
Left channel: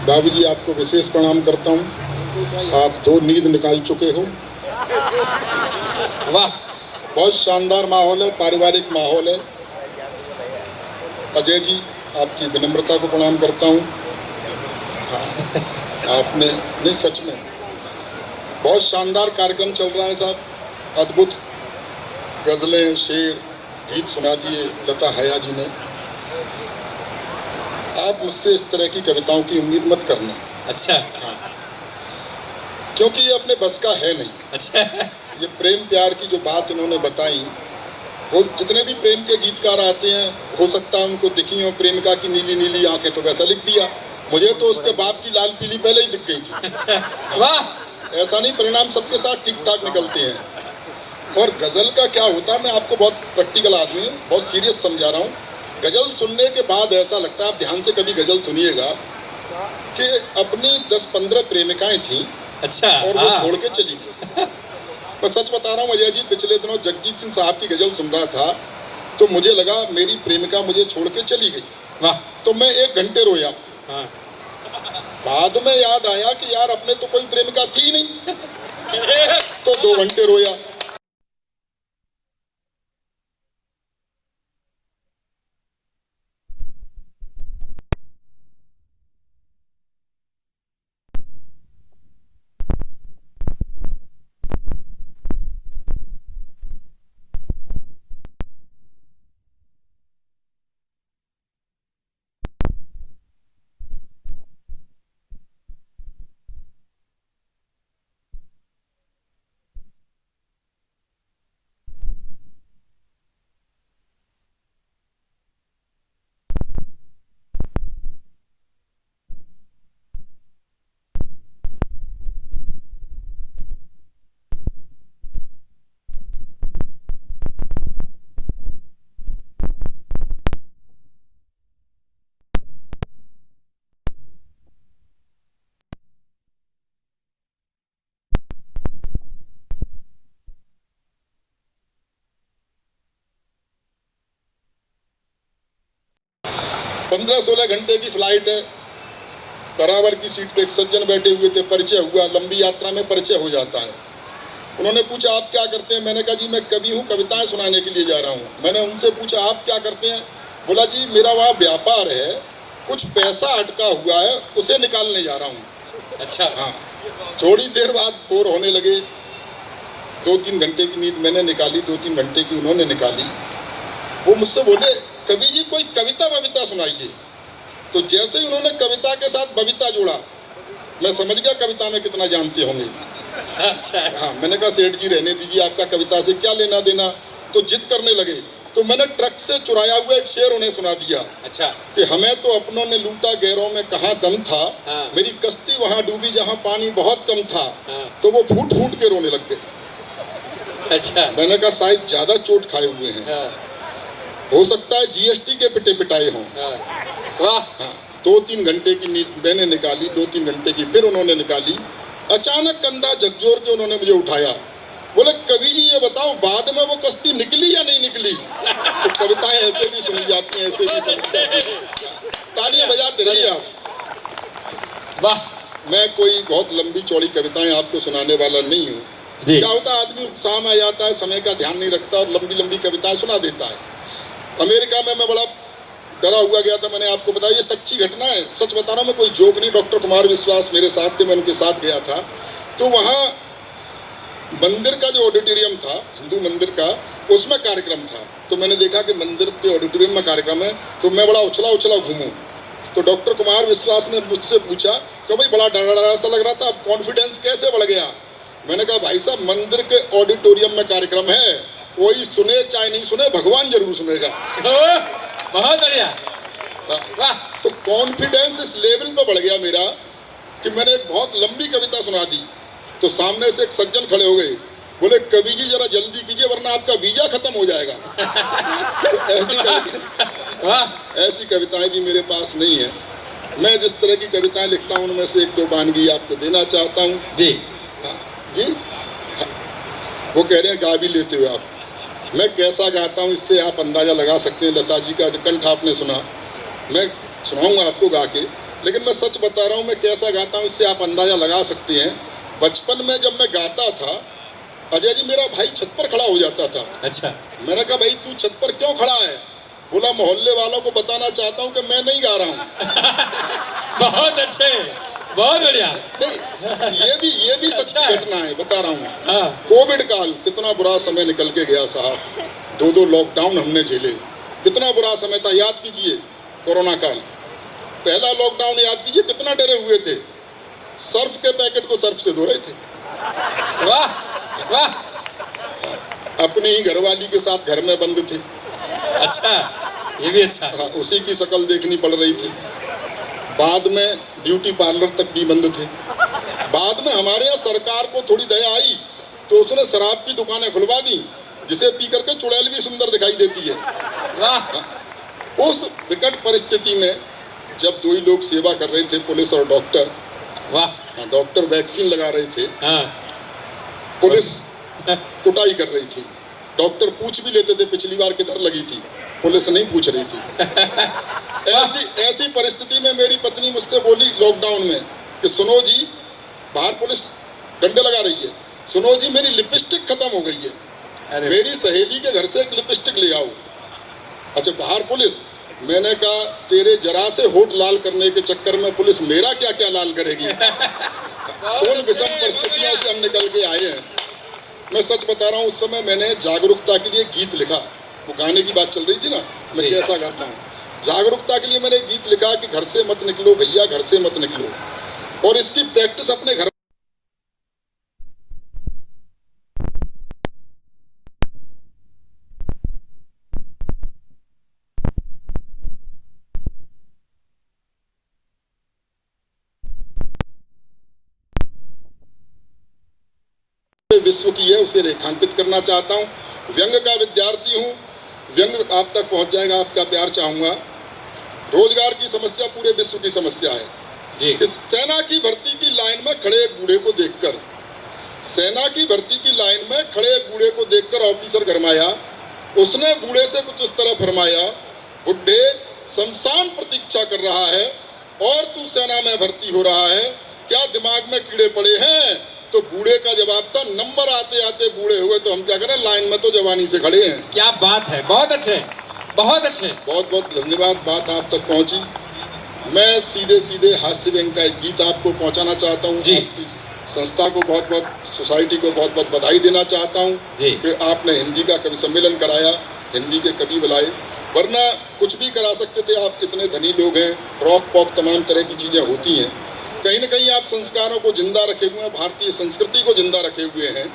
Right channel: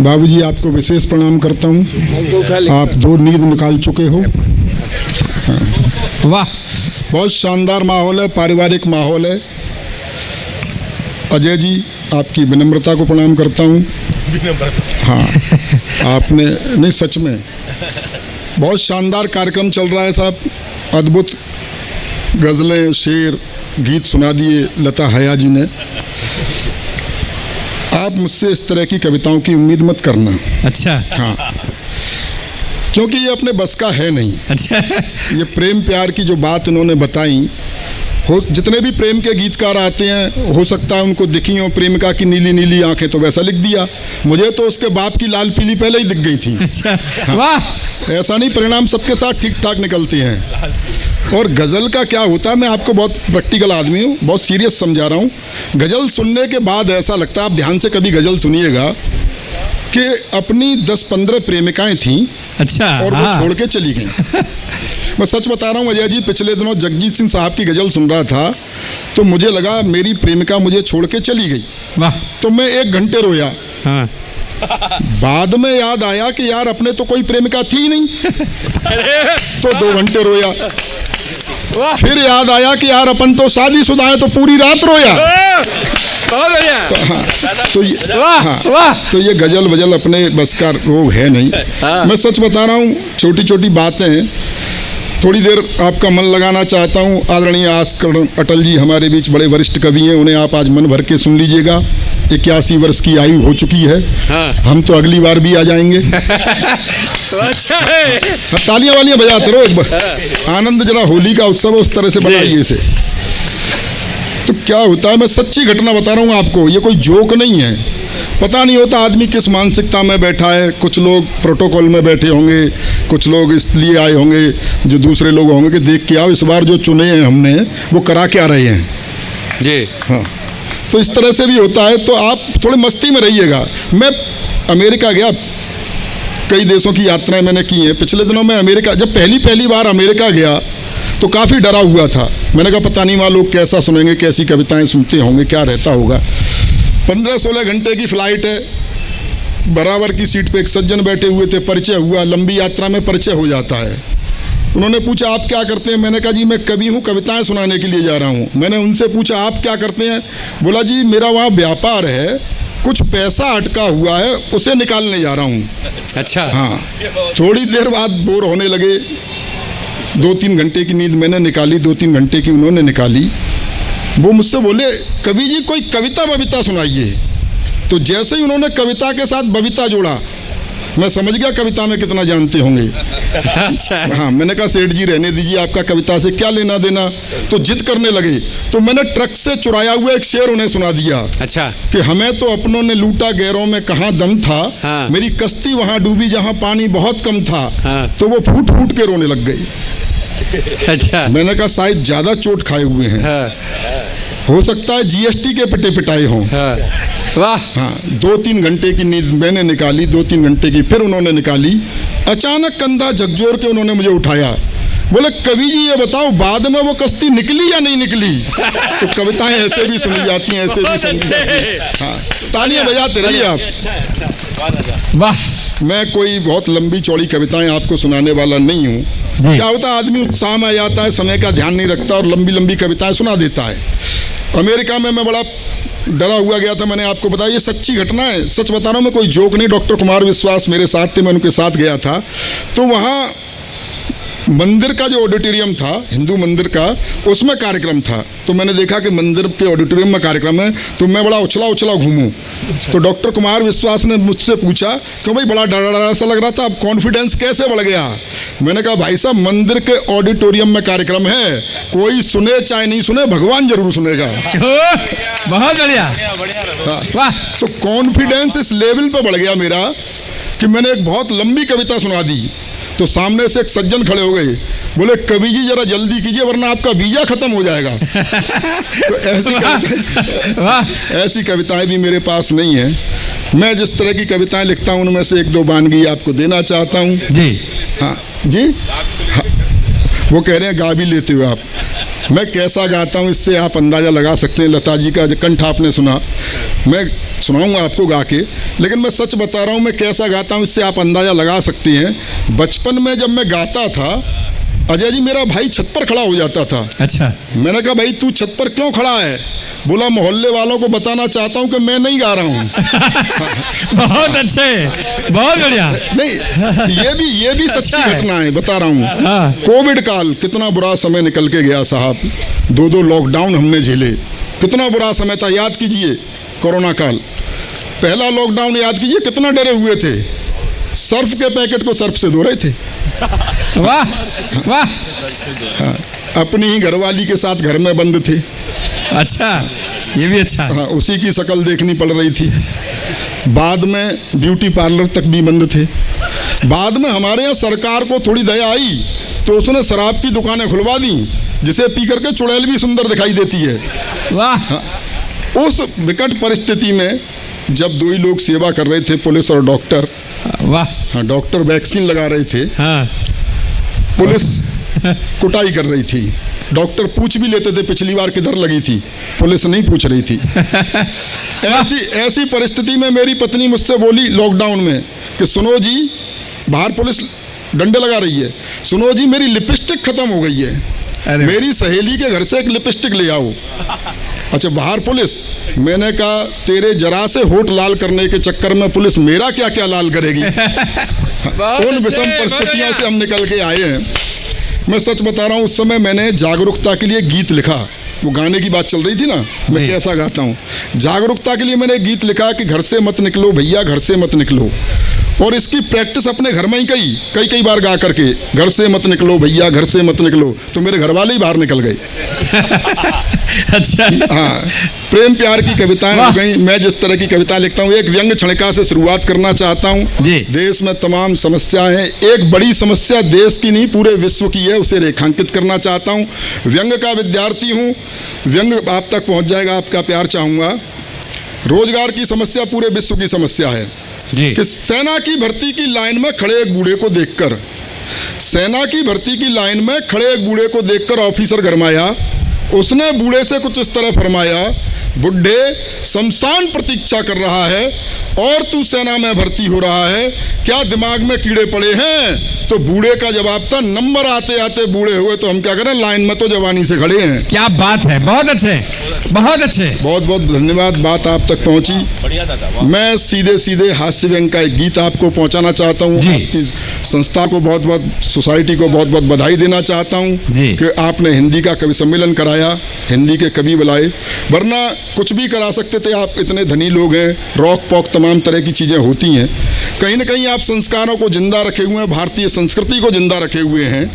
बाबूजी आपको विशेष प्रणाम करता हूँ, आप 2 नींद निकाल चुके हो। वाह, बहुत शानदार माहौल है, पारिवारिक माहौल है। अजय जी आपकी विनम्रता को प्रणाम करता हूँ। हाँ, आपने नहीं, सच में बहुत शानदार कार्यक्रम चल रहा है साहब, अद्भुत गज़लें, शेर, गीत सुना दिए लता हया जी ने। आप मुझसे इस तरह की कविताओं की उम्मीद मत करना। अच्छा, हाँ, क्योंकि ये अपने बस का है नहीं। अच्छा, ये प्रेम प्यार की जो बात इन्होंने बताई, हो जितने भी प्रेम के गीतकार आते हैं, हो सकता है उनको दिखी हो प्रेमिका की नीली नीली आंखें, तो वैसा लिख दिया। मुझे तो उसके बाप की लाल पीली पहले ही दिख गई थी। अच्छा, वाह, ऐसा नहीं, परिणाम सबके साथ ठीक ठाक निकलते हैं। और गज़ल का क्या होता है, मैं आपको बहुत प्रैक्टिकल आदमी हूँ, बहुत सीरियस समझा रहा हूँ। गज़ल सुनने के बाद ऐसा लगता है, आप ध्यान से कभी गज़ल सुनिएगा, कि अपनी 10-15 प्रेमिकाएं थीं, अच्छा, और वो छोड़ के चली गई। मैं सच बता रहा हूँ अजय जी, पिछले दिनों जगजीत सिंह साहब की गज़ल सुन रहा था, तो मुझे लगा मेरी प्रेमिका मुझे छोड़ के चली गई। वाह, तो मैं 1 घंटे रोया। हाँ, बाद में याद आया कि यार अपने तो कोई प्रेमिका थी नहीं, तो 2 घंटे रोया। फिर याद आया कि यार अपन तो शादीशुदा है, तो पूरी रात रोया। बहुत बढ़िया। तो ये गजल वजल अपने बस का रोग है नहीं। मैं सच बता रहा हूँ, छोटी छोटी बातें हैं, थोड़ी देर आपका मन लगाना चाहता हूँ। आदरणीय आस्कर अटल जी हमारे बीच बड़े वरिष्ठ कवि हैं, उन्हें आप आज मन भर के सुन लीजिएगा। 81 वर्ष की आयु हो चुकी है। हाँ। हम तो अगली बार भी आ जाएंगे। तो अच्छा है, तालियां वालियां बजाते रहो, एक बार आनंद, जरा होली का उत्सव है, उस तरह से बनाइए इसे। तो क्या होता है, मैं सच्ची घटना बता रहा हूँ आपको, ये कोई जोक नहीं है। पता नहीं होता आदमी किस मानसिकता में बैठा है। कुछ लोग प्रोटोकॉल में बैठे होंगे, कुछ लोग इसलिए आए होंगे, जो दूसरे लोग होंगे कि देख के आओ इस बार जो चुने हैं हमने वो करा क्या रहे हैं जी। हाँ, तो इस तरह से भी होता है। तो आप थोड़े मस्ती में रहिएगा। मैं अमेरिका गया, कई देशों की यात्राएं मैंने की हैं। पिछले दिनों में अमेरिका, जब पहली बार अमेरिका गया तो काफ़ी डरा हुआ था। मैंने कहा पता नहीं वहाँ लोग कैसा सुनेंगे, कैसी कविताएं सुनते होंगे, क्या रहता होगा। 15-16 घंटे की फ़्लाइट है, बराबर की सीट पे एक सज्जन बैठे हुए थे, परिचय हुआ। लंबी यात्रा में परिचय हो जाता है। उन्होंने पूछा आप क्या करते हैं? मैंने कहा जी मैं कवि हूँ, कविताएं सुनाने के लिए जा रहा हूँ। मैंने उनसे पूछा आप क्या करते हैं? बोला जी मेरा वहाँ व्यापार है, कुछ पैसा अटका हुआ है, उसे निकालने जा रहा हूँ। अच्छा, हाँ। थोड़ी देर बाद बोर होने लगे। 2-3 घंटे की नींद मैंने निकाली, 2-3 घंटे की उन्होंने निकाली। वो मुझसे बोले कवि जी कोई कविता बविता सुनाइए। तो जैसे ही उन्होंने कविता के साथ बविता जोड़ा, मैं समझ गया कविता में कितना जानते होंगे। अच्छा, हाँ, मैंने कहा सेठ जी रहने दीजिए, आपका कविता से क्या लेना देना। तो जिद करने लगे, तो मैंने ट्रक से चुराया हुआ एक शेर उन्हें सुना दिया। अच्छा, कि हमें तो अपनों ने लूटा, गैरों में कहाँ दम था। हाँ। मेरी कश्ती वहाँ डूबी जहाँ पानी बहुत कम था। हाँ। तो वो फूट फूट के रोने लग गई। अच्छा, मैंने कहा शायद ज्यादा चोट खाए हुए हैं, हाँ, हो सकता है जीएसटी के पिटे पिटाए हों। हाँ, वाह, हाँ, 2-3 घंटे की नींद मैंने निकाली, 2-3 घंटे की फिर उन्होंने निकाली। अचानक कंधा झकझोर के उन्होंने मुझे उठाया। बोले कवि जी ये बताओ बाद में वो कश्ती निकली या नहीं निकली? तो कविताएं ऐसे भी सुनी जाती हैं, ऐसे भी सुनी जाती हैं। हाँ, तालियां बजाते रहिए आप। वाह, मैं कोई बहुत लंबी चौड़ी कविताएं आपको सुनाने वाला नहीं हूँ। क्या होता है आदमी उत्साह में आ जाता है, समय का ध्यान नहीं रखता और लंबी लंबी कविताएं सुना देता है। अमेरिका में मैं बड़ा डरा हुआ गया था, मैंने आपको बताया, ये सच्ची घटना है, सच बता रहा हूँ मैं, कोई जोक नहीं। डॉक्टर कुमार विश्वास मेरे साथ थे, मैं उनके साथ गया था। तो वहाँ मंदिर का जो ऑडिटोरियम था, हिंदू मंदिर का, उसमें कार्यक्रम था। तो मैंने देखा कि मंदिर के ऑडिटोरियम में कार्यक्रम है, तो मैं बड़ा उछला उछला घूमूं। तो डॉक्टर कुमार विश्वास ने मुझसे पूछा कि भाई बड़ा डरा डरा सा लग रहा था, अब कॉन्फिडेंस कैसे बढ़ गया? मैंने कहा भाई साहब, मंदिर के ऑडिटोरियम में कार्यक्रम है, कोई सुने चाहे नहीं सुने, भगवान जरूर सुनेगा। बहुत बढ़िया, वाह। तो कॉन्फिडेंस इस लेवल पे बढ़ गया मेरा कि मैंने एक बहुत लंबी कविता सुना दी। तो सामने से एक सज्जन खड़े हो गए, बोले कवि जी जरा जल्दी कीजिए वरना आपका वीजा खत्म हो जाएगा। तो ऐसी कविताएं भी मेरे पास नहीं है। मैं जिस तरह की कविताएं लिखता हूं उनमें से एक दो वानगी आपको देना चाहता हूं। जी हाँ जी, हाँ। वो कह रहे हैं गा भी लेते हो आप। मैं कैसा गाता हूँ इससे आप अंदाज़ा लगा सकते हैं। लता जी का जो कंठ आपने सुना, मैं सुनाऊंगा आपको गा के, लेकिन मैं सच बता रहा हूँ मैं कैसा गाता हूँ इससे आप अंदाज़ा लगा सकते हैं। बचपन में जब मैं गाता था, अजय जी मेरा भाई छत पर खड़ा हो जाता था। अच्छा, मैंने कहा भाई तू छत पर क्यों खड़ा है? बोला मोहल्ले वालों को बताना चाहता हूँ कि मैं नहीं गा रहा हूँ। बहुत अच्छे, बहुत बढ़िया। नहीं, ये भी सच्ची अच्छा घटना है, बता रहा हूँ। हाँ। कोविड काल कितना बुरा समय निकल के गया साहब। 2 लॉकडाउन हमने झेले, कितना बुरा समय था। याद कीजिए कोरोना काल, पहला लॉकडाउन याद कीजिए, कितना डरे हुए थे। सर्फ के पैकेट को सर्फ से धो रहे थे। वाह वाह। हाँ, अपनी ही घरवाली के साथ घर में बंद थे। अच्छा, ये भी अच्छा है। हाँ, उसी की शक्ल देखनी पड़ रही थी। बाद में ब्यूटी पार्लर तक भी बंद थे। बाद में हमारे यहाँ सरकार को थोड़ी दया आई तो उसने शराब की दुकानें खुलवा दी, जिसे पी करके चुड़ैल भी सुंदर दिखाई देती है। वाह। हाँ, उस विकट परिस्थिति में जब 2 ही लोग सेवा कर रहे थे, पुलिस और डॉक्टर। वाह। हाँ, डॉक्टर वैक्सीन लगा रहे थे, हाँ। पुलिस कुटाई कर रही थी। डॉक्टर पूछ भी लेते थे पिछली बार किधर लगी थी, पुलिस नहीं पूछ रही थी। ऐसी परिस्थिति में मेरी पत्नी मुझसे बोली लॉकडाउन में कि सुनो जी, बाहर पुलिस डंडे लगा रही है, सुनो जी मेरी लिपस्टिक खत्म हो गई है, मेरी सहेली के घर से एक लिपस्टिक ले आओ। अच्छा, बाहर पुलिस। मैंने कहा तेरे जरा से होठ लाल करने के चक्कर में पुलिस मेरा क्या क्या लाल करेगी। उन विषम परिस्थितियों से हम निकल के आए हैं। मैं सच बता रहा हूँ, उस समय मैंने जागरूकता के लिए गीत लिखा। वो गाने की बात चल रही थी ना, मैं कैसा गाता हूँ। जागरूकता के लिए मैंने गीत लिखा कि घर से मत निकलो भैया, घर से मत निकलो। और इसकी प्रैक्टिस अपने घर में ही कई बार गा करके, घर से मत निकलो भैया, घर से मत निकलो, तो मेरे घर वाले ही बाहर निकल गए। अच्छा। हाँ, प्रेम प्यार की कविताएं हो गई। मैं जिस तरह की कविताएं लिखता हूँ, एक व्यंग क्षणिका से शुरुआत करना चाहता हूँ। देश में तमाम समस्याएं हैं, एक बड़ी समस्या देश की नहीं पूरे विश्व की है, उसे रेखांकित करना चाहता हूँ। व्यंग का विद्यार्थी हूँ, व्यंग आप तक पहुँच जाएगा, आपका प्यार चाहूँगा। रोजगार की समस्या पूरे विश्व की समस्या है कि सेना की भर्ती की लाइन में खड़े एक बूढ़े को देखकर, सेना की भर्ती की लाइन में खड़े एक बूढ़े को देखकर ऑफिसर गरमाया। उसने बूढ़े से कुछ इस तरह फरमाया, बुढ़े शमशान प्रतीक्षा कर रहा है और तू सेना में भर्ती हो रहा है, क्या दिमाग में कीड़े पड़े हैं? तो बूढ़े का जवाब था, नंबर आते आते बूढ़े हुए तो हम क्या करें, लाइन में तो जवानी से खड़े हैं। क्या बात है, बहुत अच्छे, बहुत अच्छे, बहुत बहुत धन्यवाद। बात आप तक पहुंची। मैं सीधे सीधे हास्य व्यंग का एक गीत आपको पहुंचाना चाहता हूं। आपकी संस्था को बहुत बहुत, सोसाइटी को बहुत बहुत बधाई देना चाहता हूं कि आपने हिंदी का कवि सम्मेलन कराया, हिंदी के कवि बुलाए, वरना कुछ भी करा सकते थे आप, इतने धनी लोग हैं, रॉक पॉप तमाम तरह की चीज़ें होती हैं। कहीं ना कहीं आप संस्कारों को जिंदा रखे हुए हैं, भारतीय संस्कृति को जिंदा रखे हुए हैं।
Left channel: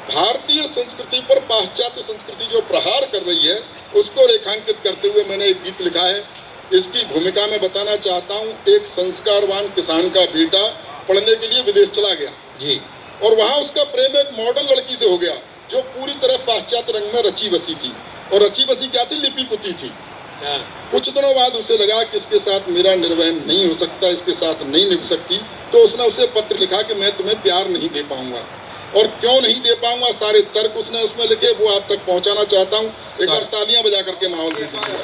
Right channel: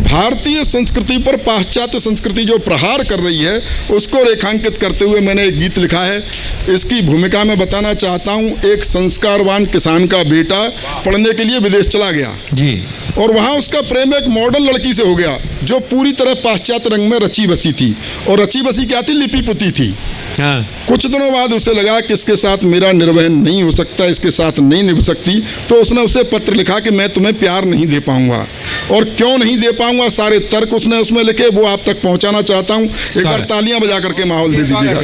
भारतीय संस्कृति पर पाश्चात्य संस्कृति जो प्रहार कर रही है उसको रेखांकित करते हुए मैंने एक गीत लिखा है। इसकी भूमिका में बताना चाहता हूँ, एक संस्कारवान किसान का बेटा पढ़ने के लिए विदेश चला गया जी, और वहाँ उसका प्रेम एक मॉडल लड़की से हो गया जो पूरी तरह पाश्चात्य रंग में रची बसी थी, और रची बसी क्या थी, लिपि पुती थी। हाँ। कुछ दिनों बाद उसे लगा कि इसके साथ मेरा निर्वहन नहीं हो सकता, इसके साथ नहीं निभ सकती, तो उसने उसे पत्र लिखा कि मैं तुम्हें प्यार नहीं दे पाऊंगा। और क्यों नहीं दे पाऊंगा, सारे तर्क उसने उसमें लिखे, वो आप तक पहुंचाना चाहता हूं। एक बार तालियां बजा करके माहौल दे दीजिएगा।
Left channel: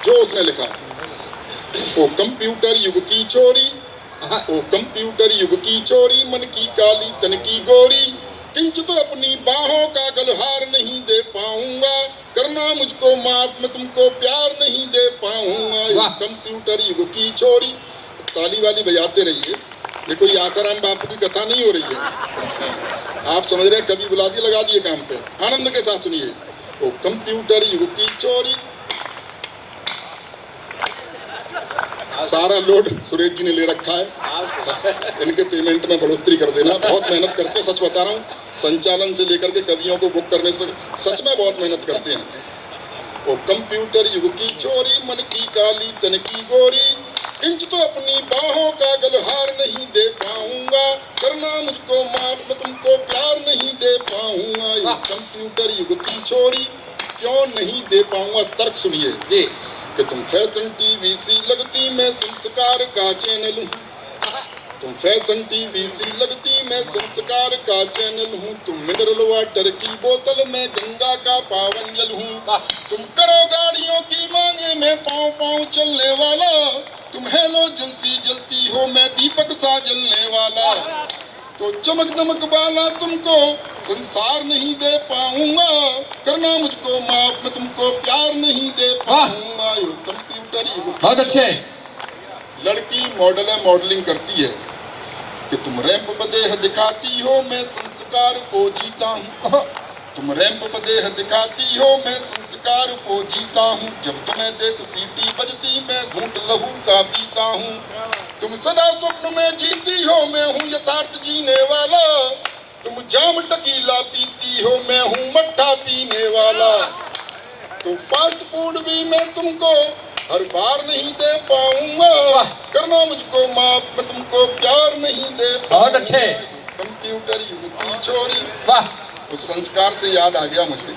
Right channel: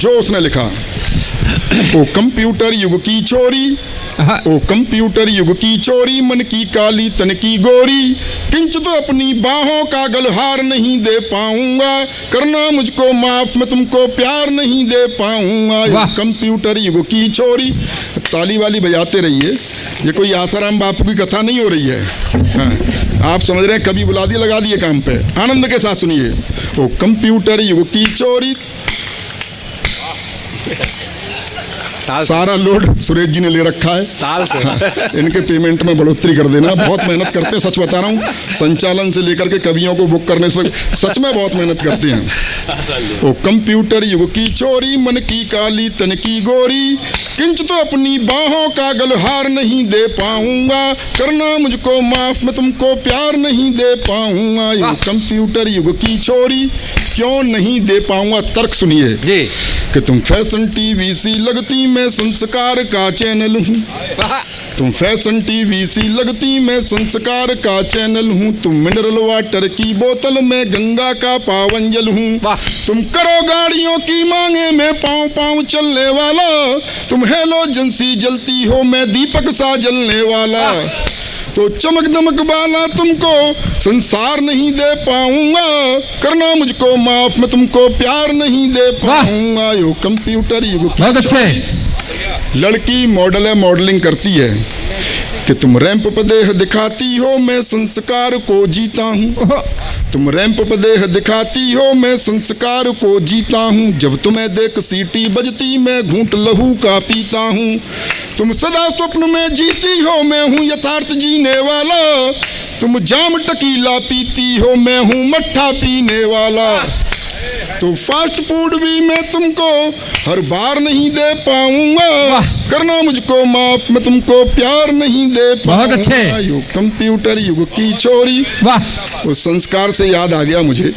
जो उसने लिखा, वो कंप्यूटर युग की चोरी, ओ कंप्यूटर युग की चोरी, मन की काली तन की गोरी, किंच तो अपनी बाहों का गलहार नहीं दे पाऊंगा, करना मुझको माफ, मैं तुमको प्यार नहीं दे पाऊंगा। कंप्यूटर युग की चोरी। ताली वाली बजाते रहिए। ये कोई आसाराम बापू की कथा नहीं हो रही है। हाँ, आप समझ रहे हैं, कभी बुला दिया लगा दिए काम पे। आनंद के साथ सुनिए। वो कंप्यूटर युग की चोरी, सारा लोड सुरेश जी ने ले रखा है। हाँ, इनके पेमेंट में बढ़ोतरी कर देना। बहुत मेहनत करते हैं, सच बता रहा हूँ। संचालन से लेकर के कवियों को बुक करने से सच में बहुत मेहनत करते हैं। वो कंप्यूटर युग की चोरी, मन की काली तन की गोरी, किंच तो अपनी बाहों का गलहार नहीं दे पाऊंगा, करना मुझको माफ, मैं तुमको प्यार नहीं दे पाऊंगा। ये कंप्यूटर युग की चोरी क्यों नहीं दे पाऊंगा? तर्क सुनिए जी। कि तुम फैशन टीवी सी लगती, मैं संस्कार का चैनल हूँ। तुम फैशन टीवी सी लगती, मैं संस्कार का चैनल हूँ। तुम मिनरल वाटर की बोतल, मैं गंगा का पावन जल हूँ। तुम करो गाड़ियों की मांगे, मैं पाँव पाँव चलने वाला। तुम हेलोजन सी जलती हो, मैं दीपक सा जलने वाला। तो चमक दमक वाला तुमको संसार नहीं दे पाऊंगा, करना मुझको माफ, मैं तुमको प्यार नहीं दे पाऊंगा। यो कंप्यूटर युग की बहुत अच्छे। लड़की मॉडल है, मॉडलिंग करती है कि तुम रैंप पर देह दिखाती हो, मैं संस्कार को जीता हूँ। तुम रैंप पर देह दिखाती हो, मैं संस्कार को जीता हूँ। जब तुम्हें देख सीटी बजती, मैं घूंट लहू का पीता हूँ। तुम सदा स्वप्न में जीती हो, मैं हूँ यथार्थ जीने वाला। तुम जाम टकीला पीती हो, मैं हूँ मट्ठा पीने वाला। तो फास्ट फूड भी मैं तुमको हर बार नहीं दे पाऊंगा, करना मुझको माफ, मैं तुमको प्यार नहीं दे पाऊंगा। बहुत अच्छे। युग कंप्यूटर युग की चोरी। वाह। उस संस्कार से याद आ गया मुझे,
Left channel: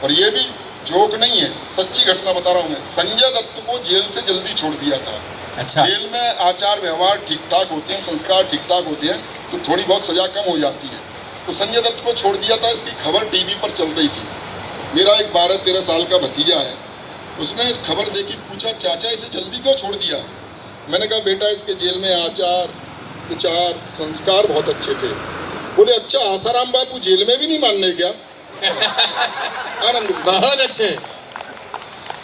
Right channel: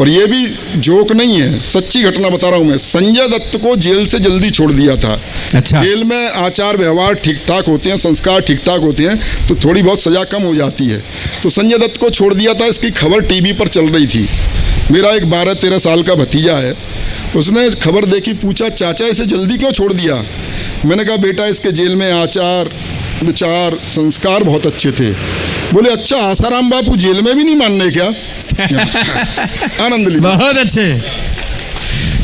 और ये भी जोक नहीं है, सच्ची घटना बता रहा हूँ मैं। संजय दत्त को जेल से जल्दी छोड़ दिया था। अच्छा। जेल में आचार व्यवहार ठीक ठाक होते हैं, संस्कार ठीक ठाक होते हैं, तो थोड़ी बहुत सजा कम हो जाती है। तो संजय दत्त को छोड़ दिया था, इसकी खबर टीवी पर चल रही थी। मेरा एक 12-13 साल का भतीजा है, उसने खबर देखी, पूछा चाचा इसे जल्दी क्यों छोड़ दिया? मैंने कहा बेटा इसके जेल में आचार विचार संस्कार बहुत अच्छे थे। बोले अच्छा आसाराम बापू जेल में भी नहीं मानने क्या? आनंद ली। बहुत अच्छे।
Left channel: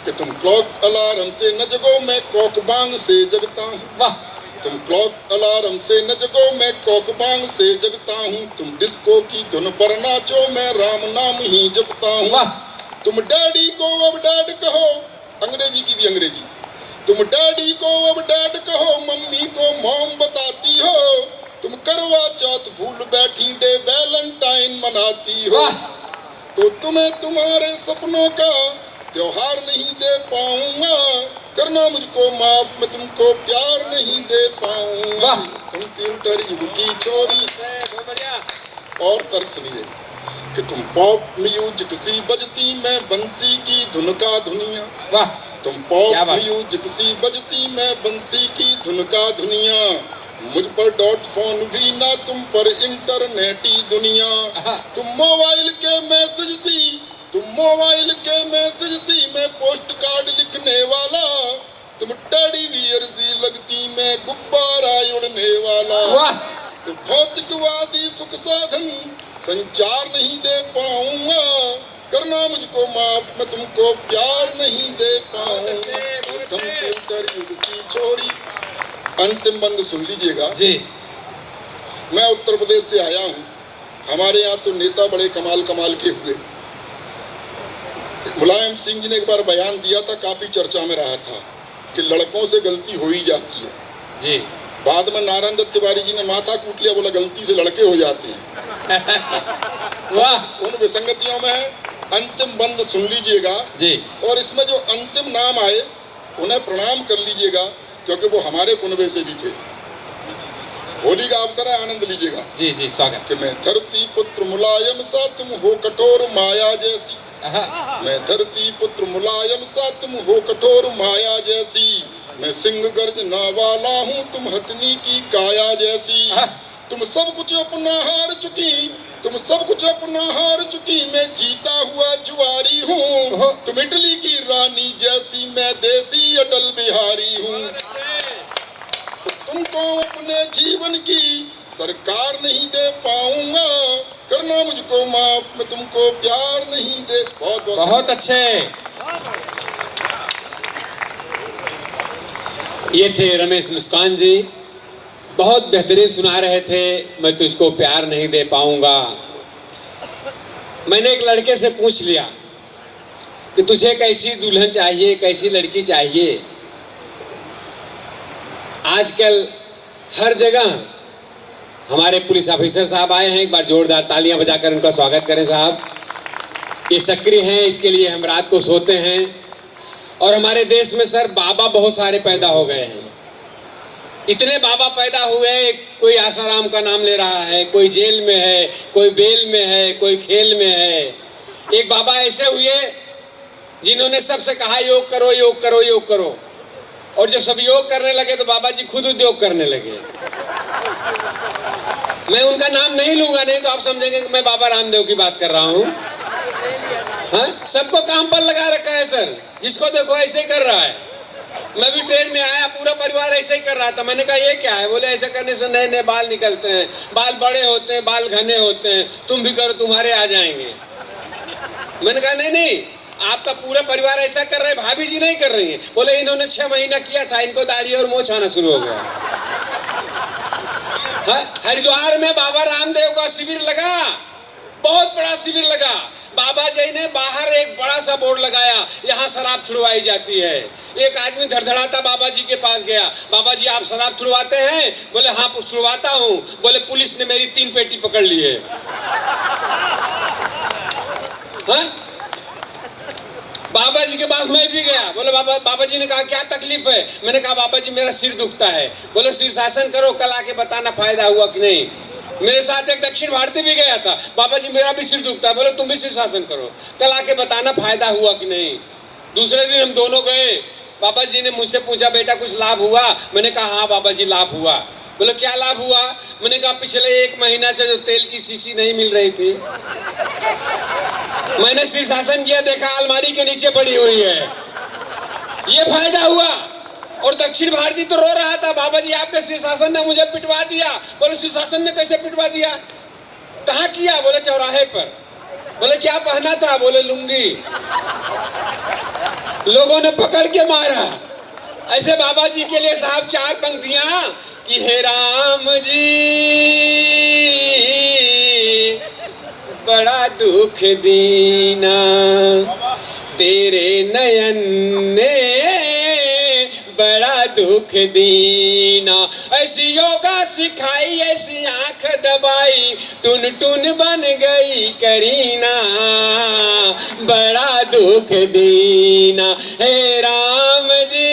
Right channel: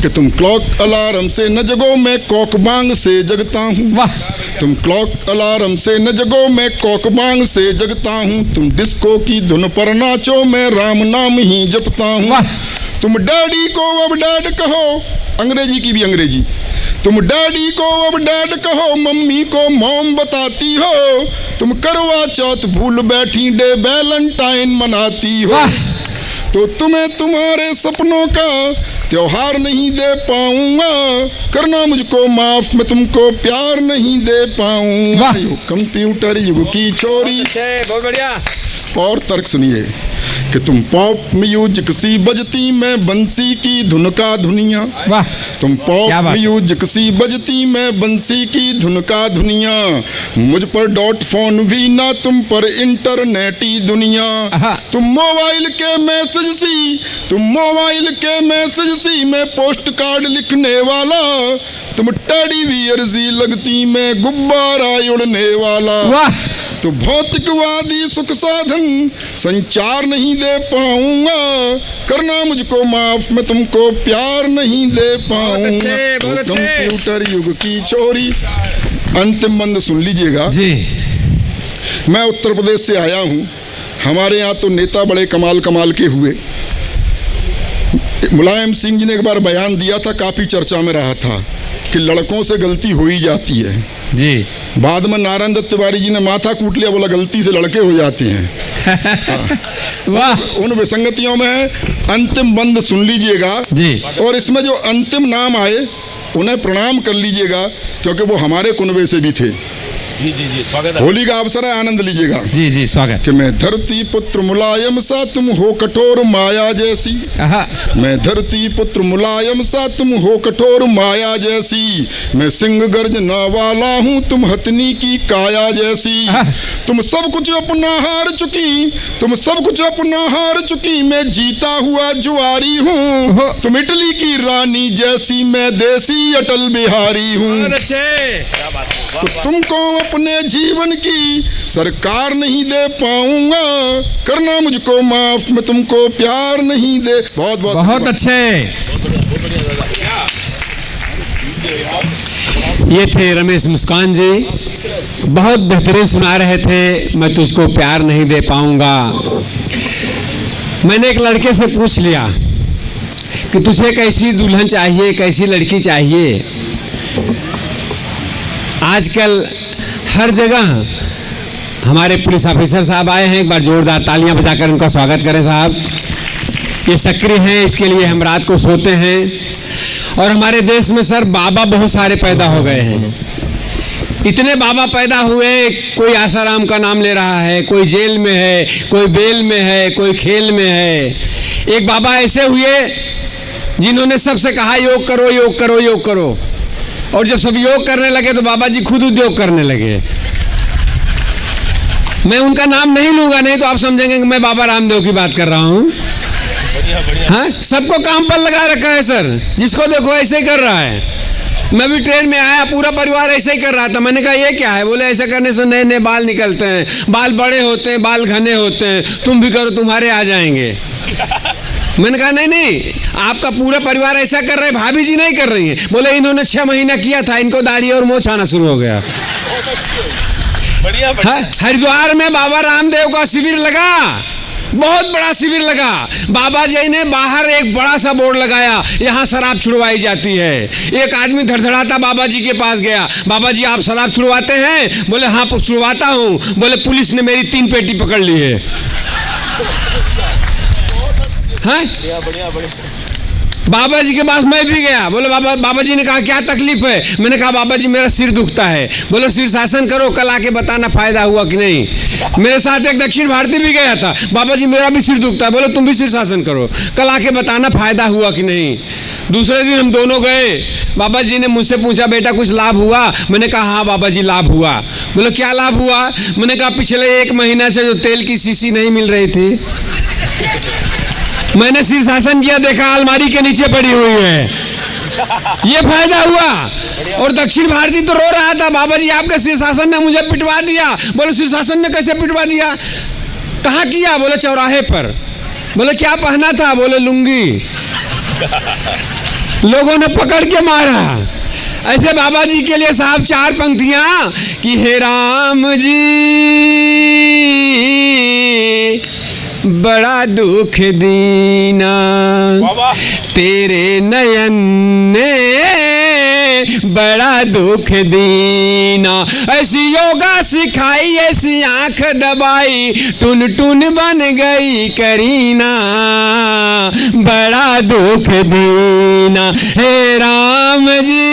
कि तुम क्लॉक अलार्म से न जगो, मैं कॉक बांग से जगता हूँ। वाह। तुम क्लॉक अलार्म से न जगो, मैं कॉक बांग से जगता हूँ। तुम डिस्को की धुन पर नाचो, मैं राम नाम ही जपता हूँ। तुम डैडी को अब डैड कहो, अंग्रेजी की भी अंग्रेजी। तुम डैडी को अब डैड कहो, मम्मी को मॉम बताती हो। तुम करवा चौथ भूल बैठी, डे वैलेंटाइन मनाती हो। तो तुम्हें तुम्हारे सपनों का त्योहार नहीं दे पाऊंगा, करना मुझको माफ, मैं तुमको प्यार नहीं दे पाऊंगा। कंप्यूटर युग की चोरी। बहुत बढ़िया। और तर्क सुनिए कि तुम पॉप म्यूजिक सी बजती, मैं बंसी की धुन का धुनिया। वाह। तुम पॉप म्यूजिक सी बजती, मैं बंसी की धुन का धुनिया। मुझ पर डॉट फोन भी ना, तुम पर इंटरनेटी दुनिया। तुम मोबाइल के मैसेज सी, तुम मोबाइल के मैसेज सी, मैं पोस्ट कार्ड लिखने वाला। तुम टेडी बियर सी लगती, मैं गुब्बारा उड़ने वाला। तो भौतिकवादी सुख साधन संचार नहीं दे पाऊंगा, करना मुझको माफ, मैं तुमको प्यार नहीं दे पाऊंगा। कंप्यूटर युग की चोरी। अंतिम मंद सुन लीजिएगा जी। मैं उत्तर प्रदेश से आया हूँ। हमारे यहाँ तो नेता बड़े कमाल कमाल के हुए। मुलायम सिंह जी ने एक बार बयान दिया था, काफी चर्चा में रहा था, कि लड़कों से गलती हो ही जाती है जी। बाद में नारायण दत्त तिवारी जी ने माथा कूट लिया, बोला गलती से लड़के हो जाते हैं। वाह। उन विसंगतियों में अंतिम बंद सुन लीजिएगा जी। और इसमें जो अंतिम नाम आए उन्हें प्रणाम कर लीजिएगा, क्योंकि वो हमारे कुनबे से भी थे। जी जी जी, स्वागत है। होली का अवसर है, आनंद लीजिएगा। जी जी, स्वागत। कि मैं धरती पुत्र मुलायम सा, तुम हो कठोर माया जैसी। मैं धरती पुत्र मुलायम सा, तुम हो कठोर माया जैसी। मैं सिंह गर्जना वाला हूँ, तुम हथनी की काया जैसी। तुम सब कुछ अपना हार चुकी, तुम सब कुछ अपना हार चुकी, मैं जीता हुआ जुआरी हूँ। तुम इटली की रानी जैसी, मैं देसी अटल बिहारी हूँ। तो तुमको अपने जीवन की सरकार नहीं दे पाऊंगा, करना मुझको माफ, मैं तुमको प्यार नहीं दे। बहुत बहुत बहुत अच्छे। ये थे रमेश मुस्कान जी। बहुत बेहतरीन सुना रहे थे, मैं तुझको प्यार नहीं दे पाऊंगा। मैंने एक लड़के से पूछ लिया कि तुझे कैसी दुल्हन चाहिए, कैसी लड़की चाहिए। आजकल हर जगह हमारे पुलिस ऑफिसर साहब आए हैं, एक बार जोरदार तालियां बजाकर उनका स्वागत करें साहब। ये सक्रिय हैं, इसके लिए हम रात को सोते हैं। और हमारे देश में सर बाबा बहुत सारे पैदा हो गए हैं, इतने बाबा पैदा हुए, कोई आसाराम का नाम ले रहा है, कोई जेल में है, कोई बेल में है, कोई खेल में है। एक बाबा ऐसे हुए जिन्होंने सबसे कहा योग करो, योग करो, योग करो, और जब सब योग करने लगे तो बाबा जी खुद उद्योग करने लगे। मैं उनका नाम नहीं लूंगा, नहीं तो आप समझेंगे कि मैं बाबा रामदेव की बात कर रहा हूँ। हाँ, सबको काम पर लगा रखा है सर, जिसको देखो ऐसे ही कर रहा है। मैं भी ट्रेन में आया, पूरा परिवार ऐसे ही कर रहा था। मैंने कहा ये क्या है? बोले ऐसे करने से नए नए बाल निकलते हैं, बाल बड़े होते हैं, बाल घने होते हैं, तुम भी करो तुम्हारे आ जाएंगे। मैंने कहा नहीं नहीं, आपका पूरा परिवार ऐसा कर रहे, भाभी जी नहीं कर रही है। बोले इन्होंने 6 महीना किया था, इनको दाढ़ी और मोछ आना शुरू हो गया। हरिद्वार में बाबा रामदेव का शिविर लगा, बहुत बड़ा शिविर लगा। बाबा जी ने बाहर एक बड़ा सा बोर्ड लगाया, यहाँ शराब छुड़वाई जाती है। एक आदमी धड़धड़ाता बाबा जी के पास गया, बाबा जी आप शराब छुड़वाते हैं? बोले हाँ छुड़वाता हूँ। बोले पुलिस ने मेरी 3 पेटी पकड़ ली है। हाँ? बाबा जी के पास मैं भी गया। बोले बाबा जी ने कहा क्या तकलीफ है? मैंने कहा बाबा जी मेरा सिर दुखता है। बोले शीर्षासन करो, कल आके बताना फायदा हुआ कि नहीं। मेरे साथ एक दक्षिण भारतीय भी गया था। बाबा जी मेरा भी सिर दुखता है। बोले तुम भी शीर्षासन करो, कल आके बताना फायदा हुआ कि नहीं। दूसरे दिन हम दोनों गए, बाबा जी ने मुझसे पूछा बेटा कुछ लाभ हुआ? मैंने कहा हाँ बाबा जी लाभ हुआ। बोले क्या लाभ हुआ? मैंने कहा पिछले 1 महीना से जो तेल की शीशी नहीं मिल रही थी, मैंने शीर्षासन किया, देखा अलमारी के नीचे पड़ी हुई है, ये फायदा हुआ। और दक्षिण भारती तो रो रहा था, बाबा जी आपके शीर्षासन ने मुझे पिटवा दिया। बोले शीर्षासन ने कैसे पिटवा दिया? कहाँ किया? बोले चौराहे पर। बोले क्या पहना था? बोले लुंगी। लोगों ने पकड़ के मारा। ऐसे बाबा जी के लिए साहब 4 पंक्तियां कि हे राम जी बड़ा दुख दीना, तेरे नयन ने बड़ा दुख दीना। ऐसी योगा सिखाई, ऐसी आंख दबाई, टुन टुन बन गई करीना, बड़ा दुख दीना। हे राम जी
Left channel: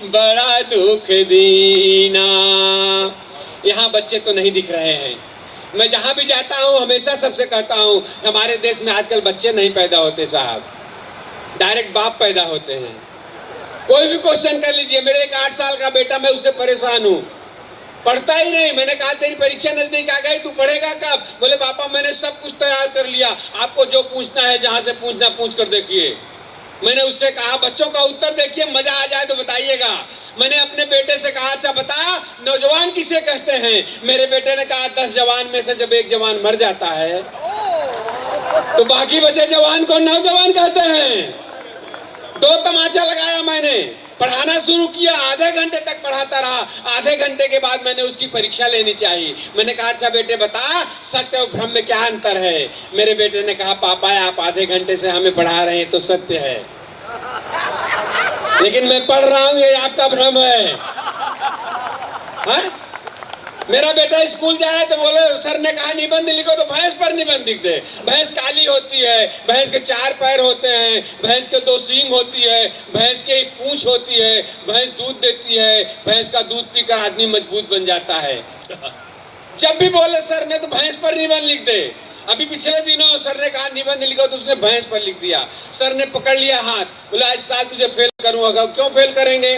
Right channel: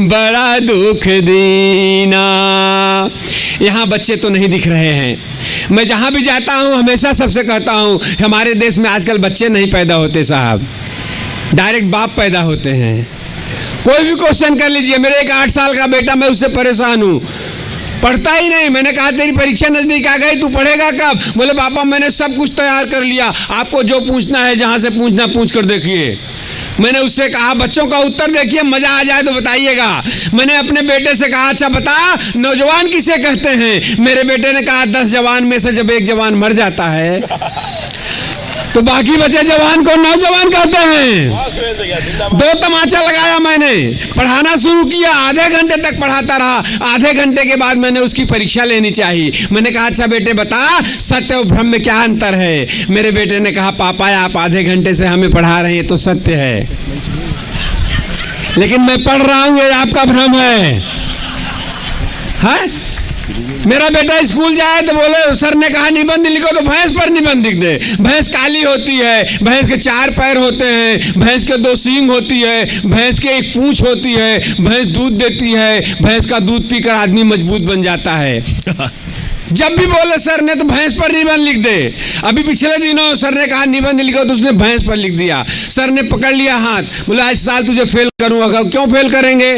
बड़ा दुख दीना। यहाँ बच्चे तो नहीं दिख रहे हैं। मैं जहां भी जाता हूं हमेशा सबसे कहता हूं हमारे देश में आजकल बच्चे नहीं पैदा होते साहब, डायरेक्ट बाप पैदा होते हैं। कोई भी क्वेश्चन कर लीजिए, मेरे एक 8 साल का बेटा, मैं उससे परेशान हूं, पढ़ता ही नहीं। मैंने कहा तेरी परीक्षा नजदीक आ गई, तू पढ़ेगा कब? बोले पापा मैंने सब कुछ तैयार कर लिया, आपको जो पूछना है जहां से पूछना पूछ कर देखिए। मैंने उससे कहा बच्चों का उत्तर देखिए, मजा आ जाए तो बताइएगा। मैंने अपने बेटे से कहा अच्छा बता नौजवान किसे कहते हैं? मेरे बेटे ने कहा 10 जवान में से जब एक जवान मर जाता है तो बाकी बचे जवान को नौजवान कहते हैं। 2 तमाचा लगाया मैंने, पढ़ाना शुरू किया, आधे घंटे तक पढ़ाता रहा। आधे घंटे के बाद मैंने उसकी परीक्षा लेनी चाहिए। मैंने कहा अच्छा बेटे बता सत्य और भ्रम में क्या अंतर है? मेरे बेटे ने कहा पापा आप आधे घंटे से हमें पढ़ा रहे हैं तो सत्य है, लेकिन मैं पढ़ रहा हूं ये आपका भ्रम है। हाँ? मेरा बेटा स्कूल जाए तो बोले सर ने कहा निबंध लिखो, तो भैंस पर निबंध लिख दे। भैंस काली होती है, भैंस के 4 पैर होते हैं, भैंस के 2 सींग होती है, भैंस के 1 पूंछ होती है, भैंस दूध देती है, भैंस का दूध पीकर आदमी मजबूत बन जाता है। जब भी बोले सर ने तो भैंस पर निबंध लिख दे। अभी पिछले दिनों सर ने कहा निबंध लिखो तो उसने भैंस पर लिख दिया। सर ने पकड़ लिया हाथ, बोला इस साल तुझे फेल करूंगा। क्यों फेल करेंगे?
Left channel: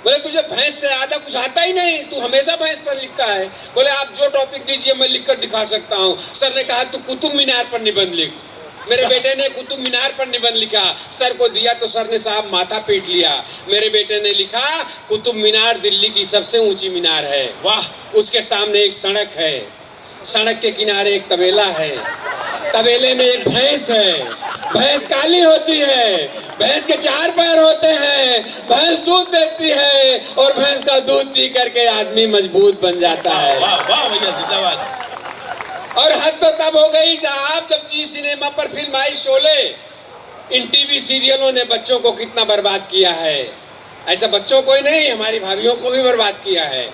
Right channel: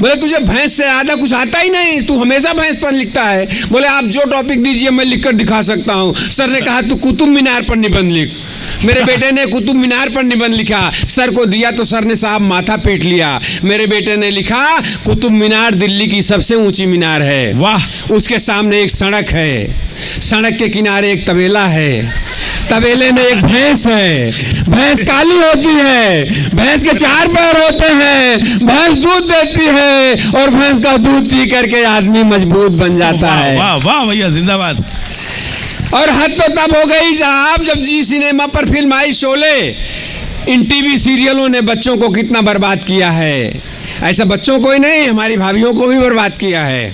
बोले तुझे भैंस से ज्यादा कुछ आता ही नहीं, तू हमेशा भैंस पर लिखता है। बोले आप जो टॉपिक दीजिए मैं लिखकर दिखा सकता हूँ। सर ने कहा तू कुतुब मीनार पर निबंध लिख। मेरे बेटे ने कुतुब मीनार पर निबंध लिखा, सर को दिया तो सर ने साहब माथा पीट लिया। मेरे बेटे ने लिखा कुतुब मीनार दिल्ली की सबसे ऊंची मीनार है। वाह! उसके सामने एक सड़क है, सड़क के किनारे एक तबेला है, तबेले में एक भैंस है, भैंस काली होती है, भैंस के 4 पैर होते हैं, हैं, भैंस दूध देती है और भैंस का दूध पी करके आदमी मजबूत बन जाता है। वाह वाह भैया, जिंदाबाद। और हद तो तब हो गई साहब जब जी सिनेमा पर फिल्म आई शोले। इन टीवी सीरियलों ने बच्चों को कितना बर्बाद किया है। ऐसा बच्चों को ही नहीं, हमारी भाभीियों को भी बर्बाद किया है।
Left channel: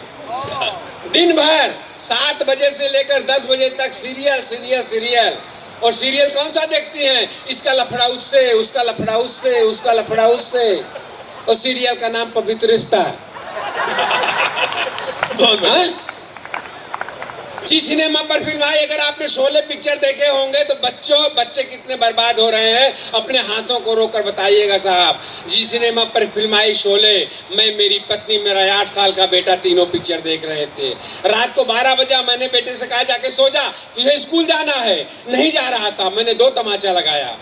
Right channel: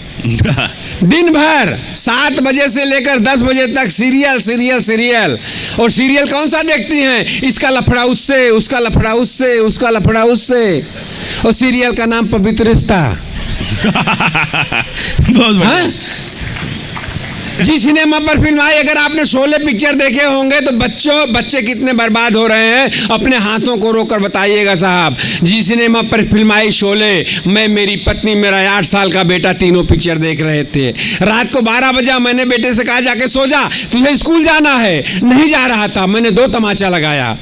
दिन भर 7 बजे से लेकर 10 बजे तक सीरियल सीरियल सीरियल। और सीरियल कौन सा देखती हैं? इसका लफड़ा उससे, उसका लफड़ा उससे, उसका लफड़ा उससे। और सीरियल का नाम पवित्र रिश्ता। बहुत बढ़िया। जी सिनेमा पर फिल्म आई, अगर आपने शोले पिक्चर देखे होंगे तो बच्चे कितने बर्बाद हो रहे हैं, अपने हाथों को रोकर बताइएगा साहब। जी सिनेमा पर फिल्म आई शोले, मैं, मेरी पत्नी, मेरा 8 साल का बेटा, तीनों पिक्चर देख रहे थे। रात को 12 बजा, मैंने बेटे से कहा जाके सो जा, तुझे स्कूल जाना है। नहीं जा रहा था, मैंने 2 तमाचा लगाया।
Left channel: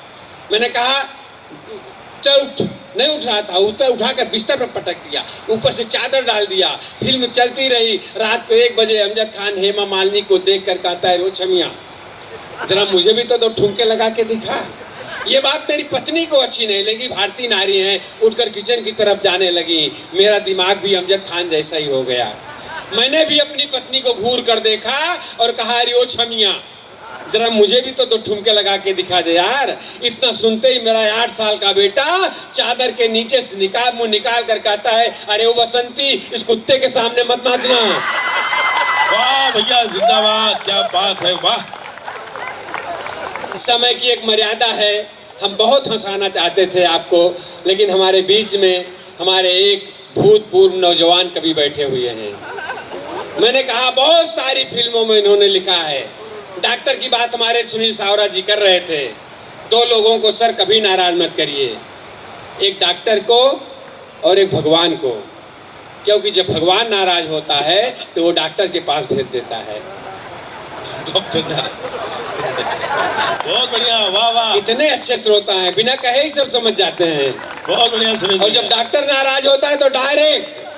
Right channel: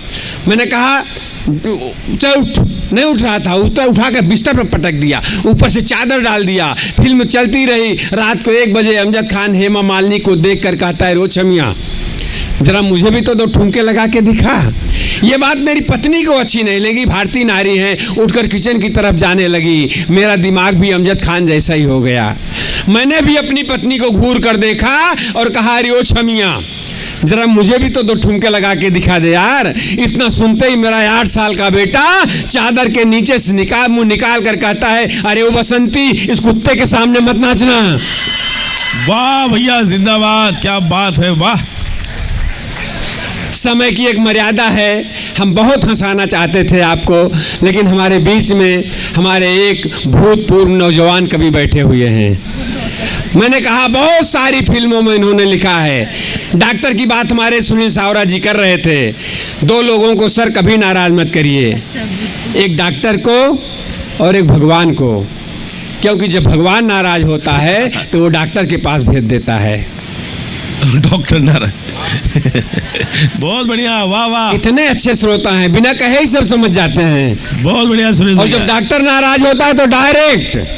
मैंने कहा चल उठ, नहीं उठ रहा था, उठाकर बिस्तर पर पटक दिया, ऊपर से चादर डाल दिया। फिल्म चलती रही। रात को 1 बजे अमजद खान हेमा मालिनी को देखकर कहता है, रोशमिया जरा मुझे भी तो 2 ठुमके लगा के दिखा। ये बात मेरी पत्नी को अच्छी नहीं लगी, भारतीय नारी है, उठकर किचन की तरफ जाने लगी। मेरा दिमाग भी अमजद खान जैसा ही हो गया। मैंने भी अपनी पत्नी को घूर कर देखा और कहा, रोशमिया जरा मुझे भी तो 2 ठुमके लगा के दिखा दे यार। इतना सुनते ही मेरा 8 साल का बेटा चादर के नीचे से मुंह निकाल कर कहता है, अरे ओ बसंती, इस कुत्ते के सामने मत नाचना। वाह भैया, जिंदाबाद, क्या बात है, वाह। समय की एक मर्यादा है। हम बहुत हंसाना चाहते थे आपको, लेकिन हमारे बीच में हमारे एक भूतपूर्व नौजवान कवि बैठे हुए हैं। मैंने कहा बहुत सारी फिल्मों में इन्होंने लिखा है। डॉक्टर की बात हमारे सुनील सावरा जी कर रहे थे। 2 लोगों को सर कभी नाराज मत करिए, एक डॉक्टर को और एक भगवान को, क्योंकि जब भगवान नाराज होता है तो वो डॉक्टर के पास भेज देता है। डॉक्टर नाराज। बहुत बढ़िया, वाह वाह। इतने अच्छे श्रोता हैं, बिना कहे ही सब समझ जाते हैं। बहुत बढ़िया सुरेश और जब भैया। डॉक्टर नाराज होता है तो डायरेक्ट।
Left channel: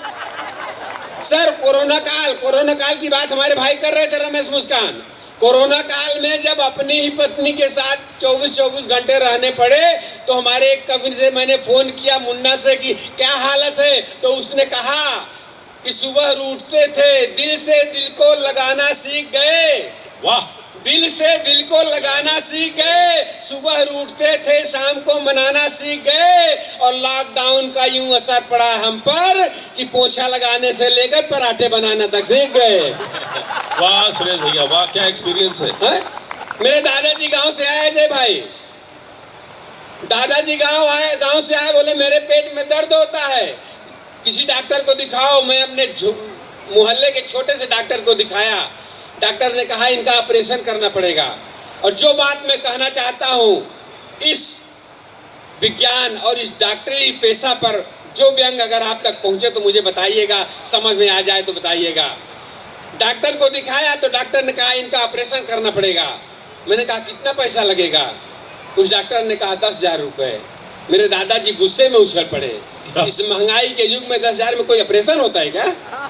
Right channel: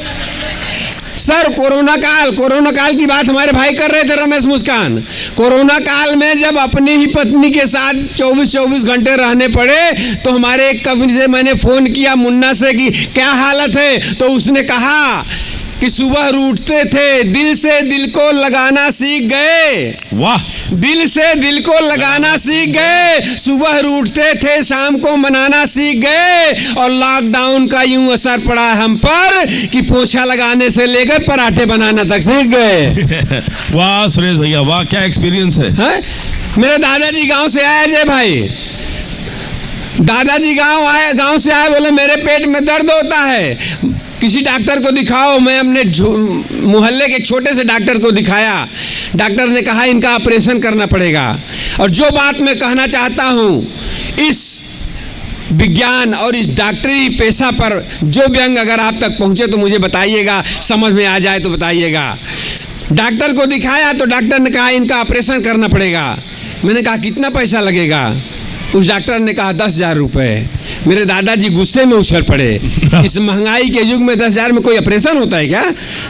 सर कोरोना काल की बात हमारे भाई कर रहे थे, रमेश मुस्कान। कोरोना काल में जब अपनी ही पत्नी के साथ 24 घंटे रहने पड़े तो हमारे एक कवि से मैंने फोन किया, मुन्ना से, कि क्या हालत है। तो उसने कहा कि सुबह उठते थे, दिल से दिल को लगाना सीख गए। वाह। दिल से दिल को लगाना सीख गए, सुबह उठते थे, शाम को मनाना सीख गए। और लॉकडाउन का यूं असर पड़ा हम पर कि पोछा लगाने से लेकर पराठे बनाना तक सीख गए। वाह सुरेश भैया, वाह, क्या एक्सपीरियंस है। मेरे दादाजी गांव से आए जय भाई। दादाजी गांव से आए, बोले मेरे पेट में दर्द होता है, किसी डॉक्टर को दिखाओ। मैं अपने मोहल्ले के छोटे से डॉक्टर को दिखाया। डॉक्टर ने कहा इनका ऑपरेशन करना पड़ेगा। और जो बात मैं कहना चाहता हूँ, इस विज्ञान और इस डॉक्टरी पेशा पर जो व्यंग अगर आप तक पहुँचे तो मुझे बताइएगा, समझ में आ जाए तो बताइएगा। डॉक्टर को दिखाया तो डॉक्टर ने कहा इनका ऑपरेशन करना पड़ेगा। मैंने कहा कितना पैसा लगेगा? उस डॉक्टर ने कहा 10,000 रुपये। मेरे दादाजी गुस्से में उछल पड़े। इस महंगाई के युग में 10,000 में कोई ऑपरेशन होता है क्या?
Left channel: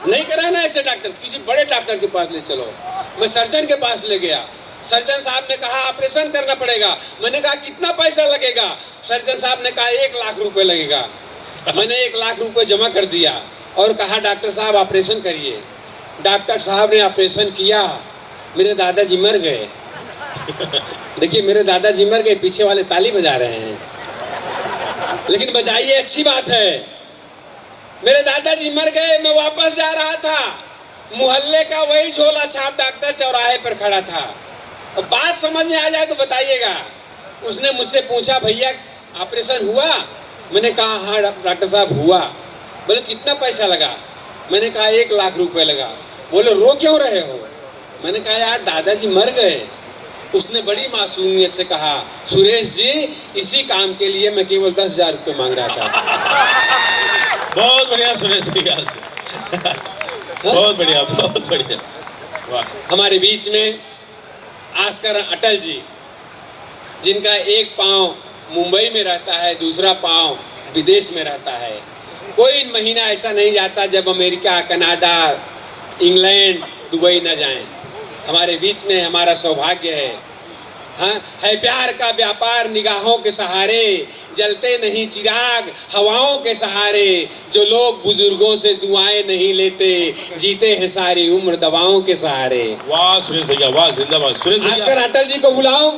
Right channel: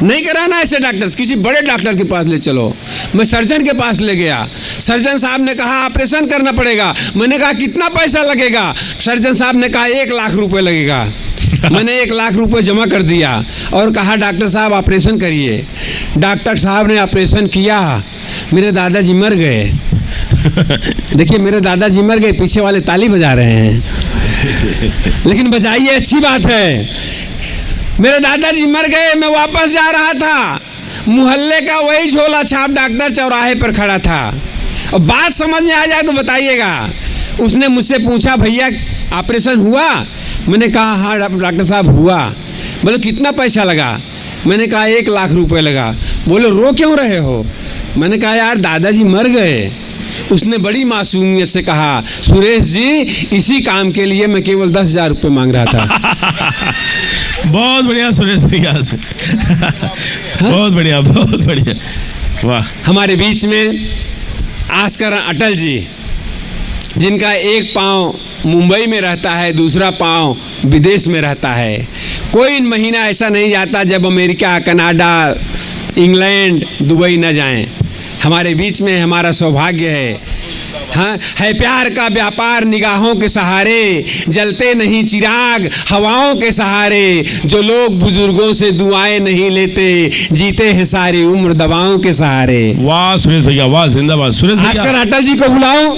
नहीं कराना ऐसे डॉक्टर, किसी बड़े डॉक्टर के पास ले चलो। मैं सर्जन के पास ले गया। सर्जन साहब ने कहा ऑपरेशन करना पड़ेगा। मैंने कहा कितना पैसा लगेगा? सर्जन साहब ने कहा 1 लाख रुपए लगेगा। मैंने 1 लाख रुपए जमा कर दिया और कहा डॉक्टर साहब ऑपरेशन करिए। डॉक्टर साहब ने ऑपरेशन किया, मेरे दादाजी मर गए। देखिए मेरे दादाजी मर गए, पीछे वाले ताली बजा रहे हैं, लेकिन बजाइए, अच्छी बात है। मेरे दादाजी मर गए, मैं वापस जा रहा था, मोहल्ले का वही झोला छाप डॉक्टर चौराहे पर खड़ा था। और बात समझ में आ जाए तो बताइएगा। उसने मुझसे पूछा भैया ऑपरेशन हुआ? मैंने कहा हाँ डॉक्टर साहब हुआ। बोले कितना पैसा लगा? मैंने कहा 1 लाख रुपए लगा। बोले रो क्यों रहे हो? मैंने कहा यार दादाजी मर गए। उसने बड़ी मासूमियत से कहा सुरेश जी इसी काम के लिए मैं केवल 10,000 रुपये मांग रहा था। बहुत बढ़िया सुरेश भैया से। बहुत बढ़िया, बहुत बढ़िया, वाह। हमारे बीच में आस्कर अटल जी, जिनका एक पाँव मुंबई में रहता है, दूसरा पाँव विदेश में रहता है। कोई महीना ऐसा नहीं जाता जब अमेरिका, कनाडा, इंग्लैंड, दुबई न जाएं। हमारे बीच में हमारा सौभाग्य है। हाँ, है प्यार का व्यापार निगाहों के सहारे, जलते नहीं चिराग हवाओं के सहारे, जो लोग बुजुर्गों से दुआएं नहीं लेते, जीते हैं सारी उम्र दवाओं के सहारे। वाह सुरेश भैया, वाह, जिंदाबाद सुरेश आजकल भैया। अटल जी को बुलाओ।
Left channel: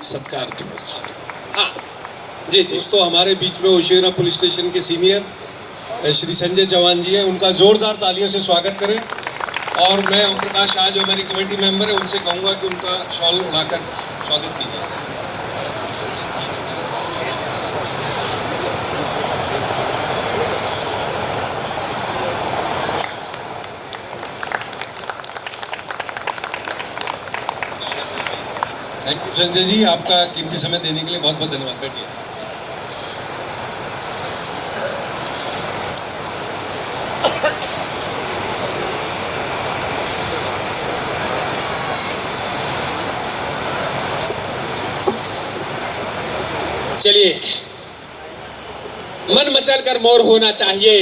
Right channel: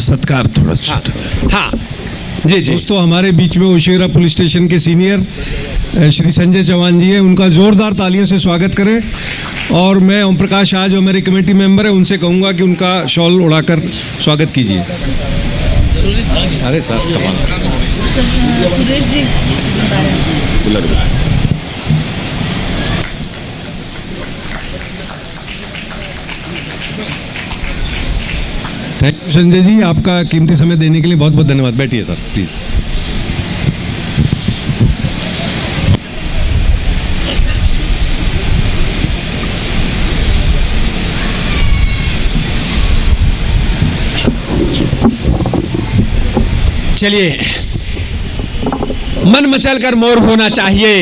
सत्कार थोड़ा छोटा सा। हाँ जी जी। दोस्तों, हमारे बीच में ओशेरा पुलिस स्टेशन के सीनियर श्री संजय चौहान जी हैं, उनका जोरदार तालियों से स्वागत करें। और मैं ओम प्रकाश आज जो मेरे कमेटी मेंबर है उनसे कहूँगा कि उनका शॉल उड़ाकर स्वागत कीजिए। अरे sir Suresh ji thank you Sanjay ji, आपका कीमती समय देने के लिए बहुत बहुत धन्यवाद। बैठिए सर प्लीज। चलिए, मन मचल कर मोर होना चाहिए,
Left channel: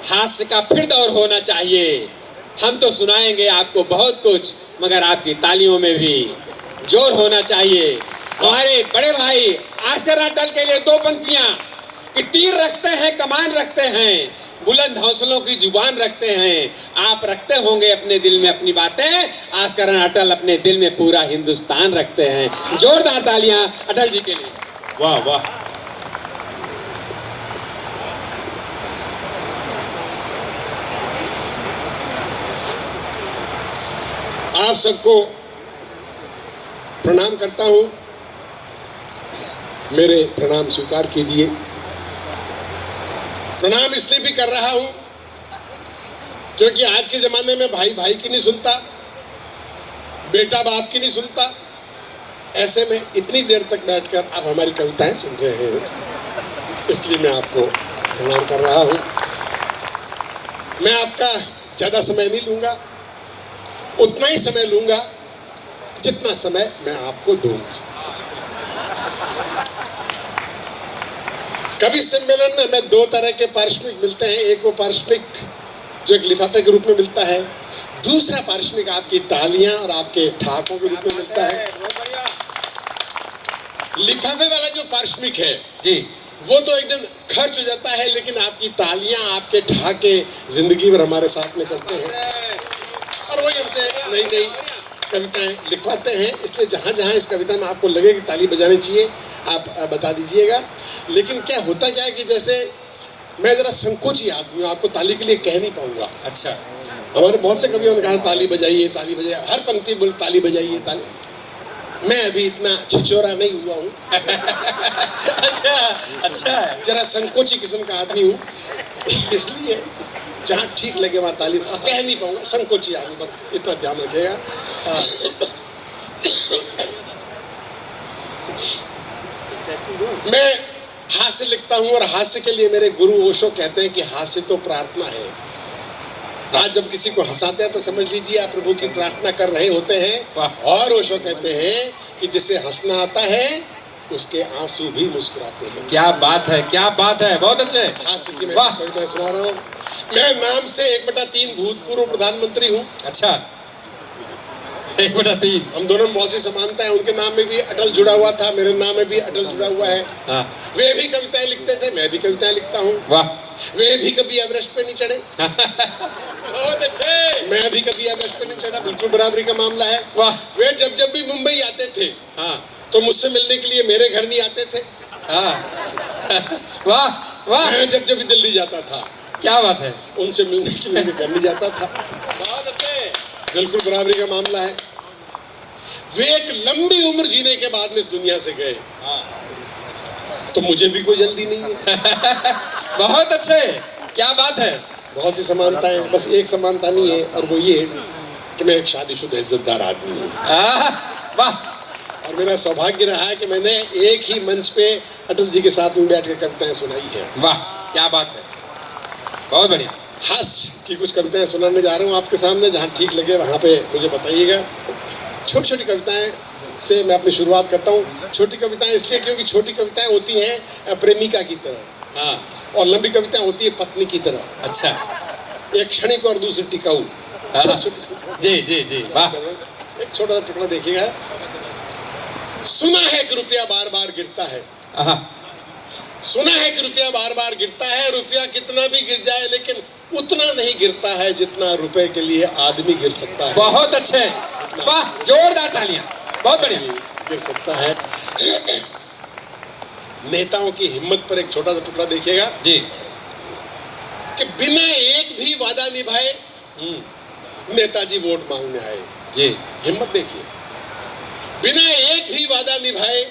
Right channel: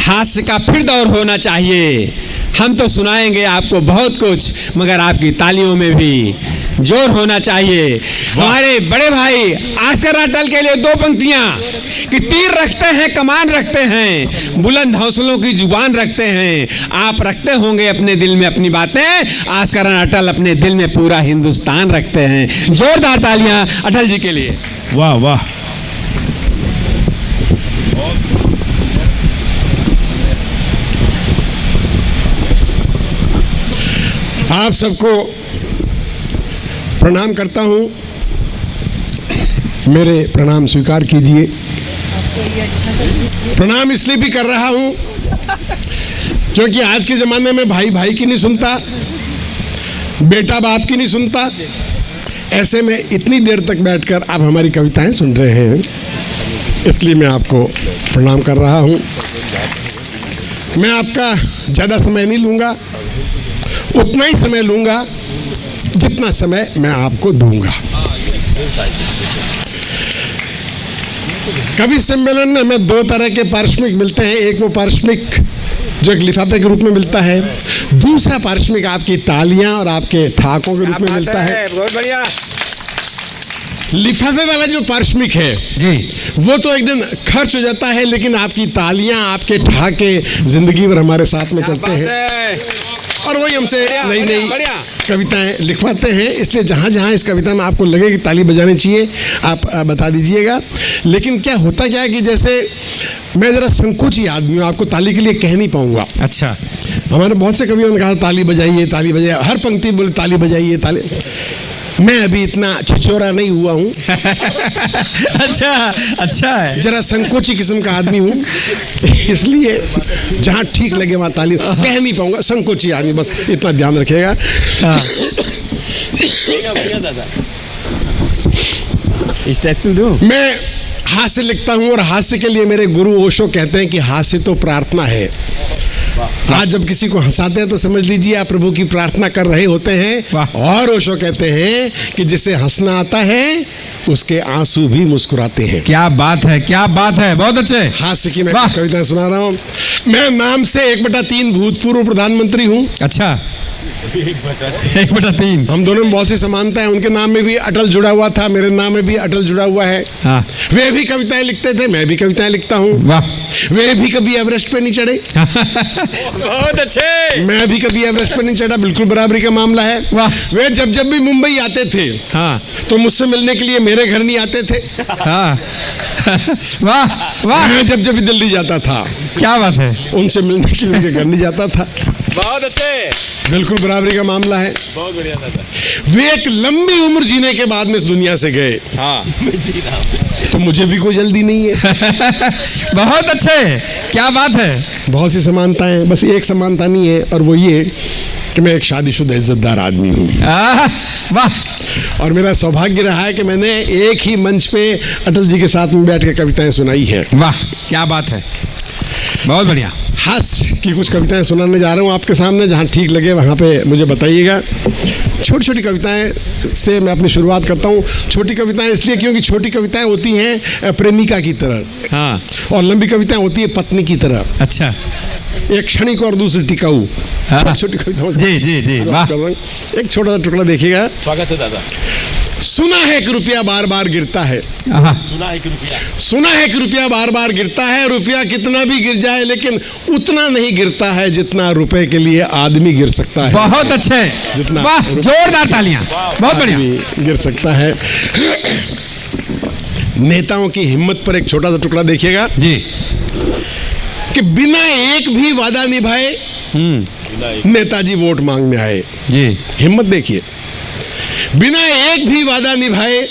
हास्य का फिर दौर होना चाहिए। हम तो सुनाएंगे आपको बहुत कुछ, मगर आपकी तालियों में भी जोर होना चाहिए। हमारे बड़े भाई आस्कर अटल के लिए दो पंक्तियां कि तीर रखते हैं, कमान रखते हैं, बुलंद हौसलों की जुबान रखते हैं। आप रखते होंगे अपने दिल में अपनी बातें, आस्कर अटल अपने दिल में पूरा हिंदुस्तान रखते हैं। जोरदार तालियां अटल जी के लिए। वाह वाह। आप सबको प्रणाम करता हूँ, मेरे प्रणाम स्वीकार कीजिए। प्रणाम इसलिए भी कर रहा हूँ क्योंकि आज के ज़माने में भाई भाई की नहीं सुनता, बेटा बाप की नहीं सुनता। ऐसे में इतनी देर तक बैठकर आप हमारी कविताएं सुन रहे हैं, इसलिए मैं आपको प्रणाम कर रहा हूँ। मैं आपका ज़्यादा समय नहीं लूँगा, उतना ही समय लूँगा जितना समय मैं आपको दूंगा। कवि सम्मेलन में हमें दो तरह के पारिश्रमिक मिलते हैं। एक वो पारिश्रमिक जो एक लिफाफे के रूप में मिलता है, दूसरा पारिश्रमिक आपकी तालियां और आपके ठाकों के रूप में मिलता है। बहुत बढ़िया। लिफाफे वाला जो पारिश्रमिक है जी, वो तो एक दिन खर्च हो जाता है, लेकिन आपकी तालियां, आपके ठाके जिंदगी भर हमारे साथ में चलते हैं और वही हमसे नई नई कविताएं लिखवाते हैं। इसलिए जहाँ जहाँ इस कविता में आपको लगे कि ताली बजानी चाहिए, आप बता दीजिएगा। लेकिन क्या होता क्या है कि जैसे मैं ज़रा संकोची आदमी हूँ, आपको ताली के लिए कह नहीं पाऊँगा। अच्छा, हमारे बहुत से कवियों ने कहा ताली बजाइए, ताली बजाइए, हर पंक्ति बोले ताली बजाइए, ताली। मैं अभी इतना छिछोरा नहीं हुआ हूँ। अच्छा है। जरा संकोची किस्म का आदमी हूँ, इसलिए जहाँ ठीक लगे वहाँ ताली कह नहीं पाऊंगा। संकोची आदमी, बस इतना ध्यान रखिएगा। मैं हास्य लिखता हूँ और हास्य के लिए मेरे गुरु ओशो कहते हैं कि हास्य तो प्रार्थना है। आज जब किसी को हंसाते हैं तो समझ लीजिए आप प्रभु की प्रार्थना कर रहे होते हैं। और ओशो कहते हैं कि जिसे हंसना आता है उसके आंसू भी मुस्कुराते हैं। क्या बात है, क्या बात है, बहुत अच्छे। हास्य की मैं कविता सुना रहा हूँ। मैं नाम से 1/3 भूतपूर्व प्रधानमंत्री हूँ। अच्छा, 1/3। हम दोनों में बहुत सी समानता है। उनके नाम में भी अटल जुड़ा हुआ था, मेरे नाम में भी अटल जुड़ा हुआ है। हाँ। वे भी कविताएं लिखते थे, मैं भी कविताएं लिखता हूँ। वाह। वे भी कभी एवरेस्ट पे नहीं चढ़े, बहुत अच्छे। मैं भी कभी एवरेस्ट पे नहीं चढ़ा, बिल्कुल बराबरी का मामला है। वाह। वे जब जब भी मुंबई आते थे हाँ तो मुझसे मिलने के लिए मेरे घर नहीं आते थे। हाँ। वाह वाह, मैं जब जब भी दिल्ली जाता था क्या बात है। उनसे मिलने के लिए मेरे घर नहीं जाता था। बहुत अच्छे। बिल्कुल बराबरी का मामला है। बहुत बढ़िया दादा। वे एक लंबी उम्र जीने के बाद में इस दुनिया से गए। हाँ। तो मुझे भी कोई जल्दी नहीं है। बहुत अच्छे, क्या बात है। बहुत सी समानताएं, बस एक समानता नहीं है और वो ये कि मैं एक शादीशुदा इज्जतदार आदमी हूँ। वाह। और मेरा सौभाग्य रहा है कि मैंने एक ही मंच पे अटल जी के साथ में बैठ के कविताएं सुनाई है। वाह, क्या बात है, बहुत बढ़िया। हास्य की कुछ कविताएं सुनाने जा रहा हूँ आपके सामने, जहाँ ठीक लगे वहाँ पे मुझे बताइएगा। छोटी छोटी कविताएं से मैं अपनी शुरुआत करता हूँ। छोटी कविताएं इसलिए क्योंकि छोटी कविताएं होती हैं प्रेमिका की तरह, हाँ। और लंबी कविताएं होती है पत्नी की तरह। अच्छा। एक क्षणिक और दूसरी टिकाऊ। हाँ। छोटी कविता जी वाह। एक छोटा सा टुकड़ा देखिएगा। स्वागत है दादा। सुना है कि रुपया बार बार गिरता है, सुना है कि रुपया, सुना है कि रुपया बार बार गिरता है। रुपया कितना भी गिर जाए लेकिन उतना नहीं गिरता है जितना रुपए के लिए आदमी गिर सकता है। बहुत अच्छे, जितना वाह, जोरदार तालियां, बहुत बढ़िया। आदमी गिर सकता है। नेताओं की हिम्मत पर एक छोटा सा टुकड़ा देखिएगा जी कि बिना एक भी वादा निभाए नेताजी वोट मांगने आए। जी हिम्मत देखिए, बिना एक भी वादा निभाए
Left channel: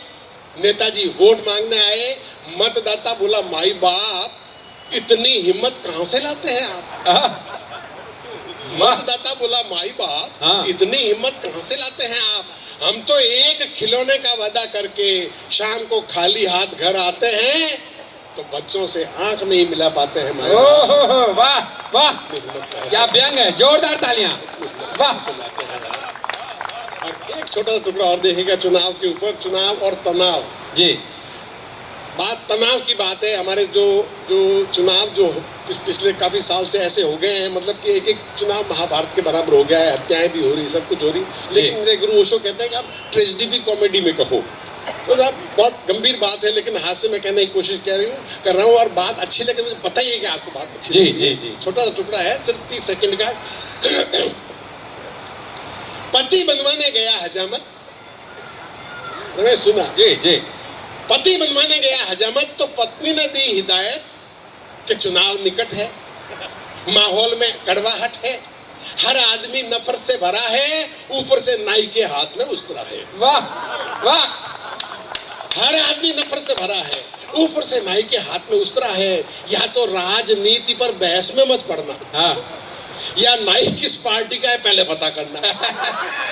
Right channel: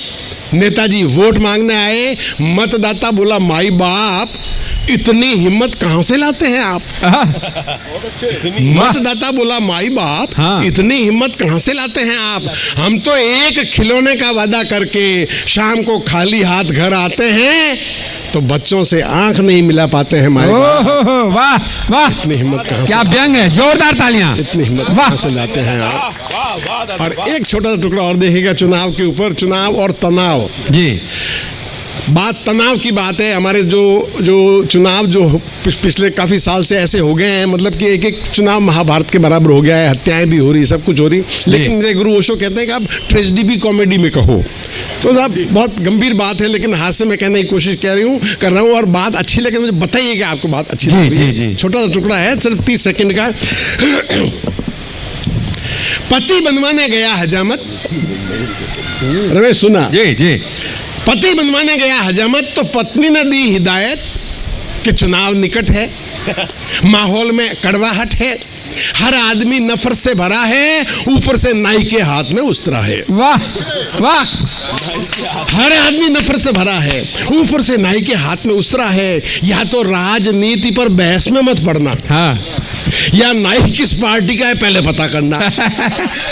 नेताजी वोट मांगने आए। मतदाता बोला माई बाप, इतनी हिम्मत कहां से लाते हैं आप? मतदाता बोला माई बाप, हाँ। इतनी हिम्मत कहां से लाते हैं आप? हम तो एक खिलौने का वादा करके शाम को खाली हाथ घर आते हैं तो बच्चों से आंख नहीं मिला पाते हैं माई बाप। ओहो वाह वाह, इतनी हिम्मत कहां क्या व्यंग है, जोरदार तालियां। इतनी हिम्मत वाह। कहां से लाते हैं आप? और एक छोटा सा टुकड़ा और देखिएगा चुनाव के ऊपर, चुनाव और तनाव। जी बात तनाव की बात है। हमारे जो चुनाव जो पिछले काफ़ी साल से ऐसे हो गए हैं, मतलब कि एक एक चुनाव महाभारत के बराबर हो गया है। हत्याएं भी हो रही, सब कुछ हो रही। लेकिन मेरे गुरु ओशो कहते हैं कि आप ट्रेजेडी भी कॉमेडी में कहो। तो साहब बहुत गंभीर बात है, लेकिन हाथ से मैं कहने की कोशिश कर रहा हूँ और बात अच्छी लगे मुझे बताइएगा आपको बात अच्छी लगी। जी। छोटा सा टुकड़ा है, सिर्फ 30 सेकंड का। पति बनवाने गया हजामत, रमेश सुना? जी पति बनवाने गया हजामत तो पत्नी ने दी हिदायत कि चुनाव निकट है, माहौल में कड़वाहट है, हर आदमी नफरत से भरा है, ऊपर से नाई के हाथ में उस्तरा है। वाह वाह, हर आदमी नफरत से भरा है, ऊपर से नाई के हाथ में उस्तरा है। या तो राजनीति पर बहस में मत पड़ना, हाँ। या नाई किस पार्टी का है पहले पता करना।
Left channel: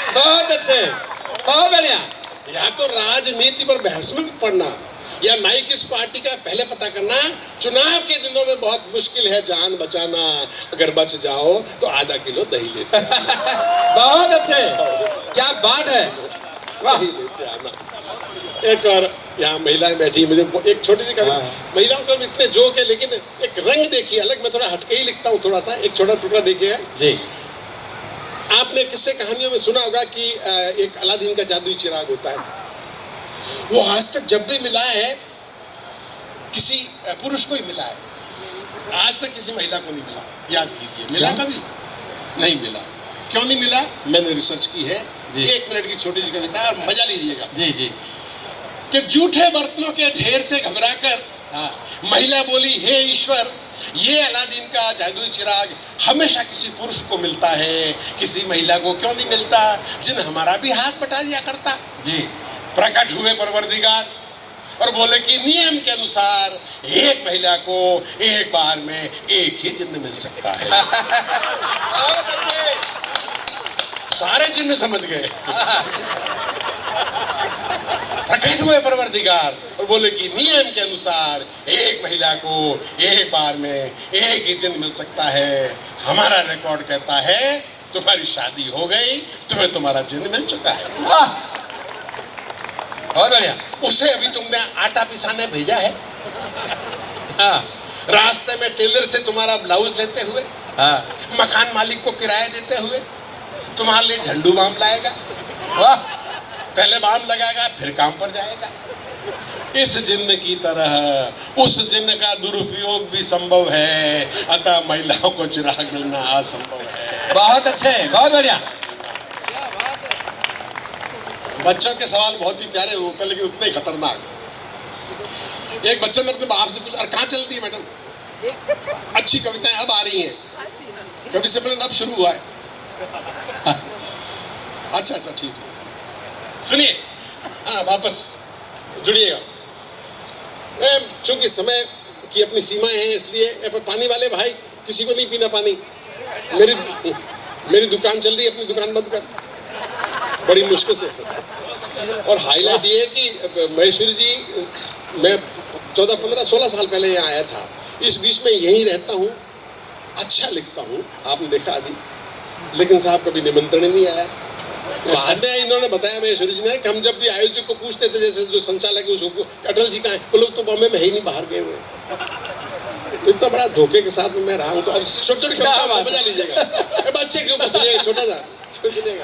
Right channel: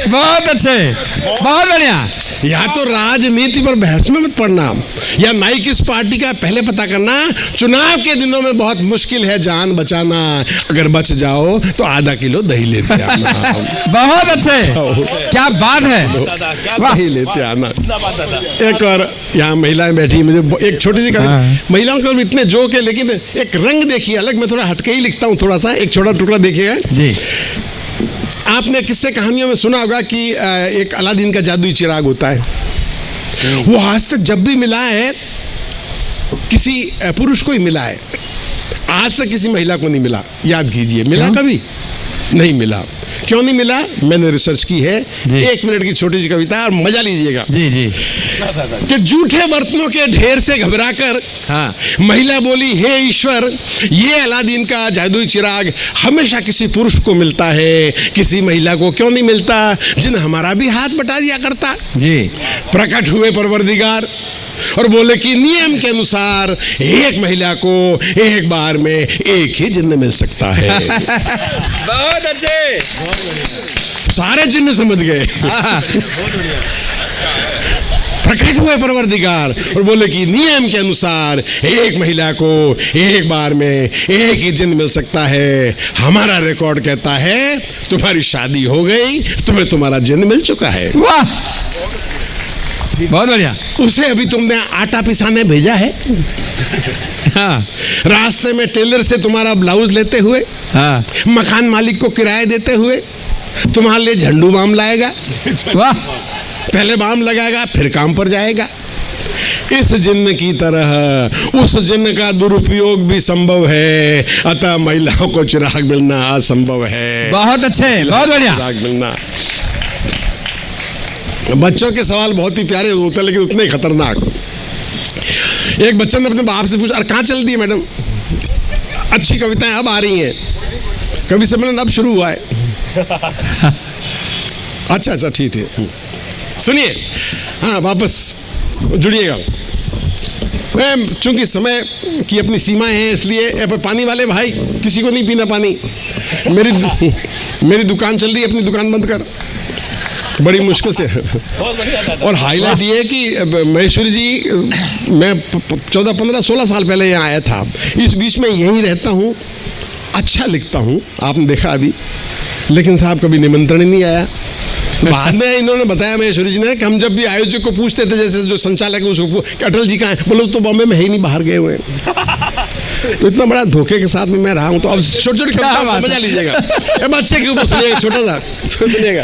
बहुत अच्छे, बहुत बढ़िया। या तो राजनीति पर बहस में मत पड़ना, या नाई किस पार्टी का पहले पता करना। चुनाव के दिनों में बहुत मुश्किल है जान बचाना, अगर बच जाओ तो आधा किलो दही लेते आना। बहुत अच्छे, क्या बात है, वाह। दही लेते आना। एक और यहाँ महिलाएं बैठी, मुझे एक छोटी सी महिलाओं के इतने जोक है, लेकिन एक रंग देखिए अलग। मैं थोड़ा हटके ही लिखता हूँ, थोड़ा सा एक छोटा टुकड़ा देखिएगा जी। आपने किस्से कहानियों में सुना होगा कि एक अलादीन का जादुई चिराग होता है। वो आज तक जब भी मिला है किसी पुरुष को ही मिला है, आज तक किसी महिला को नहीं मिला। याद कीजिए, मिला कभी नहीं मिला। क्यों नहीं मिला? मैंने रिसर्च की है। 1 मिनट की छोटी सी कविता है और मजा लीजिएगा। जी कि जूठे बर्तनों के ढेर से घबराकर हाँ। महिला बोली, हे ईश्वर, ये अलादीन का जादुई चिराग हमेशा किसी पुरुष को मिलता है, किसी महिला को क्यों नहीं मिलता, जिन हमारा भी हाथ बटा दिया करता। जी। प्रकट हुए परवरदिगार और बोले कि नियम के अनुसार एक महिला को एक बार में एक ही जिन्न मिल सकता है। बहुत अच्छे, सारे जिन्न समझ गए। प्रकट हुए परवरदिगार और बोले कि नियम के अनुसार एक महिला को एक बार में एक ही जिन्न मिल सकता है। हमारा रिकॉर्ड कहता है तुम्हारी शादी हो गई, तुम्हें तुम्हारा जिन्न मिल चुका है। वाह, बहुत बढ़िया। उसे अभी तुमने आटा पिसाने भेजा है, हाँ। रास्ते में टेलर से तुम्हारा ब्लाउज लेते हुए, हाँ। मकान मालिक को किराया देते हुए तुम्हारे लिए झंडू बाम लाएगा। वाह, पहले बाम लगाएगा फिर काम पर जाएगा। इस जिन्न की तरह उस जिन्न का दुरुपयोग भी संभव है, अतः महिलाओं को चिराग मिलना असंभव है। बहुत अच्छे, बहुत बढ़िया। चिराग मिलना। बच्चों के सवाल बहुत ही प्यारे होते हैं लेकिन उतने ही खतरनाक। एक बच्चे ने अपने बाप से पूछा, अरे कहाँ चल दी है मैडम, अच्छी कविताएं अब आ रही हैं, कवि सम्मेलन अब शुरू हुआ है। अच्छा ठीक है, सुनिए, हाँ वापस जुड़िएगा। मैं चूंकि समय की अपनी सीमाएं हैं इसलिए पानी वाले भाई किसी को नहीं पीना पानी। मेरी दुकान चल रही है, अपनी दुकान बंद कर, बड़ी मुश्किल से। और हाईलाइट ये है कि महेश्वरी जी, मैं 14, 15, 16 साल पहले यहाँ आया था, इस बीच में यहीं रहता हूँ, अच्छा लिखता हूँ, आपने देखा अभी, लेकिन साहब कभी निमंत्रण ही नहीं आया। बाद में इन्होंने बताया महेश्वरी जी ने कि हम जब भी आयोजक को पूछते थे, जैसे जो संचालक है उसको कि अटल जी कहाँ है, बोलो तो बॉम्बे में है ही नहीं, बाहर गए हुए। तो इतना बड़ा धोखे के साथ में मैं रहा हूँ, तो अब छोटे छोटे मजा लीजिएगा, बच्चे के ऊपर सुनिएगा, छोटा सा सुनिएगा।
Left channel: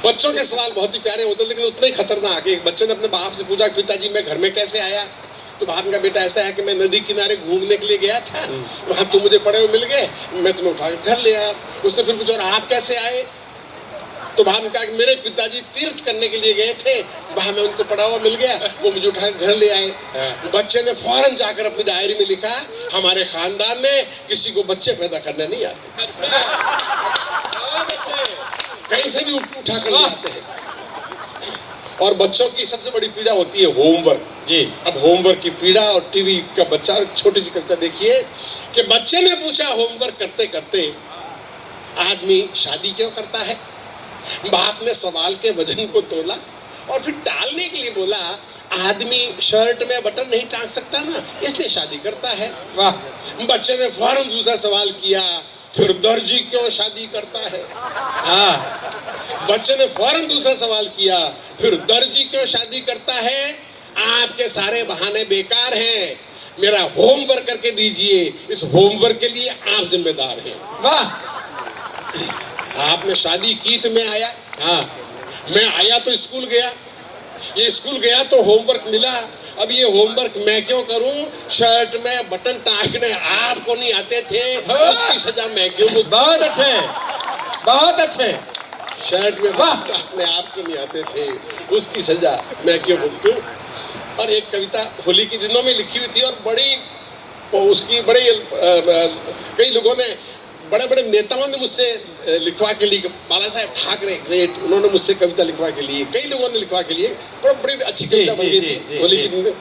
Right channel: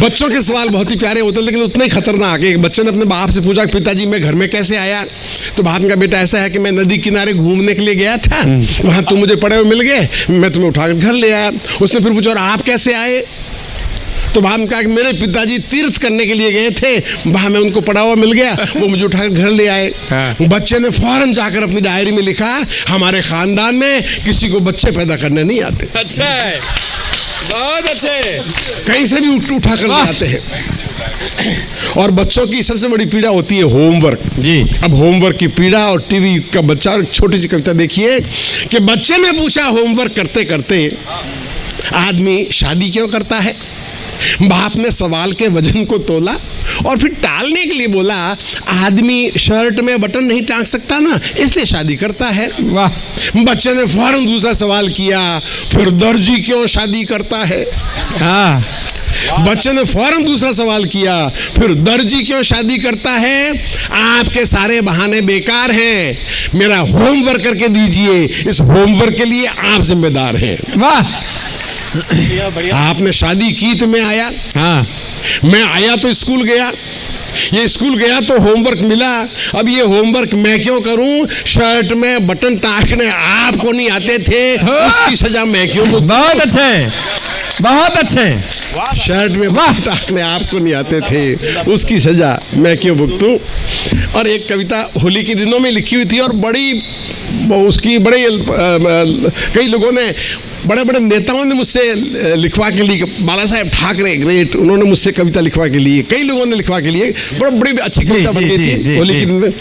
बच्चों के सवाल बहुत ही प्यारे होते हैं, लेकिन उतने ही खतरनाक है। एक बच्चे ने अपने बाप से पूछा कि पिताजी मैं घर में कैसे आया, तो बाप का बेटा ऐसा है कि मैं नदी किनारे घूमने के लिए गया था, वहाँ तुम मुझे पड़े हुए मिल गए, मैं तुम्हें उठा कर घर ले आया। उसने फिर पूछा और आप कैसे आए, तो वहां कहा कि मेरे पिताजी तीर्थ करने के लिए गए थे, वहां मैं उनको पड़ा हुआ मिल गया, वो मुझे उठाकर घर ले आए। बच्चे ने फौरन जाकर अपनी डायरी में लिखा, हमारे खानदान में किसी को बच्चे पैदा करने नहीं आते। अच्छा, बहुत अच्छे। कहीं से भी उठा कर ले आते हैं। और बच्चों की सबसे बड़ी पीड़ा होती है होमवर्क जी। अब होमवर्क की पीड़ा और टीवी का बच्चा, छोटी सी कविता देखिए कि बच्चे ने पूछा होमवर्क करते करते आदमी शादी क्यों करता है। बाप ने सवाल के वजन को तोला और फिर टालने के लिए बोला, आदमी शर्ट में बटन नहीं टांग सकता ना, इसलिए शादी करता है। वाह। बच्चे ने फौरन दूसरा सवाल किया, फिर दर्जी क्यों शादी करता है। हाँ। बच्चे ने फौरन दूसरा सवाल किया, फिर दर्जी क्यों शादी करता है। आपके सारे बहाने बेकार हैं, मेरा होमवर्क करके दीजिए, इस होमवर्क के लिए आप जिम्मेदार हैं। वाह। आपने शादी की तो मैं आया। हाँ। मैं आया तो स्कूल गया, ये स्कूल गया तो होमवर्क मिला, अब ये होमवर्क मैं क्यों करूं। शर्ट में बटन टांगने आपको नहीं आते थे, उसकी सजा मैं क्यों। बहुत अच्छे, बहुत अच्छे। शर्ट में बटन टांगने आपको नहीं आते थे, उसकी सजा मैं क्यों भुगतूं। और एक कविता होली के दिनों में लिखी हुई थी और बड़ी उसकी बड़े कई लोगों ने, बड़े बड़े नेताओं ने मुझसे लिखवा के लिए, बाला साहेब ठाकरे ग्रेट, उन्होंने मुझसे कविता लिखवा के लिए, कई लोगों ने लिखवा के लिए, बड़ी अच्छी कविता बन गई थी होली के दिन।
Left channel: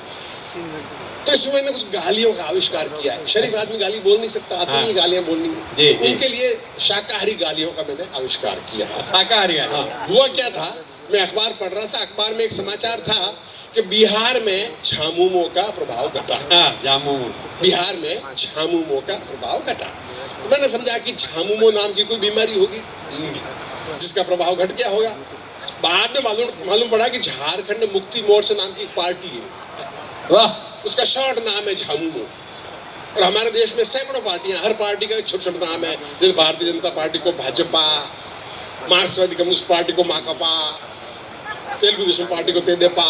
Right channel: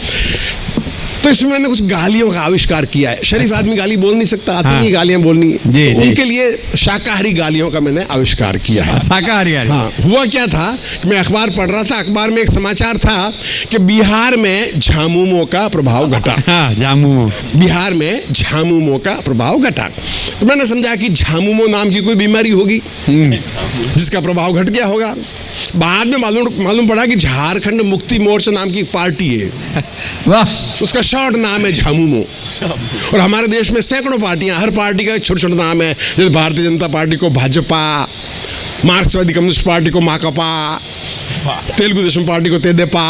तो इसमें मैंने कुछ गालियों का आविष्कार किया है। शरीफ आदमी गाली बोल नहीं सकता, आती नहीं गालियां बोलनी, उनके लिए शाकाहारी गालियों का मैंने आविष्कार किया है। शाकाहारी। हाँ। हुआ क्या था कि मैं अखबार पढ़ रहा था, अखबार में एक समाचार था कि बिहार में झामुमो का प्रभाव घटा। हाँ, झामुमो। बिहार में झामुमो का प्रभाव घटा। तो मैंने समझा कि झामुमो नाम की कोई बीमारी होगी जिसका प्रभाव घट गया होगा। बाद में मालूम पड़ा कि झारखंड मुक्ति मोर्चा नाम की पार्टी है। वाह। उसका शॉर्ट नाम है झामुमो। और हमारे देश में सैकड़ों पार्टियां, हर पार्टी का एक छोटा छोटा नाम है। जैसे भारतीय जनता पार्टी को भाजपा, मार्क्सवादी कम्युनिस्ट पार्टी को माकपा, तेलुगु देशम पार्टी को तेदेपा।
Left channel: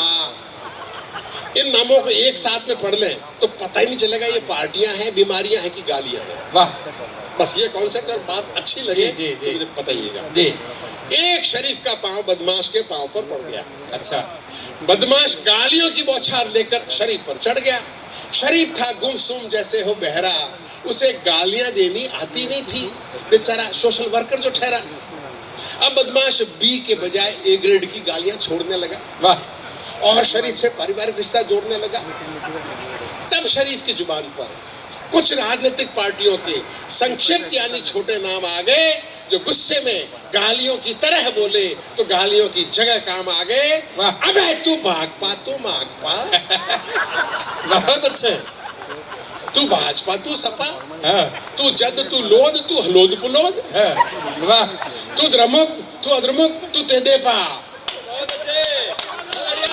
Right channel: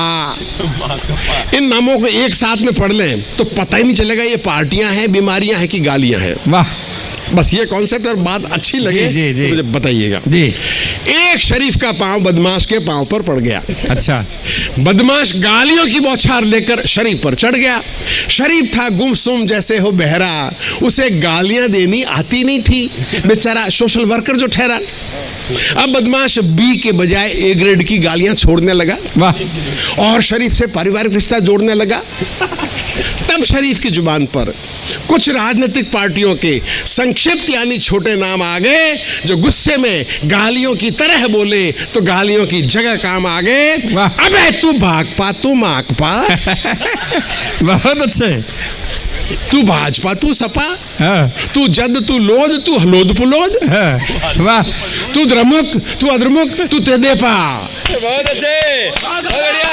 इन नामों को एक साथ में पढ़ लें तो पता ही नहीं चलेगा ये पार्टियां हैं, बीमारियां हैं कि गालियां हैं। वाह। बस ये कॉन्सेप्ट और बात अच्छी लगे मुझे बताइएगा। जी। एक शरीफ का पांव बदमाश के पांव पर पड़ गया। अच्छा। बदमाश गालियों की बौछार लेकर शरीफ पर चढ़ गया। शरीफ था गुमसुम जैसे हो बहरा, उसे गालियां देनी आती नहीं थी, बेचारा सोशल वर्कर जो ठहरा। अब बदमाश बी के बजाय ए ग्रेड की गालियां छोड़ने लगा। वाह। और शरीफ से पारिवारिक रिश्ता जोड़ने लगा। तब शरीफ की जुबान पर कुछ राजनीतिक पार्टियों के संक्षिप्त यानी छोटे नाम आ गए, जो गुस्से में गालियों की तरह बोले तो गालियों की जगह काम आ गए। अबे तू भाकपा, तू माकपा। बहुत अच्छे। तू भाजपा, तू सपा। तू जद, तू लोद, तू हलोद पुलोद। वाह। तू द्रमुक, तू अद्रमुक, तू तेदेपा। बहुत अच्छे, बहुत बढ़िया।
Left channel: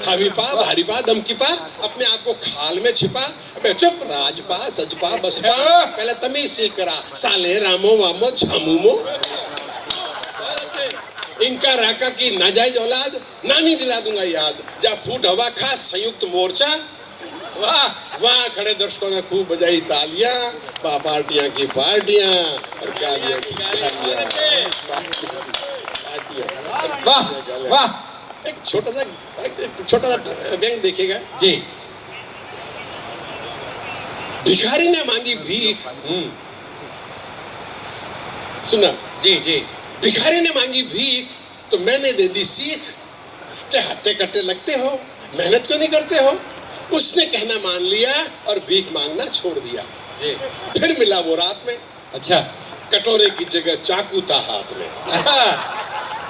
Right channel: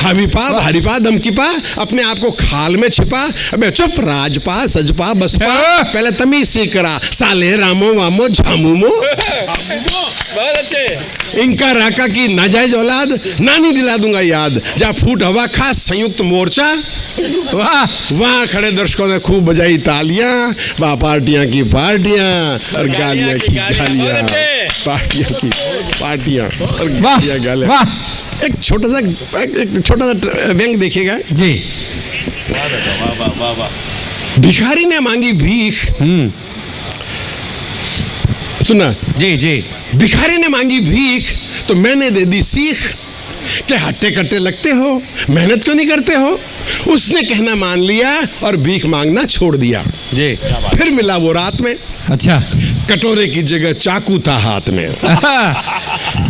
हवीपा, भारीपा, धमकीपा, अपने आप को खाल में छिपा। अबे चुप, राजपा, सजपा, बसपा, पहले तमीज सीख करा, साले रामो वामो झामुमो। बहुत अच्छे। इनका राका की नाजायज औलाद, नानी दिला दूंगा याद, जा फूट हवा खा संयुक्त मोर्चा। वाह। वहां खड़े दर्शकों ने खूब बजाई तालियां। वाह, पार्टियां की पार्टियां और गालियां की गालियां, पार्टियां की पार्टियां और गालियां। वाह। एक छोटा सा व्यंग देखिएगा जी। भिखारी ने मांगी भीख। सुना जी जी। भिखारी ने मांगी भीख तो मैंने दे दी सीख, क्या हट्टे कट्टे लगते हो, मेहनत क्यों नहीं करते हो। उसने कहना मान लिया और भीख मांगना छोड़ दिया जी। फिर मिला वो रात में। अच्छा। कटोरे की जगह चाकू था हाथ में।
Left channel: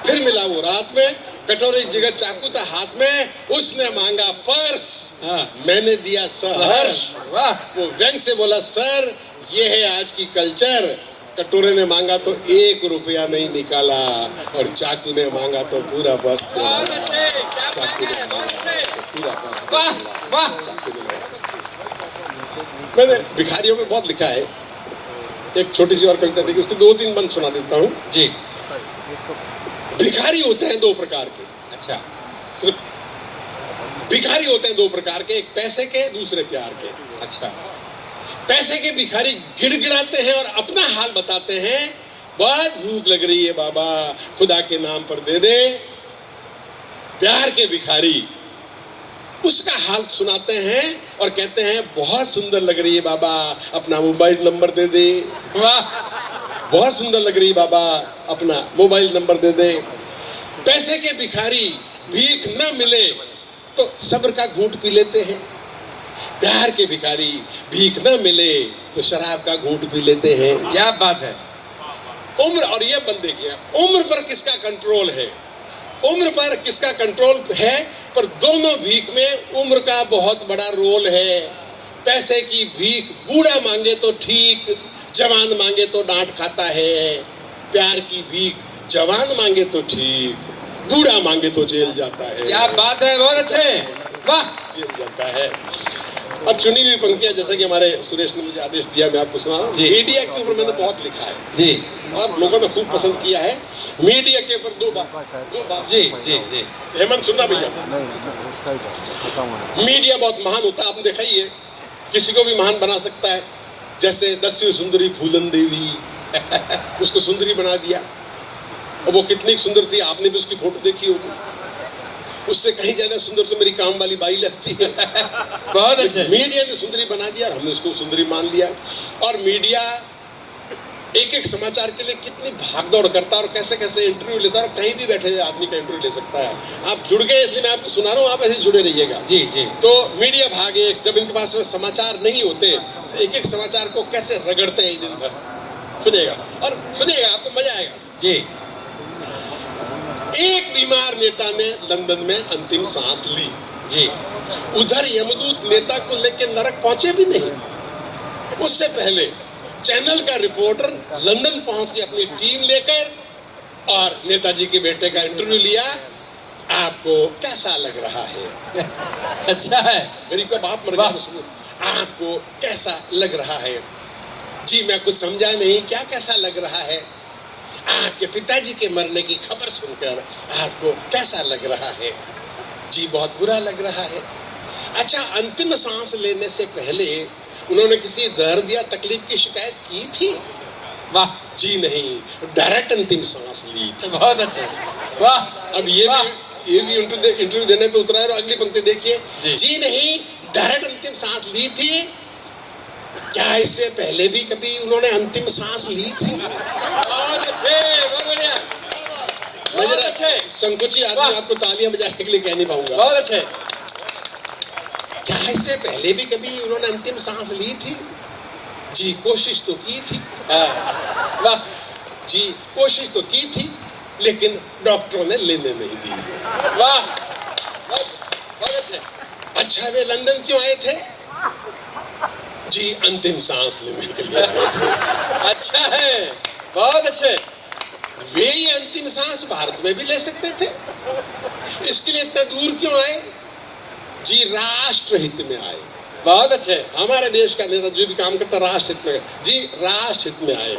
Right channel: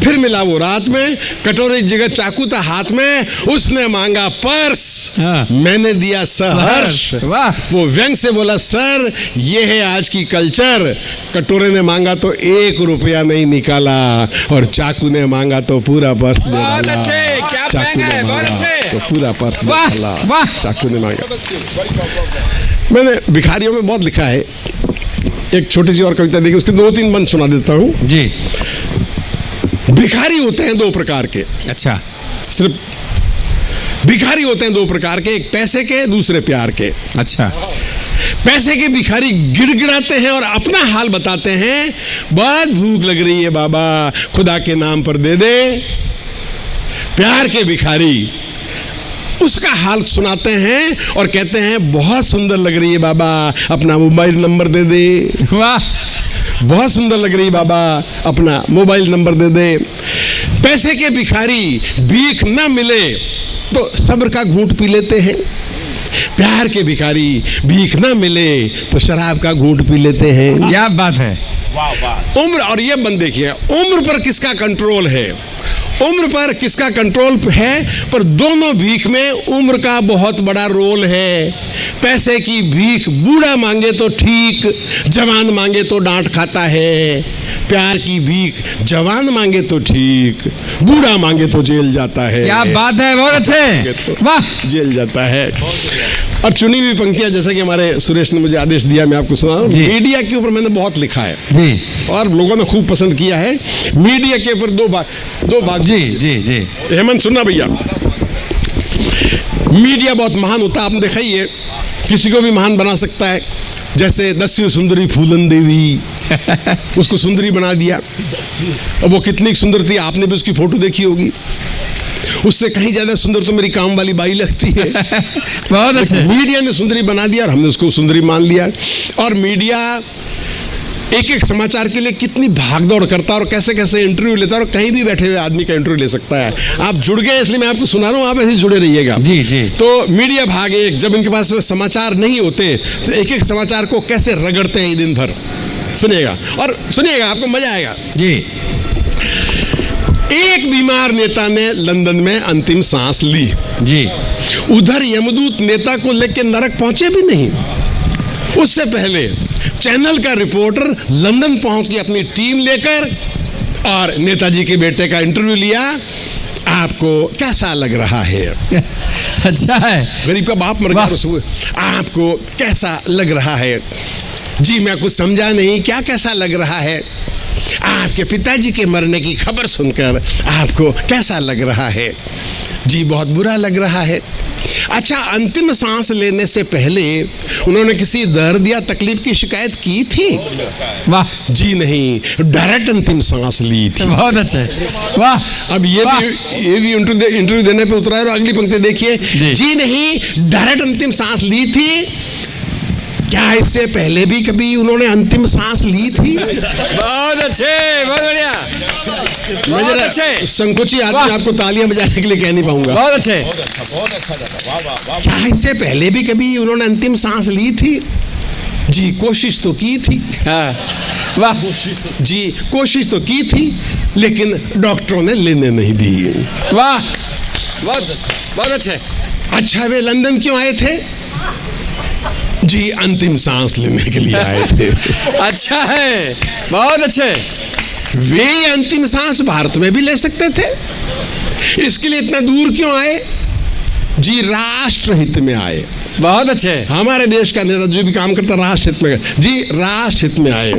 फिर मिला वो रात में, कटोरे की जगह चाकू था हाथ में। उसने मांगा पर्स, मैंने दिया सहर्ष। वो व्यंग से बोला, सर ये है आज की कल्चर। कटोरे ने मांगा तो 1 रुपया नहीं निकाला और चाकू ने मांगा तो पूरा पर्स दे डाला। चाकू ने मांगा तो पूरा पर्स दे डाला। चाकू ने मांगा। मैंने भिखारियों में बहुत लिखा है, एक छोटी सी और कविता देखिए, उसके 2-3 बंद सुना देता हूँ। जी। भिखारी होते हैं 2 प्रकार के, अच्छा। सिर्फ भिखारी होते हैं 2 प्रकार के, एक पैसे के, दूसरे प्यार के। अच्छा। पैसे के भिखारी गिड़गिड़ाते हैं और अपना हाल बताते हैं, बहुत भूख लग रही है बाबा, खुदा के नाम पर दे दे। प्यार के भिखारी उसका हाल सुनाते हैं और कहते हैं बहुत सुंदर लग रही है बाबा, अपना मोबाइल नंबर दे दे। वाह, बहुत सुंदर लग रही है बाबा, अपना मोबाइल नंबर दे दे। पैसे के भिखारी भीख न मिले तो सब्र का घूंट पी लेते हैं। प्यार के भिखारी भीख न मिले तो शराब का घूंट पी लेते हैं। क्या बात है। उम्र, और ये बंद देखिए, उम्र पर किसका कंट्रोल है, उम्र पर किसका कंट्रोल है, पर दोनों भीख में उम्र का बहुत बड़ा रोल है। पैसे की भीख बूढ़ा मांगे तो ठीक, जवान मांगे तो डांट खाता है। प्यार की भीख जवान मांगे तो ठीक, बूढ़ा मांगे तो जेल जाता है। क्या बात है, बहुत अच्छे, वाह। जेल जाता है। अब चुनी हुई पंक्तियां, जैसे कि हमारे सुरेश ने मुझे आदेश दिया, मैं आपको सुना रहा हूं। मीडिया के ऊपर मैंने बहुत लिखा है जी, और लोगों ने खूब पसंद किया है। मीडिया के ऊपर 2 भाग। जी जी जी। हेमंत सुनना भैया, मीडिया बहुत महान होता है, आपने देखा ही है, किसी को भी महान बना सकता है। जैसे 10वीं सुंदरी फूलन देवी, उसको सुंदरी बना दिया। अब वो कितनी सुंदर थी, आपने भी उसकी फोटो देखी होगी। उससे कहीं ज्यादा सुंदर तो मेरी काम वाली बाई लगती है। बहुत अच्छे। मीडिया ने सुंदरी बना दिया और हमने उसको सुंदरी मान लिया। और मीडिया एक एक समाचार के लिए कितनी भागदौड़ करता है और कैसे कैसे इंटरव्यू लेता है, और कहीं भी बैठे हुए आदमी का इंटरव्यू ले सकता है। आप जुड़ गए इसलिए मैं आपको सुना रहा हूँ, आप ऐसे जुड़े रहिएगा। जी जी। तो मीडिया भाग एक, जब इनके पास समाचार नहीं होते तो एक एक समाचार को कैसे रगड़ते हैं दिन भर। सुनिएगा और सुनिएगा, आपको मजा आएगा। जी। एक बीमार नेता ने लंदन में अंतिम सांस ली। जी। उधर यमदूत नेता को लेकर नरक पहुंचे भी नहीं, उससे पहले चैनल का रिपोर्टर लंदन पहुंच गया अपनी टीम लेकर और नेताजी के बेटे का इंटरव्यू लिया। आपको कैसा लग रहा है? अच्छा है। गरीब का बाप मर गया, आपको कैसा लग रहा है? जी मैं कुछ समझा नहीं, क्या कैसा लग रहा है? आपके पिताजी के मरने की खबर सुनकर आपको कैसा लग रहा है? जी बहुत बुरा लग रहा है। अच्छा, अंतिम सांस लेने से पहले उन्होंने किसी दर्द या तकलीफ की शिकायत की थी? वाह। जी नहीं, डायरेक्ट अंतिम सांस ली थी। बहुत अच्छे, वाह। अब ये भी इंटरव्यू देने पे उतरा है और अगली पंक्ति देखिए। जी नहीं, डायरेक्ट अंतिम सांस ली थी। क्या इससे पहले भी कभी उन्होंने अंतिम सांस ली थी? बहुत अच्छे, बहुत बढ़िया, बहुत अच्छे। संकोची आदमी आपको तालियां बजाने के लिए कह नहीं पाऊंगा। बहुत अच्छे। क्या इससे पहले भी कभी उन्होंने अंतिम सांस ली थी? जी कोशिश तो की थी। वाह। जी कोशिश तो की थी, लेकिन डॉक्टरों ने लेने नहीं दी। वाह, बहुत अच्छे, बहुत अच्छे। अच्छा, वे लंदन क्यों आए थे? जी अंतिम सांस लेने के लिए आए थे। अच्छा है, बहुत अच्छे। वे अंतिम सांस भारत में भी ले सकते थे, इसके लिए इतना दूर क्यों आए? जी राष्ट्र हित में आए। बहुत अच्छे। हमारे देश का नेता जो भी काम करता राष्ट्र हित में, जी राष्ट्र हित में आए।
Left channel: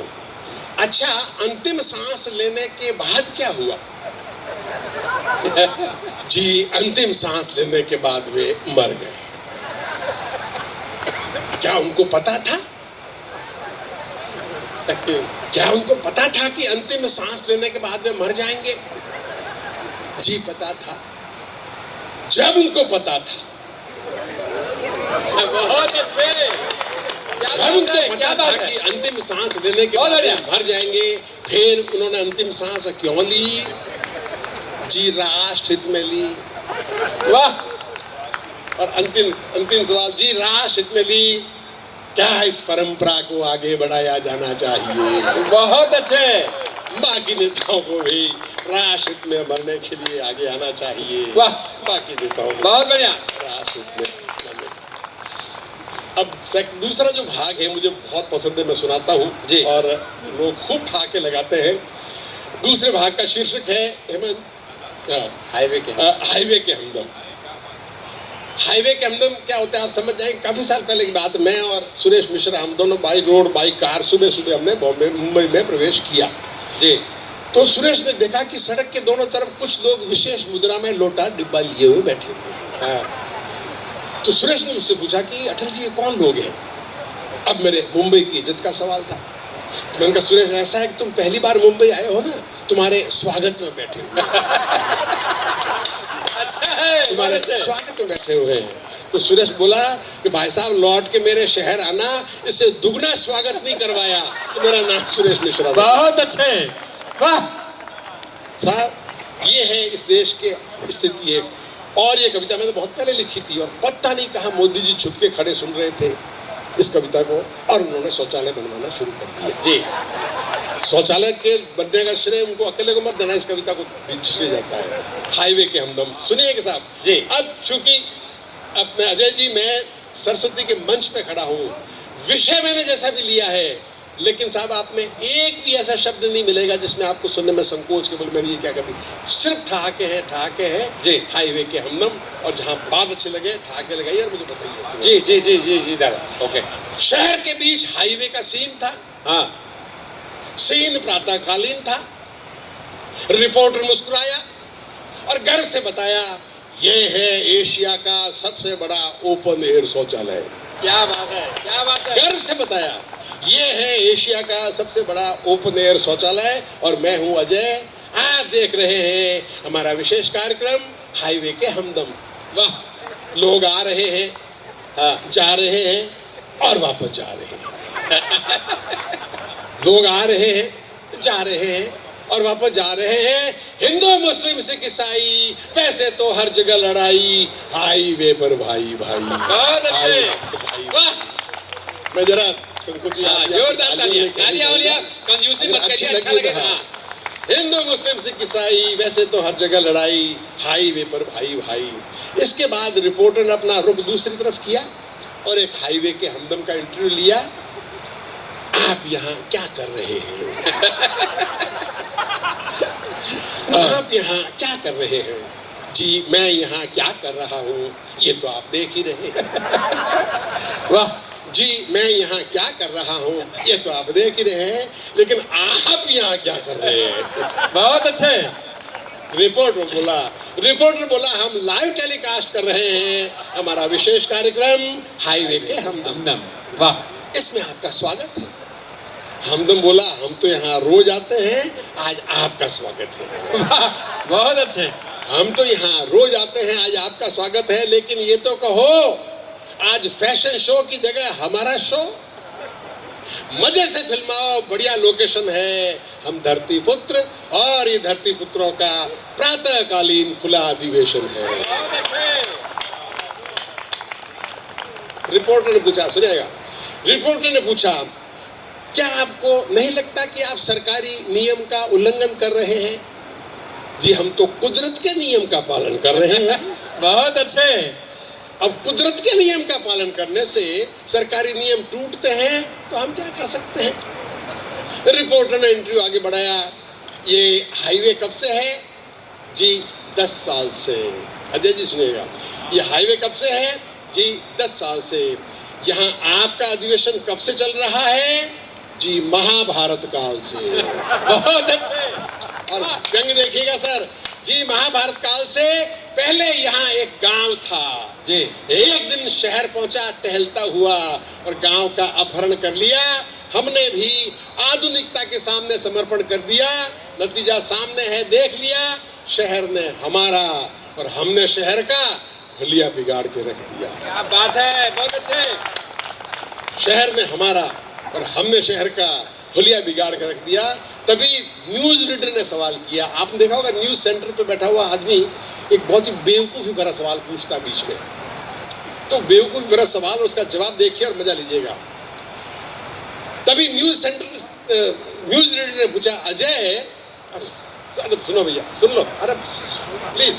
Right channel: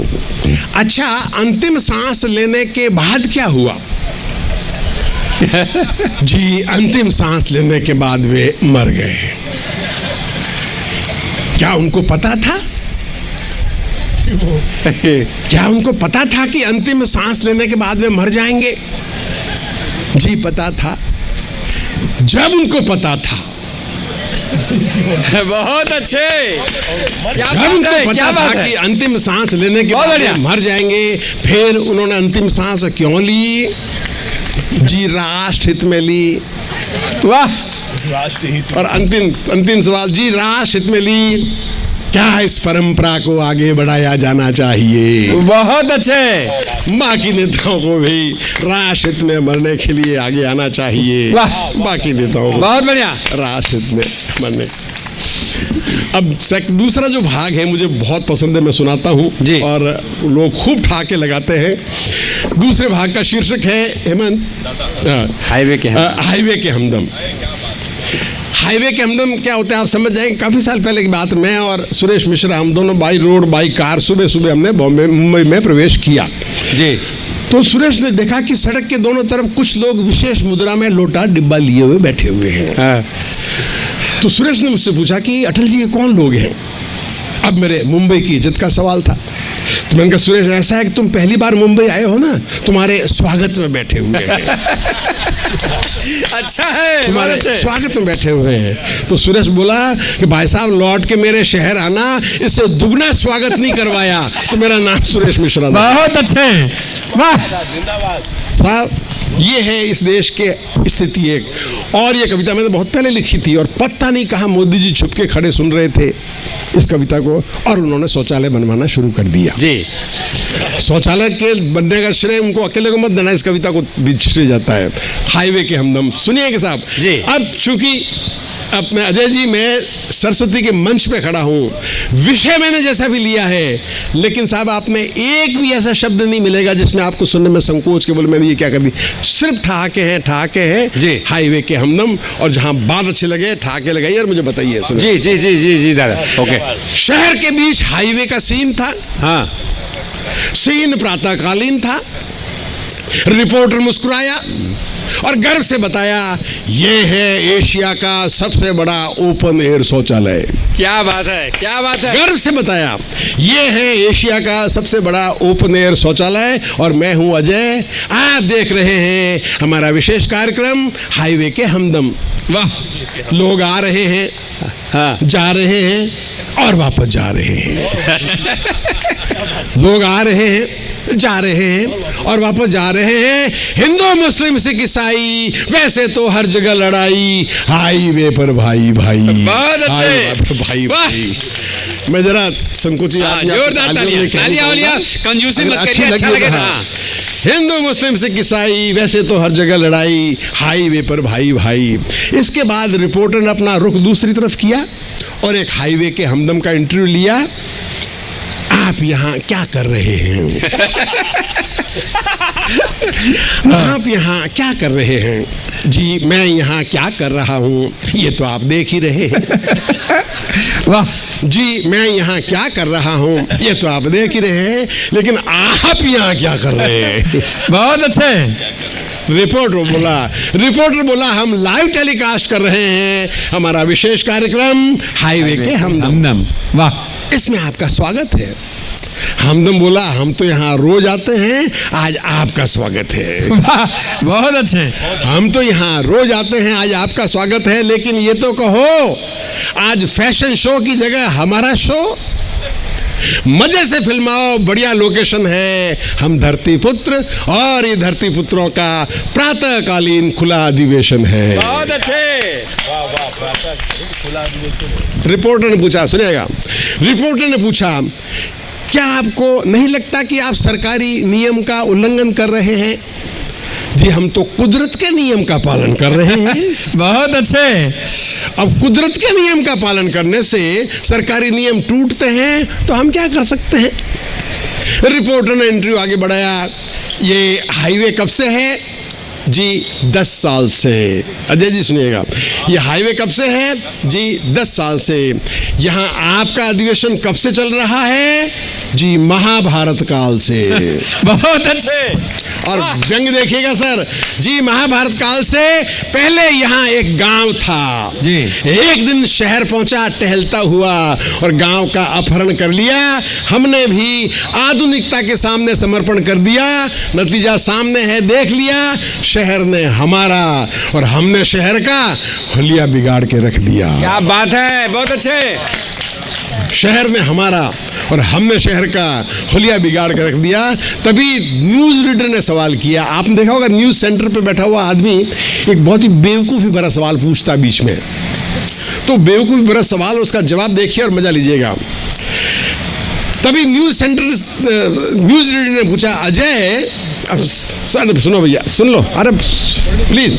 अच्छा, अंतिम सांस लेने के बाद क्या हुआ? जी अंतिम सांस लेने के बाद वे मर गए। क्या उनको पता था? क्या उनको पता था कि अंतिम सांस लेने के बाद वे मर जाएंगे? जी पता था। जब उनको पता था, बहुत अच्छे। जब उनको पता था कि अंतिम सांस लेने के बाद वे मर जाएंगे, फिर उन्होंने अंतिम सांस क्यों ली? जी राष्ट्र हित में ली। वाह। और अंतिम सवाल, जी राष्ट्र हित में ली। क्या इस परंपरा को आगे बढ़ाया जाना चाहिए? बहुत अच्छे। बाकी नेताओं को भी राष्ट्र हित में मरने के लिए आगे आना चाहिए। बाकी नेताओं को बहुत बढ़िया, राष्ट्र हित में मरने। अब दूसरा जो भाग है मुझे बहुत पसंद है, मैं सुनाता हूँ और लोग खूब ठाके लगाते हैं। दूसरे भाग का शीर्षक है हेमंत, हाईवे के हमदम। हाईवे के हमदम क्या होता है आप समझ जाएंगे। काफ़ी साल पहले की बात, मैं और सुरेश मिश्रा हम दोनों बाई रोड बाई कार सुबह सुबह हमने बॉम्बे मुंबई में प्रवेश किया जी। तो सुरेश ने देखा कि सड़क के दोनों तरफ कुछ लोग विशेष मुद्रा में लोटा डिब्बा लिए हुए बैठे हुए हैं। हाँ। तो सुरेश ने मुझसे पूछा कि अटल जी ये कौन लोग हैं। अब मेरे मुंबई की इज्जत का सवाल था, तो मैंने कहा सुरेश ऐसा है कि तुम पहली बार मुंबई आए हो ना, तुम्हारे स्वागत में बैठे हुए हैं। अच्छा है, तुम्हारे स्वागत में बैठे हुए हैं। तो सुरेश बोला कि भाई साहब लौट के मेरे शहर आना, इससे दुगना स्वागत नहीं करवाया। तो मेरा नाम सुरेश मिश्रा। बहुत अच्छे, वाह साहब, ये है इस देश के स्थिति एक। और ये कविता मैंने बहुत पहले लिखी थी और पता नहीं कहाँ मोदी जी छुप के खड़े सुन रहे थे इस कविता को, और उन्होंने शौचालय बनवाना शुरू कर दिया जी। शौचालय के बनने का श्रेय उनको अकेले को मत देना, इस कविता को भी श्रेय जाता है। हाईवे के हमदम सुनिएगा साहब जी। अब चूंकि अपने अजय जी मैं सरस्वती के मंच पे खड़ा हूँ, विषय मैंने जैसा भी लिया है, लेकिन साहब आप में एक भी ऐसा शब्द नहीं मिलेगा जिसमें आपको सुनने में संकोच के बोले मैंने ये क्या कर दी। सिर्फ ठहाके हैं जी। हाईवे के हमदम, और जहाँ बात अच्छे लगे ठहाके लगाइए और मुझे बताइए। जी जी जी जी जी ओके। शहर के बीच हाईवे का सीन था। हाँ। सीन प्रातःकालीन था। रिपोर्टर मुस्कुराया और गर्व से बताया, ये है एशिया का सबसे बड़ा ओपन एयर शौचालय। क्या बात है, क्या बात है। गर्व से बताया, ये है एशिया का सबसे बड़ा ओपन एयर शौचालय, और मैं हूं अजय। आप देख रहे हैं हमारा विशेष कार्यक्रम हाईवे के हमदम। वाह, लोग आ रहे हैं, हाँ। जा रहे हैं और वापस जा रहे हैं। लोग आ रहे हैं, जा रहे हैं और वापस जा रहे हैं। हिंदू मुस्लिम सिख ईसाई, वैसे तो हर जगह लड़ाई, हाईवे पर भाई भाई। बहुत अच्छे। हाईवे पर भाई भाई। मैं जरा संकोची जोरदार तालियां, कंजूसी मत करिए, अच्छा लगेगा। हिंदू मुस्लिम सिख ईसाई, वैसे तो हर जगह लड़ाई, हाईवे पर भाई भाई। इसके बाद रिपोर्टर ने अपना रुख दूसरी तरफ किया और एक हाईवे के हमदम का इंटरव्यू लिया। आप यहाँ क्या कर रहे हैं? आप यहाँ क्या कर रहे हैं? जी मैं यहाँ क्या कर रहा हूँ ये तो आप देख ही रहे हैं। वाह जी, मैं यहाँ क्या कर रहा हूँ ये तो आप देख ही रहे हैं, लेकिन आप यहाँ क्या कर रहे हैं? बहुत अच्छे। रिपोर्टर बोला हम लाइव टेलीकास्ट कर रहे हैं हमारा विशेष कार्यक्रम हाईवे के हमदम। वाह, इसमें आपका स्वागत है। हमदम बोला हम तो यहाँ रोज आते हैं, आज आपका स्वागत है। बहुत अच्छे। हम तो यहाँ रोज आते हैं, आज आपका स्वागत है, लेकिन ये तो कहो आज फैशन शो की जगह हमारा शो, मजे से फिल्माओ, बढ़िया लोकेशन है। हम धरती पुत्र और ये धरती पुत्रों का प्रातःकालीन खुला अधिवेशन है। बहुत अच्छे। रिपोर्टर ने पूछा, सुनिएगा, रिपोर्टर ने पूछा क्या आपको नहीं लगता कि आप सरकारी नियम का उल्लंघन कर रहे हैं? जी हम तो कुदरत के नियम का पालन कर रहे हैं। बहुत अच्छे। अब कुदरत के नियम का पालन करने से सरकारी नियम टूटते हैं तो हम क्या कर सकते हैं? रिपोर्टर ने इंटरव्यू आगे बढ़ाया। ये हाईवे कब से है? जी 10 साल से। अजय जी सुनिएगा, ये हाईवे कब से है? जी 10 साल से। यहाँ आपका अधिवेशन कब से चल रहा है? जी महाभारत काल से। बहुत अच्छे। और जंग देखिएगा सर जी, महाभारत काल से पहले यहाँ एक गांव था जी। एक दिन शहर पहुंचा टहलता हुआ और गांव का अपहरण कर लिया। हमने भी आधुनिकता के सामने समर्पण कर दिया। नतीजा सामने है, देख लिया। शहर ने हमारा और हमने शहर का हुलिया बिगाड़ के रख दिया। क्या बात है, बहुत अच्छे। शहर ने हमारा और हमने शहर का हुलिया बिगाड़ कर रख दिया। तभी न्यूज़ रीडर ने सवाल किया। आपने देखा होगा न्यूज़ सेंटर पे बैठा हुआ आदमी एक बहुत ही बेवकूफ़ी भरा सवाल पूछता बीच में, तो बेवकूफ़ी भरा सवाल, उसका जवाब देखिए और मजा लीजिएगा। तभी न्यूज़ रीडर ने पूछा, अजय अब सर सुनो भैया, सुन लो, अरे प्लीज़,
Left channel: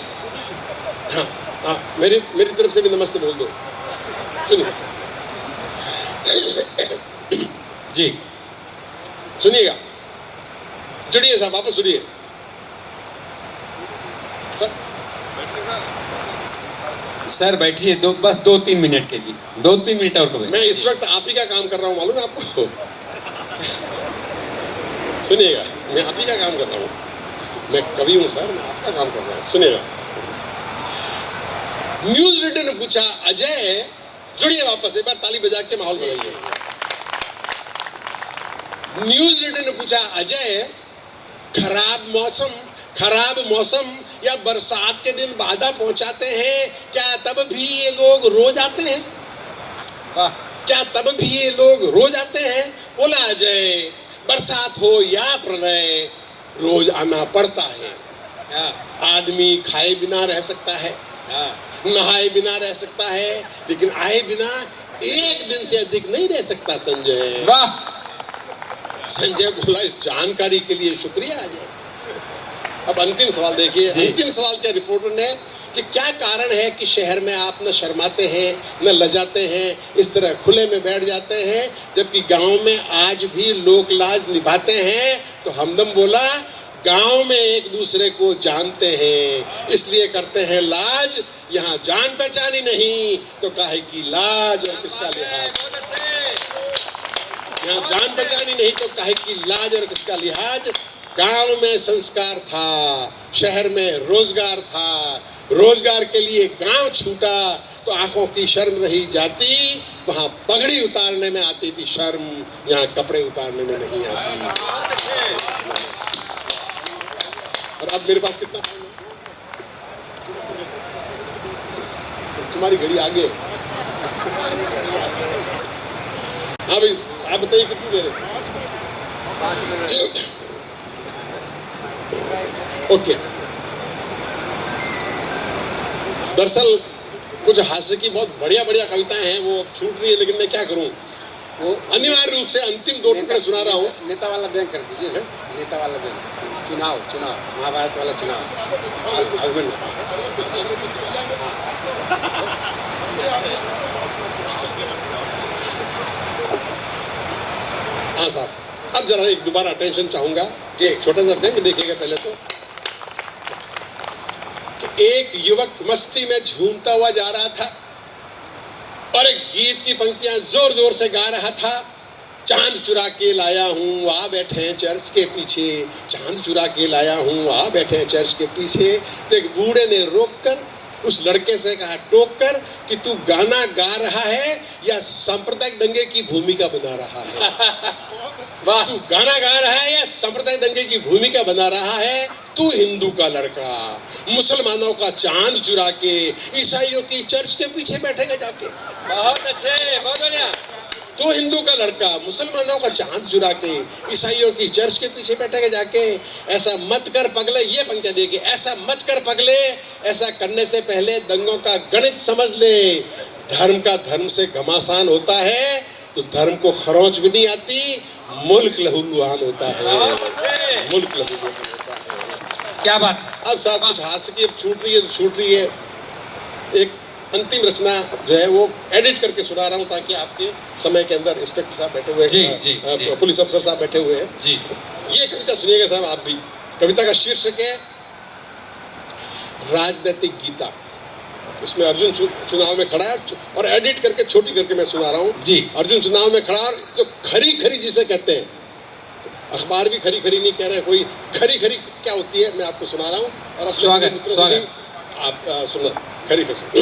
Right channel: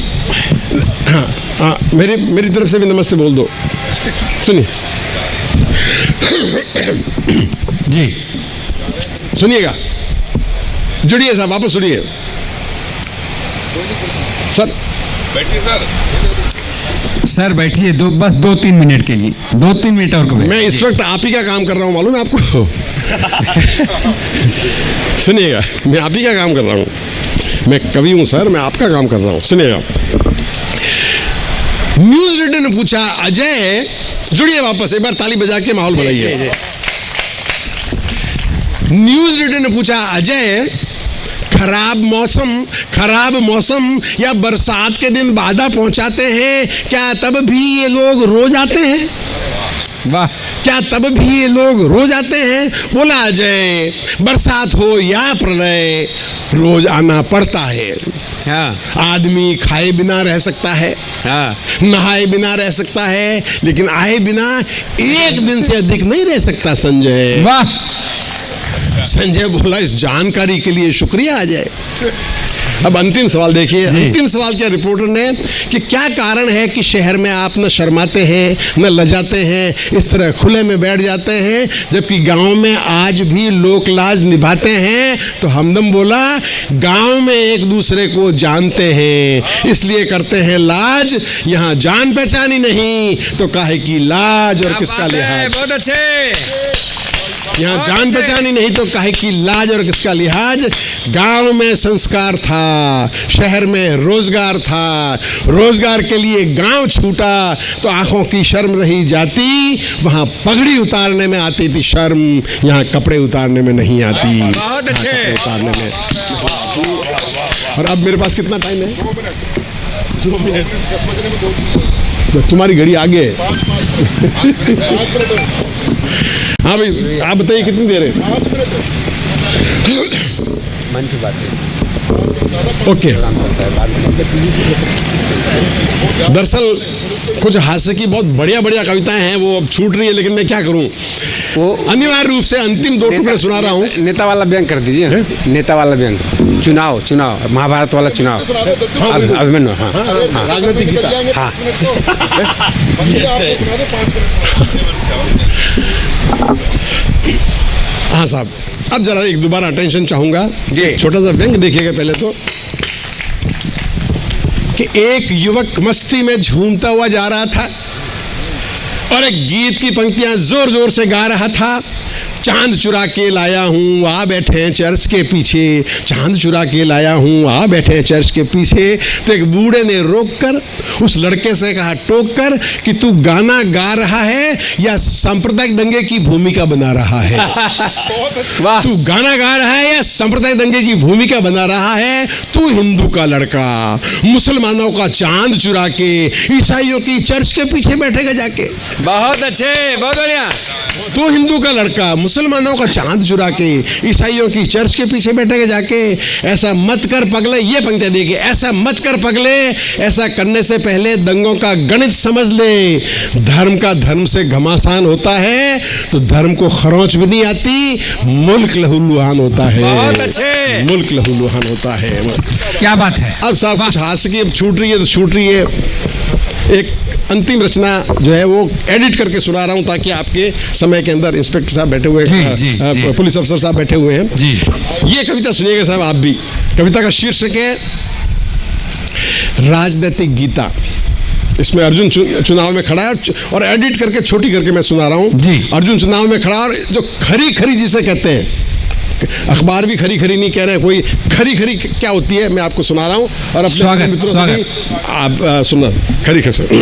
हाँ मेरी तरफ से भी नमस्ते बोल दो। सुनिए जी, सुनिएगा, जुड़िए साहब, वापस सुनिए सर। सर बैठिए, बस 2-3 मिनट के लिए, 2-3 मिनट और करें। मैं इस वक्त आप ही का काम कर रहा हूँ, मालूम है आपको? सुनिएगा, मैं आप ही का काम कर रहा हूँ। मैं कवि हूँ सर, मैं आपका काम कर रहा हूँ। सुनिएगा, न्यूज रीडर ने पूछा, अजय जुड़िए वापस, एक बार ताली बजा के माहौल बनाइए। न्यूज रीडर ने पूछा, अजय खराब मौसम या बरसात के दिन बाधा पहुंचाते हैं, क्या तब भी ये लोग रोज आते हैं? वाह, क्या तब भी ये लोग रोज आते हैं? बोला अजय, बरसात हो या प्रलय रोज आना पड़ता है। हाँ, आदमी खाए बिना रह सकता है, हाँ, नहाए बिना रह सकता है, लेकिन आए बिना एक दिन से अधिक नहीं रह सकता। संजय, वाह। संजय बोला, इस जानकारी के लिए शुक्रिया अजय। अब अंतिम सवाल देखिए, अंतिम सवाल किया रिपोर्टर ने कि क्या कारण है कि शहर में आप न शर्माते हैं न लजाते हैं, इस तरह खुले में बैठ जाते हैं, जबकि गांव में आज भी लोक लाज निभाते हैं। तो हमदम बोला, गांव में एक दूसरे को जानते हैं इसलिए करते हैं लाज, यहाँ जान पहचान ही नहीं तो काहे की लाज और किसका लिहाज। बहुत अच्छे। यहाँ जान पहचान ही नहीं तो काहे की लाज और किसका लिहाज। गांव में संस्कार था, शहर में रोजगार था, रोजगार के लिए गांव छूटा तो आंखों की शर्म रही जाती, वहां पगड़ी उतारने में आती थी शर्म, यहाँ कपड़े उतारने में नहीं आती। बहुत अच्छे। उतारने में। और अब मेरे पास कितना टाइम है? 2 मिनट। तुम्हारी घड़ी आगे है। हाँ भाई, आप बताइए कितनी देर है? ओके। दरअसल कुछ हास्य की बहुत बढ़िया बढ़िया कविताएं हैं, वो अब छूट रही है, लेकिन मैं क्या करूं, वो अनिवार्य रूप से अंतिम 2 टुकड़े सुना रहा हूं। नेता वाला व्यंग कर दीजिए, नेता वाला व्यंग, चुनाव महाभारत वाला चुनाव, अभिमन्यु। हाँ, राजनीतिक गीता। हाँ, हाँ साहब, अब जरा एक दोबारा अटेंशन चाहूंगा। जी। छोटा सा व्यंग देखिएगा पहले तो, कि एक युवक मस्ती में झूमता हुआ जा रहा था और एक गीत की पंक्तियां जोर जोर से गा रहा था। चांद चुरा के लाया हूँ आ बैठे चर्च के पीछे, चांद चुरा के लाया हूँ आ बैठे चर्च के पीछे। तो एक बूढ़े ने रोककर उस लड़के से कहा, टोक कर, कि तू गाना गा रहा है या सांप्रदायिक दंगे की भूमिका बना रहा है? वाह। तू गाना गा रहा है या सांप्रदायिक दंगे की भूमिका बना रहा है? तू हिंदू का लड़का मुसलमानों का चांद चुरा के ईसाइयों की चर्च के पीछे बैठेगा जाके। बहुत अच्छे, बहुत बढ़िया। तू हिंदू का लड़का मुसलमानों का चांद चुरा के ईसाइयों की चर्च के पीछे बैठेगा जाके। ऐसा मत कर पगले, ये पंक्तियां देखिए, ऐसा मत कर पगले, ऐसा करने से पहले दंगों का गणित समझ ले। धर्म का धर्म से घमासान होता है तो धर्म को खरोच भी नहीं आती, मुल्क लहूलुहान होता है। बहुत अच्छे। मुल्क लहूलुहान होता है। क्या बात है। अब साहब कुछ हास्य की अब छूट रही है तो छूट रही है। एक अंतिम रचना जो है वो एडिट करके सुना रहा हूँ ताकि आपके समय के अंदर इंस्पेक्टर साहब बैठे हुए हैं, पुलिस अफसर साहब बैठे हुए हैं जी। ये कविता सुनिएगा साहब आप भी। कविता का शीर्षक है राजनीतिक गीता। इसमें अर्जुन चुनाव में खड़ा है और एडिट करके छोटी करके मैं सुना रहा हूँ जी। अर्जुन चुनाव में खड़ा और जो खरी खरी जिसे कहते हैं, अखबार भी खरी खरी नहीं कह रहे, कोई खरी खरी क्या होती है मैं आपको सुना रहा हूँ और अपने मित्रों से आप सुनना खरी खरी।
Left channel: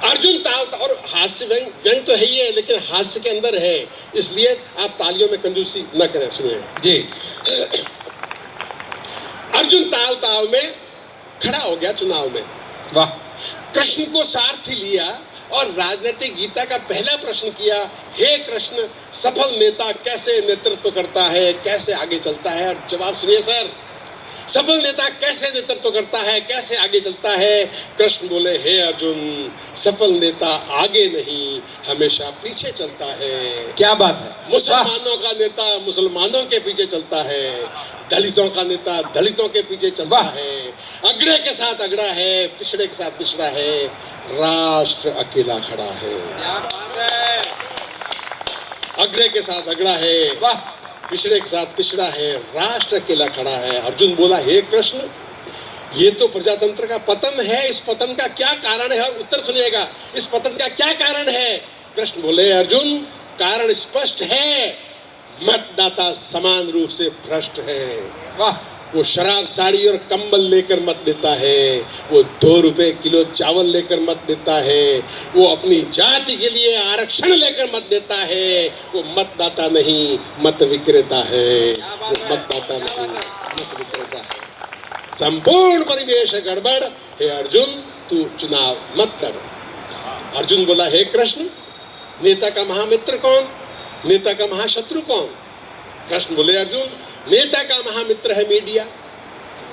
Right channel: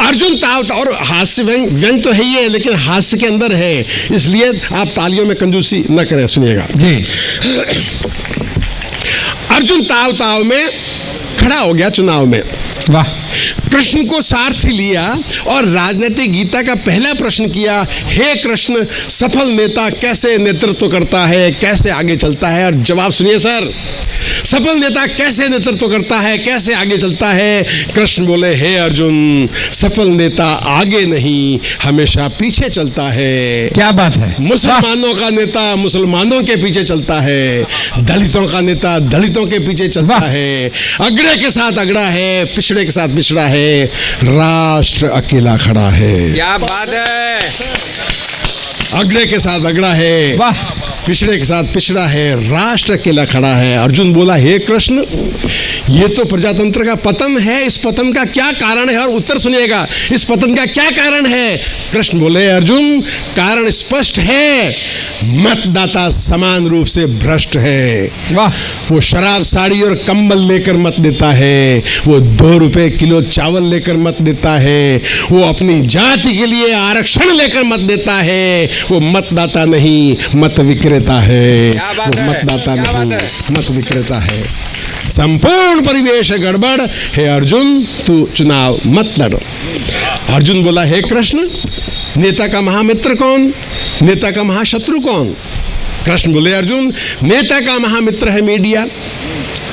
अर्जुन ताव, और हास्य व्यंग तो है ही है लेकिन हास्य के अंदर है, इसलिए आप तालियों में कंजूसी न करें, सुनिएगा जी। अर्जुन ताव ताव में खड़ा हो गया चुनाव में। वाह। कृष्ण को सारथी लिया और राजनीतिक गीता का पहला प्रश्न किया, हे कृष्ण, सफल नेता कैसे नेतृत्व करता है, कैसे आगे चलता है? और जवाब सुनिए सर, सफल नेता कैसे नेतृत्व करता है, कैसे आगे चलता है? कृष्ण बोले, हे अर्जुन, सफल नेता आगे नहीं हमेशा पीछे चलता है। क्या बात है। मुसलमानों का नेता मुसलमानों के पीछे चलता है, दलितों का नेता दलितों के पीछे चलता है, अगड़े के साथ अगड़ा है, पिछड़े के साथ पिछड़ा है, राष्ट्र अकेला खड़ा है। क्या बात है। अगड़े के साथ अगड़ा है, पिछड़े के साथ पिछड़ा है, राष्ट्र अकेला खड़ा है। अर्जुन बोला, हे कृष्ण, ये तो प्रजातंत्र का पतन है, इस पतन का क्या कारण है? और उत्तर सुनिएगा, इस पतन का क्या कारण है? कृष्ण बोले, अर्जुन, कारण स्पष्ट है, मतदाता समान रूप से भ्रष्ट है। वाह! वो शराब, साड़ी और कंबल लेकर मत देता है, वो 2 रुपए किलो चावल लेकर मत देता है, वो अपनी जाति के लिए आरक्षण लेकर मत देता है। वो मतदाता नहीं, मत विक्रेता है। वो मतदाता नहीं, मत विक्रेता है। संपूर्ण परिवेश गड़बड़ है। अर्जुन, तू चुनाव मत लड़। अर्जुन बोला, हे कृष्ण, नेता का महामित्र कौन, नेता का महाशत्रु कौन? कृष्ण बोले, अर्जुन, नेता का महामित्र है मीडिया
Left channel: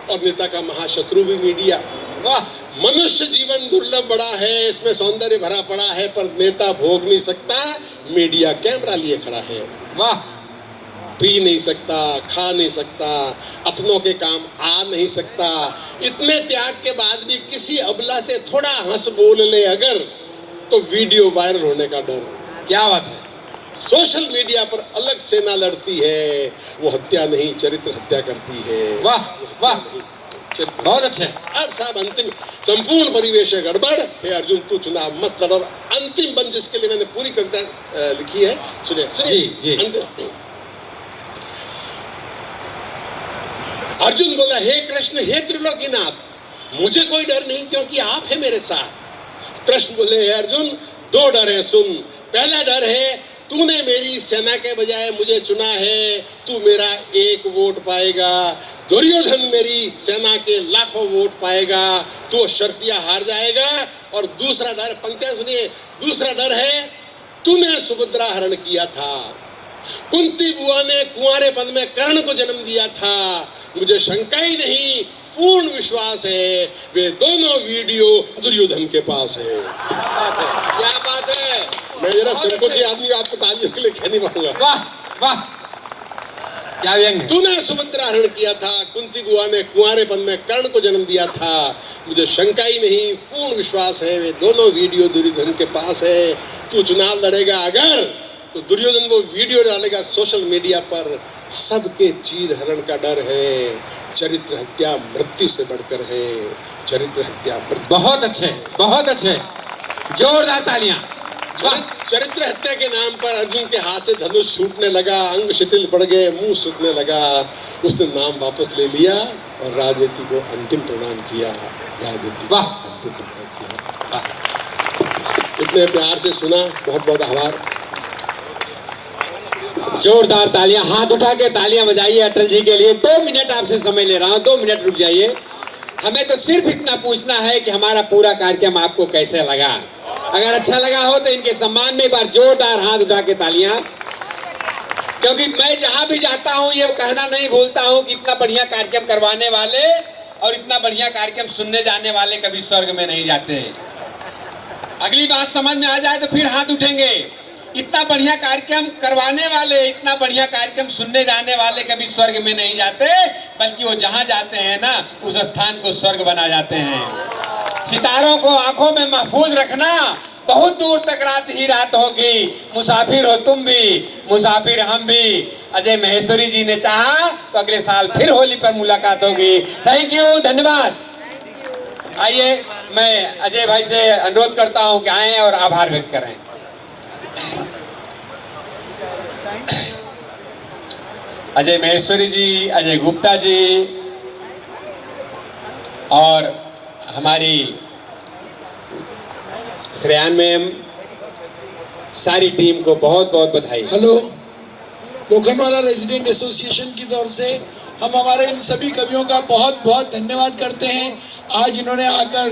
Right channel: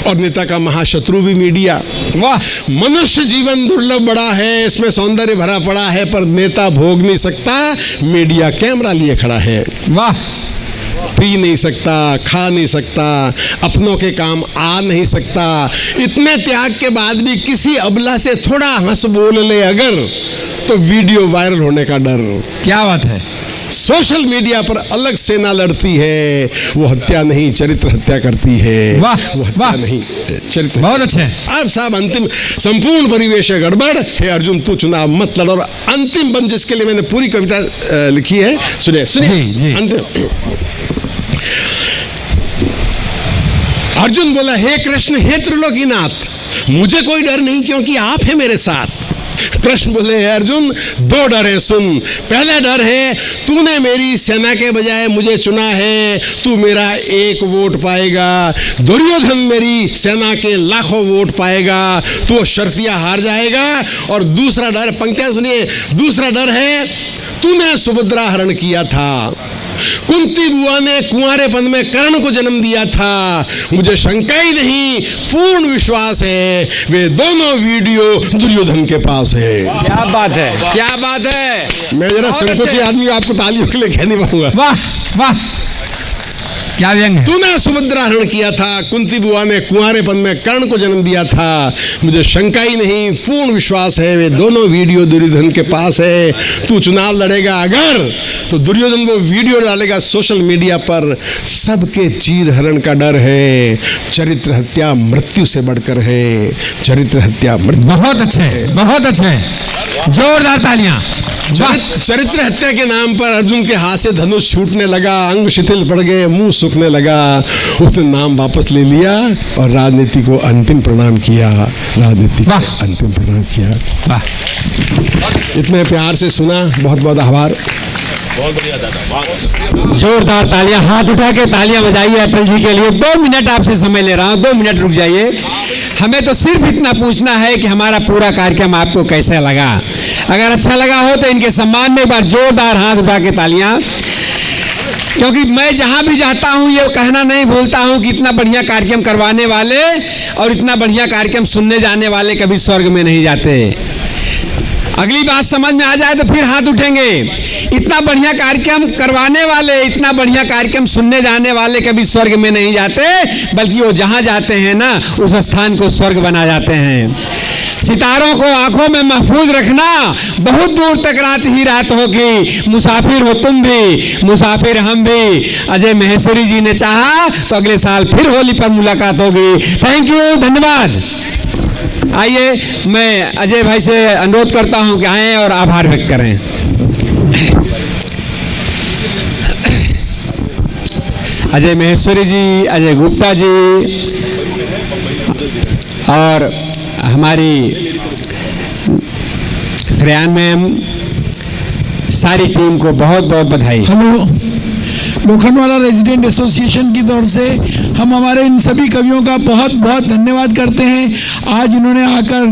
और नेता का महाशत्रु भी मीडिया। वाह! मनुष्य जीवन दुर्लभ बड़ा है, इसमें सौंदर्य भरा पड़ा है, पर नेता भोग नहीं सकता, मीडिया कैमरा लिए खड़ा है। वाह! पी नहीं सकता, खा नहीं सकता, अपनों के काम आ नहीं सकता। इतने त्याग के बाद भी किसी अबला से थोड़ा हंस बोल ले अगर, तो वीडियो वायरल होने का डर। क्या बात है! सोशल मीडिया पर अलग सेना लड़ती है, वो हत्या नहीं, चरित्र हत्या करती है। वाह! वो हत्या नहीं, चरित्र। बहुत अच्छे। अब साहब अंतिम, संपूर्ण परिवेश गड़बड़ है। अर्जुन, तू चुनाव मत लड़। और अंतिम बंद, जिसके लिए मैंने पूरी कविता लिखी है, सुनिए सुनिए। अर्जुन बोला, हे कृष्ण, हे त्रिलोकीनाथ, मुझे कोई डर नहीं, क्योंकि आप है मेरे साथ। कृष्ण बोले, हे अर्जुन, 2 डर है, सुन। पहला डर है, तूने मेरी सेना के बजाय मुझे चुना है, तू मेरा 1 वोट पाएगा। दुर्योधन मेरी सेना के लाखों वोट पाएगा, तू शर्तिया हार जाएगा। और दूसरा डर, पंक्तियां सुनिए, दूसरा डर है, तूने सुभद्रा हरण किया था, कुंती बुआ ने कुंवारेपन में कर्ण को जन्म दिया था, मुझे शंका ही नहीं, पूर्ण विश्वास है, वे दोनों वीडियो दुर्योधन के पास है। क्या बात है, क्या बात है! मैं जरा संकोची आदमी, आपको तालियों के लिए कहने पाऊंगा। वाह वाह, क्या व्यंग है! तूने सुभद्रा हरण किया था, कुंती बुआ ने कुंवारेपन में कर्ण को जन्म दिया था, मुझे शंका ही नहीं, पूर्ण विश्वास है, वे दोनों वीडियो दुर्योधन के पास है। तू चुनाव लड़ेगा अगर, तो दुर्योधन वो वीडियो डालेगा सोशल मीडिया पर। सबके चीर हरण का डर है, चरित्र हत्या मृत्यु से बढ़कर है, चरित्र हत्या मृत्यु। बहुत अच्छे, बहुत अच्छे, जोरदार तालियां। चरित्र हत्या के नाम पर अर्जुन के हाथ से धनुष छूटने लगा, अंग शिथिल पड़ गए, मुंह सूखने लगा। उसने नाम वापस ले लिया और राजनीति को अंतिम प्रणाम किया, राजनीति को अंतिम प्रणाम किया। इतने प्यार से सुना, बहुत बहुत आभार। जोरदार तालियां, हाथ उठा के तालियां बजाइए अटल जी के लिए। 2 मिनट आपसे समय ले रहा हूं, 2 मिनट रुक जाइए। हमें तो सिर्फ इतना पूछना है कि हमारा पूरा कार्यक्रम आपको कैसे लगा। अगर अच्छा लगा हो तो इनके सम्मान में एक बार जोरदार हाथ उठा के तालियां। क्योंकि मैं जहां भी जाता हूं ये कहना नहीं भूलता हूं कि इतना बढ़िया कार्यक्रम करवाने वाले और इतना बढ़िया कार्यक्रम सुनने जाने वाले कभी स्वर्ग में नहीं जाते। अगली बात समझ में आ जाए तो फिर हाथ उठेंगे। इतना बढ़िया कार्यक्रम करवाने वाले, इतना बढ़िया कार्यक्रम सुनने जाने वाले कभी स्वर्ग में नहीं जाते, बल्कि वो जहां जाते हैं ना, उस स्थान को स्वर्ग बना जाते हैं। सितारों को आंखों में महफूज रखना, बहुत दूर तक रात ही रात होगी। मुसाफिर हो तुम भी, मुसाफिर हम भी। अजय महेश्वरी जी ने चाहा तो अगले साल फिर होली पर मुलाकात होगी। थैंक यू, धन्यवाद। आइए, मैं अजय भाई से अनुरोध करता हूं कि आए और आभार व्यक्त करें। अजय महेश्वरी जी, अजय गुप्ता जी और हमारी श्रेयान मैम, सारी टीम को बहुत बहुत बधाई। हेलो, लोखंडवाला रेजिडेंट एसोसिएशन की तरफ से हम हमारे इन सभी कवियों का बहुत बहुत धन्यवाद करते हैं। आज इन्होंने आकर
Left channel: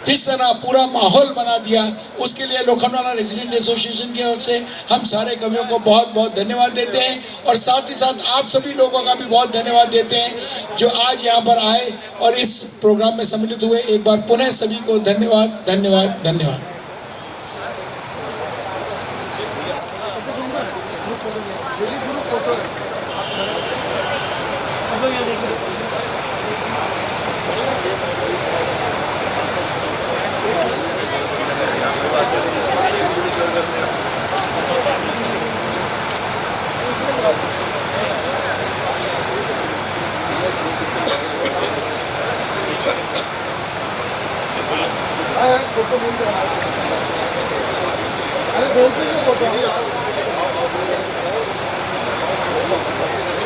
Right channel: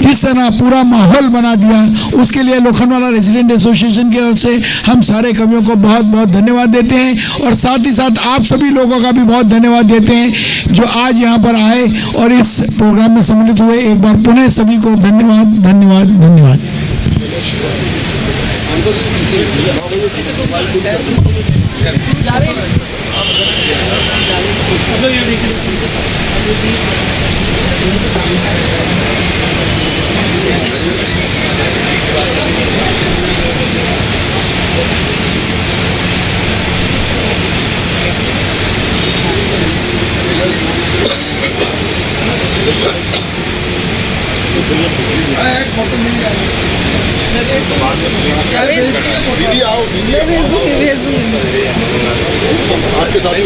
जिस तरह पूरा माहौल बना दिया, उसके लिए लोखंडवाला रेजिडेंट एसोसिएशन की ओर से हम सारे कवियों को बहुत बहुत धन्यवाद देते हैं। और साथ ही साथ आप सभी लोगों का भी बहुत धन्यवाद देते हैं जो आज यहाँ पर आए और इस प्रोग्राम में सम्मिलित हुए। एक बार पुनः सभी को धन्यवाद धन्यवाद धन्यवाद। दीदी आओ, दीदी आपके साथ ही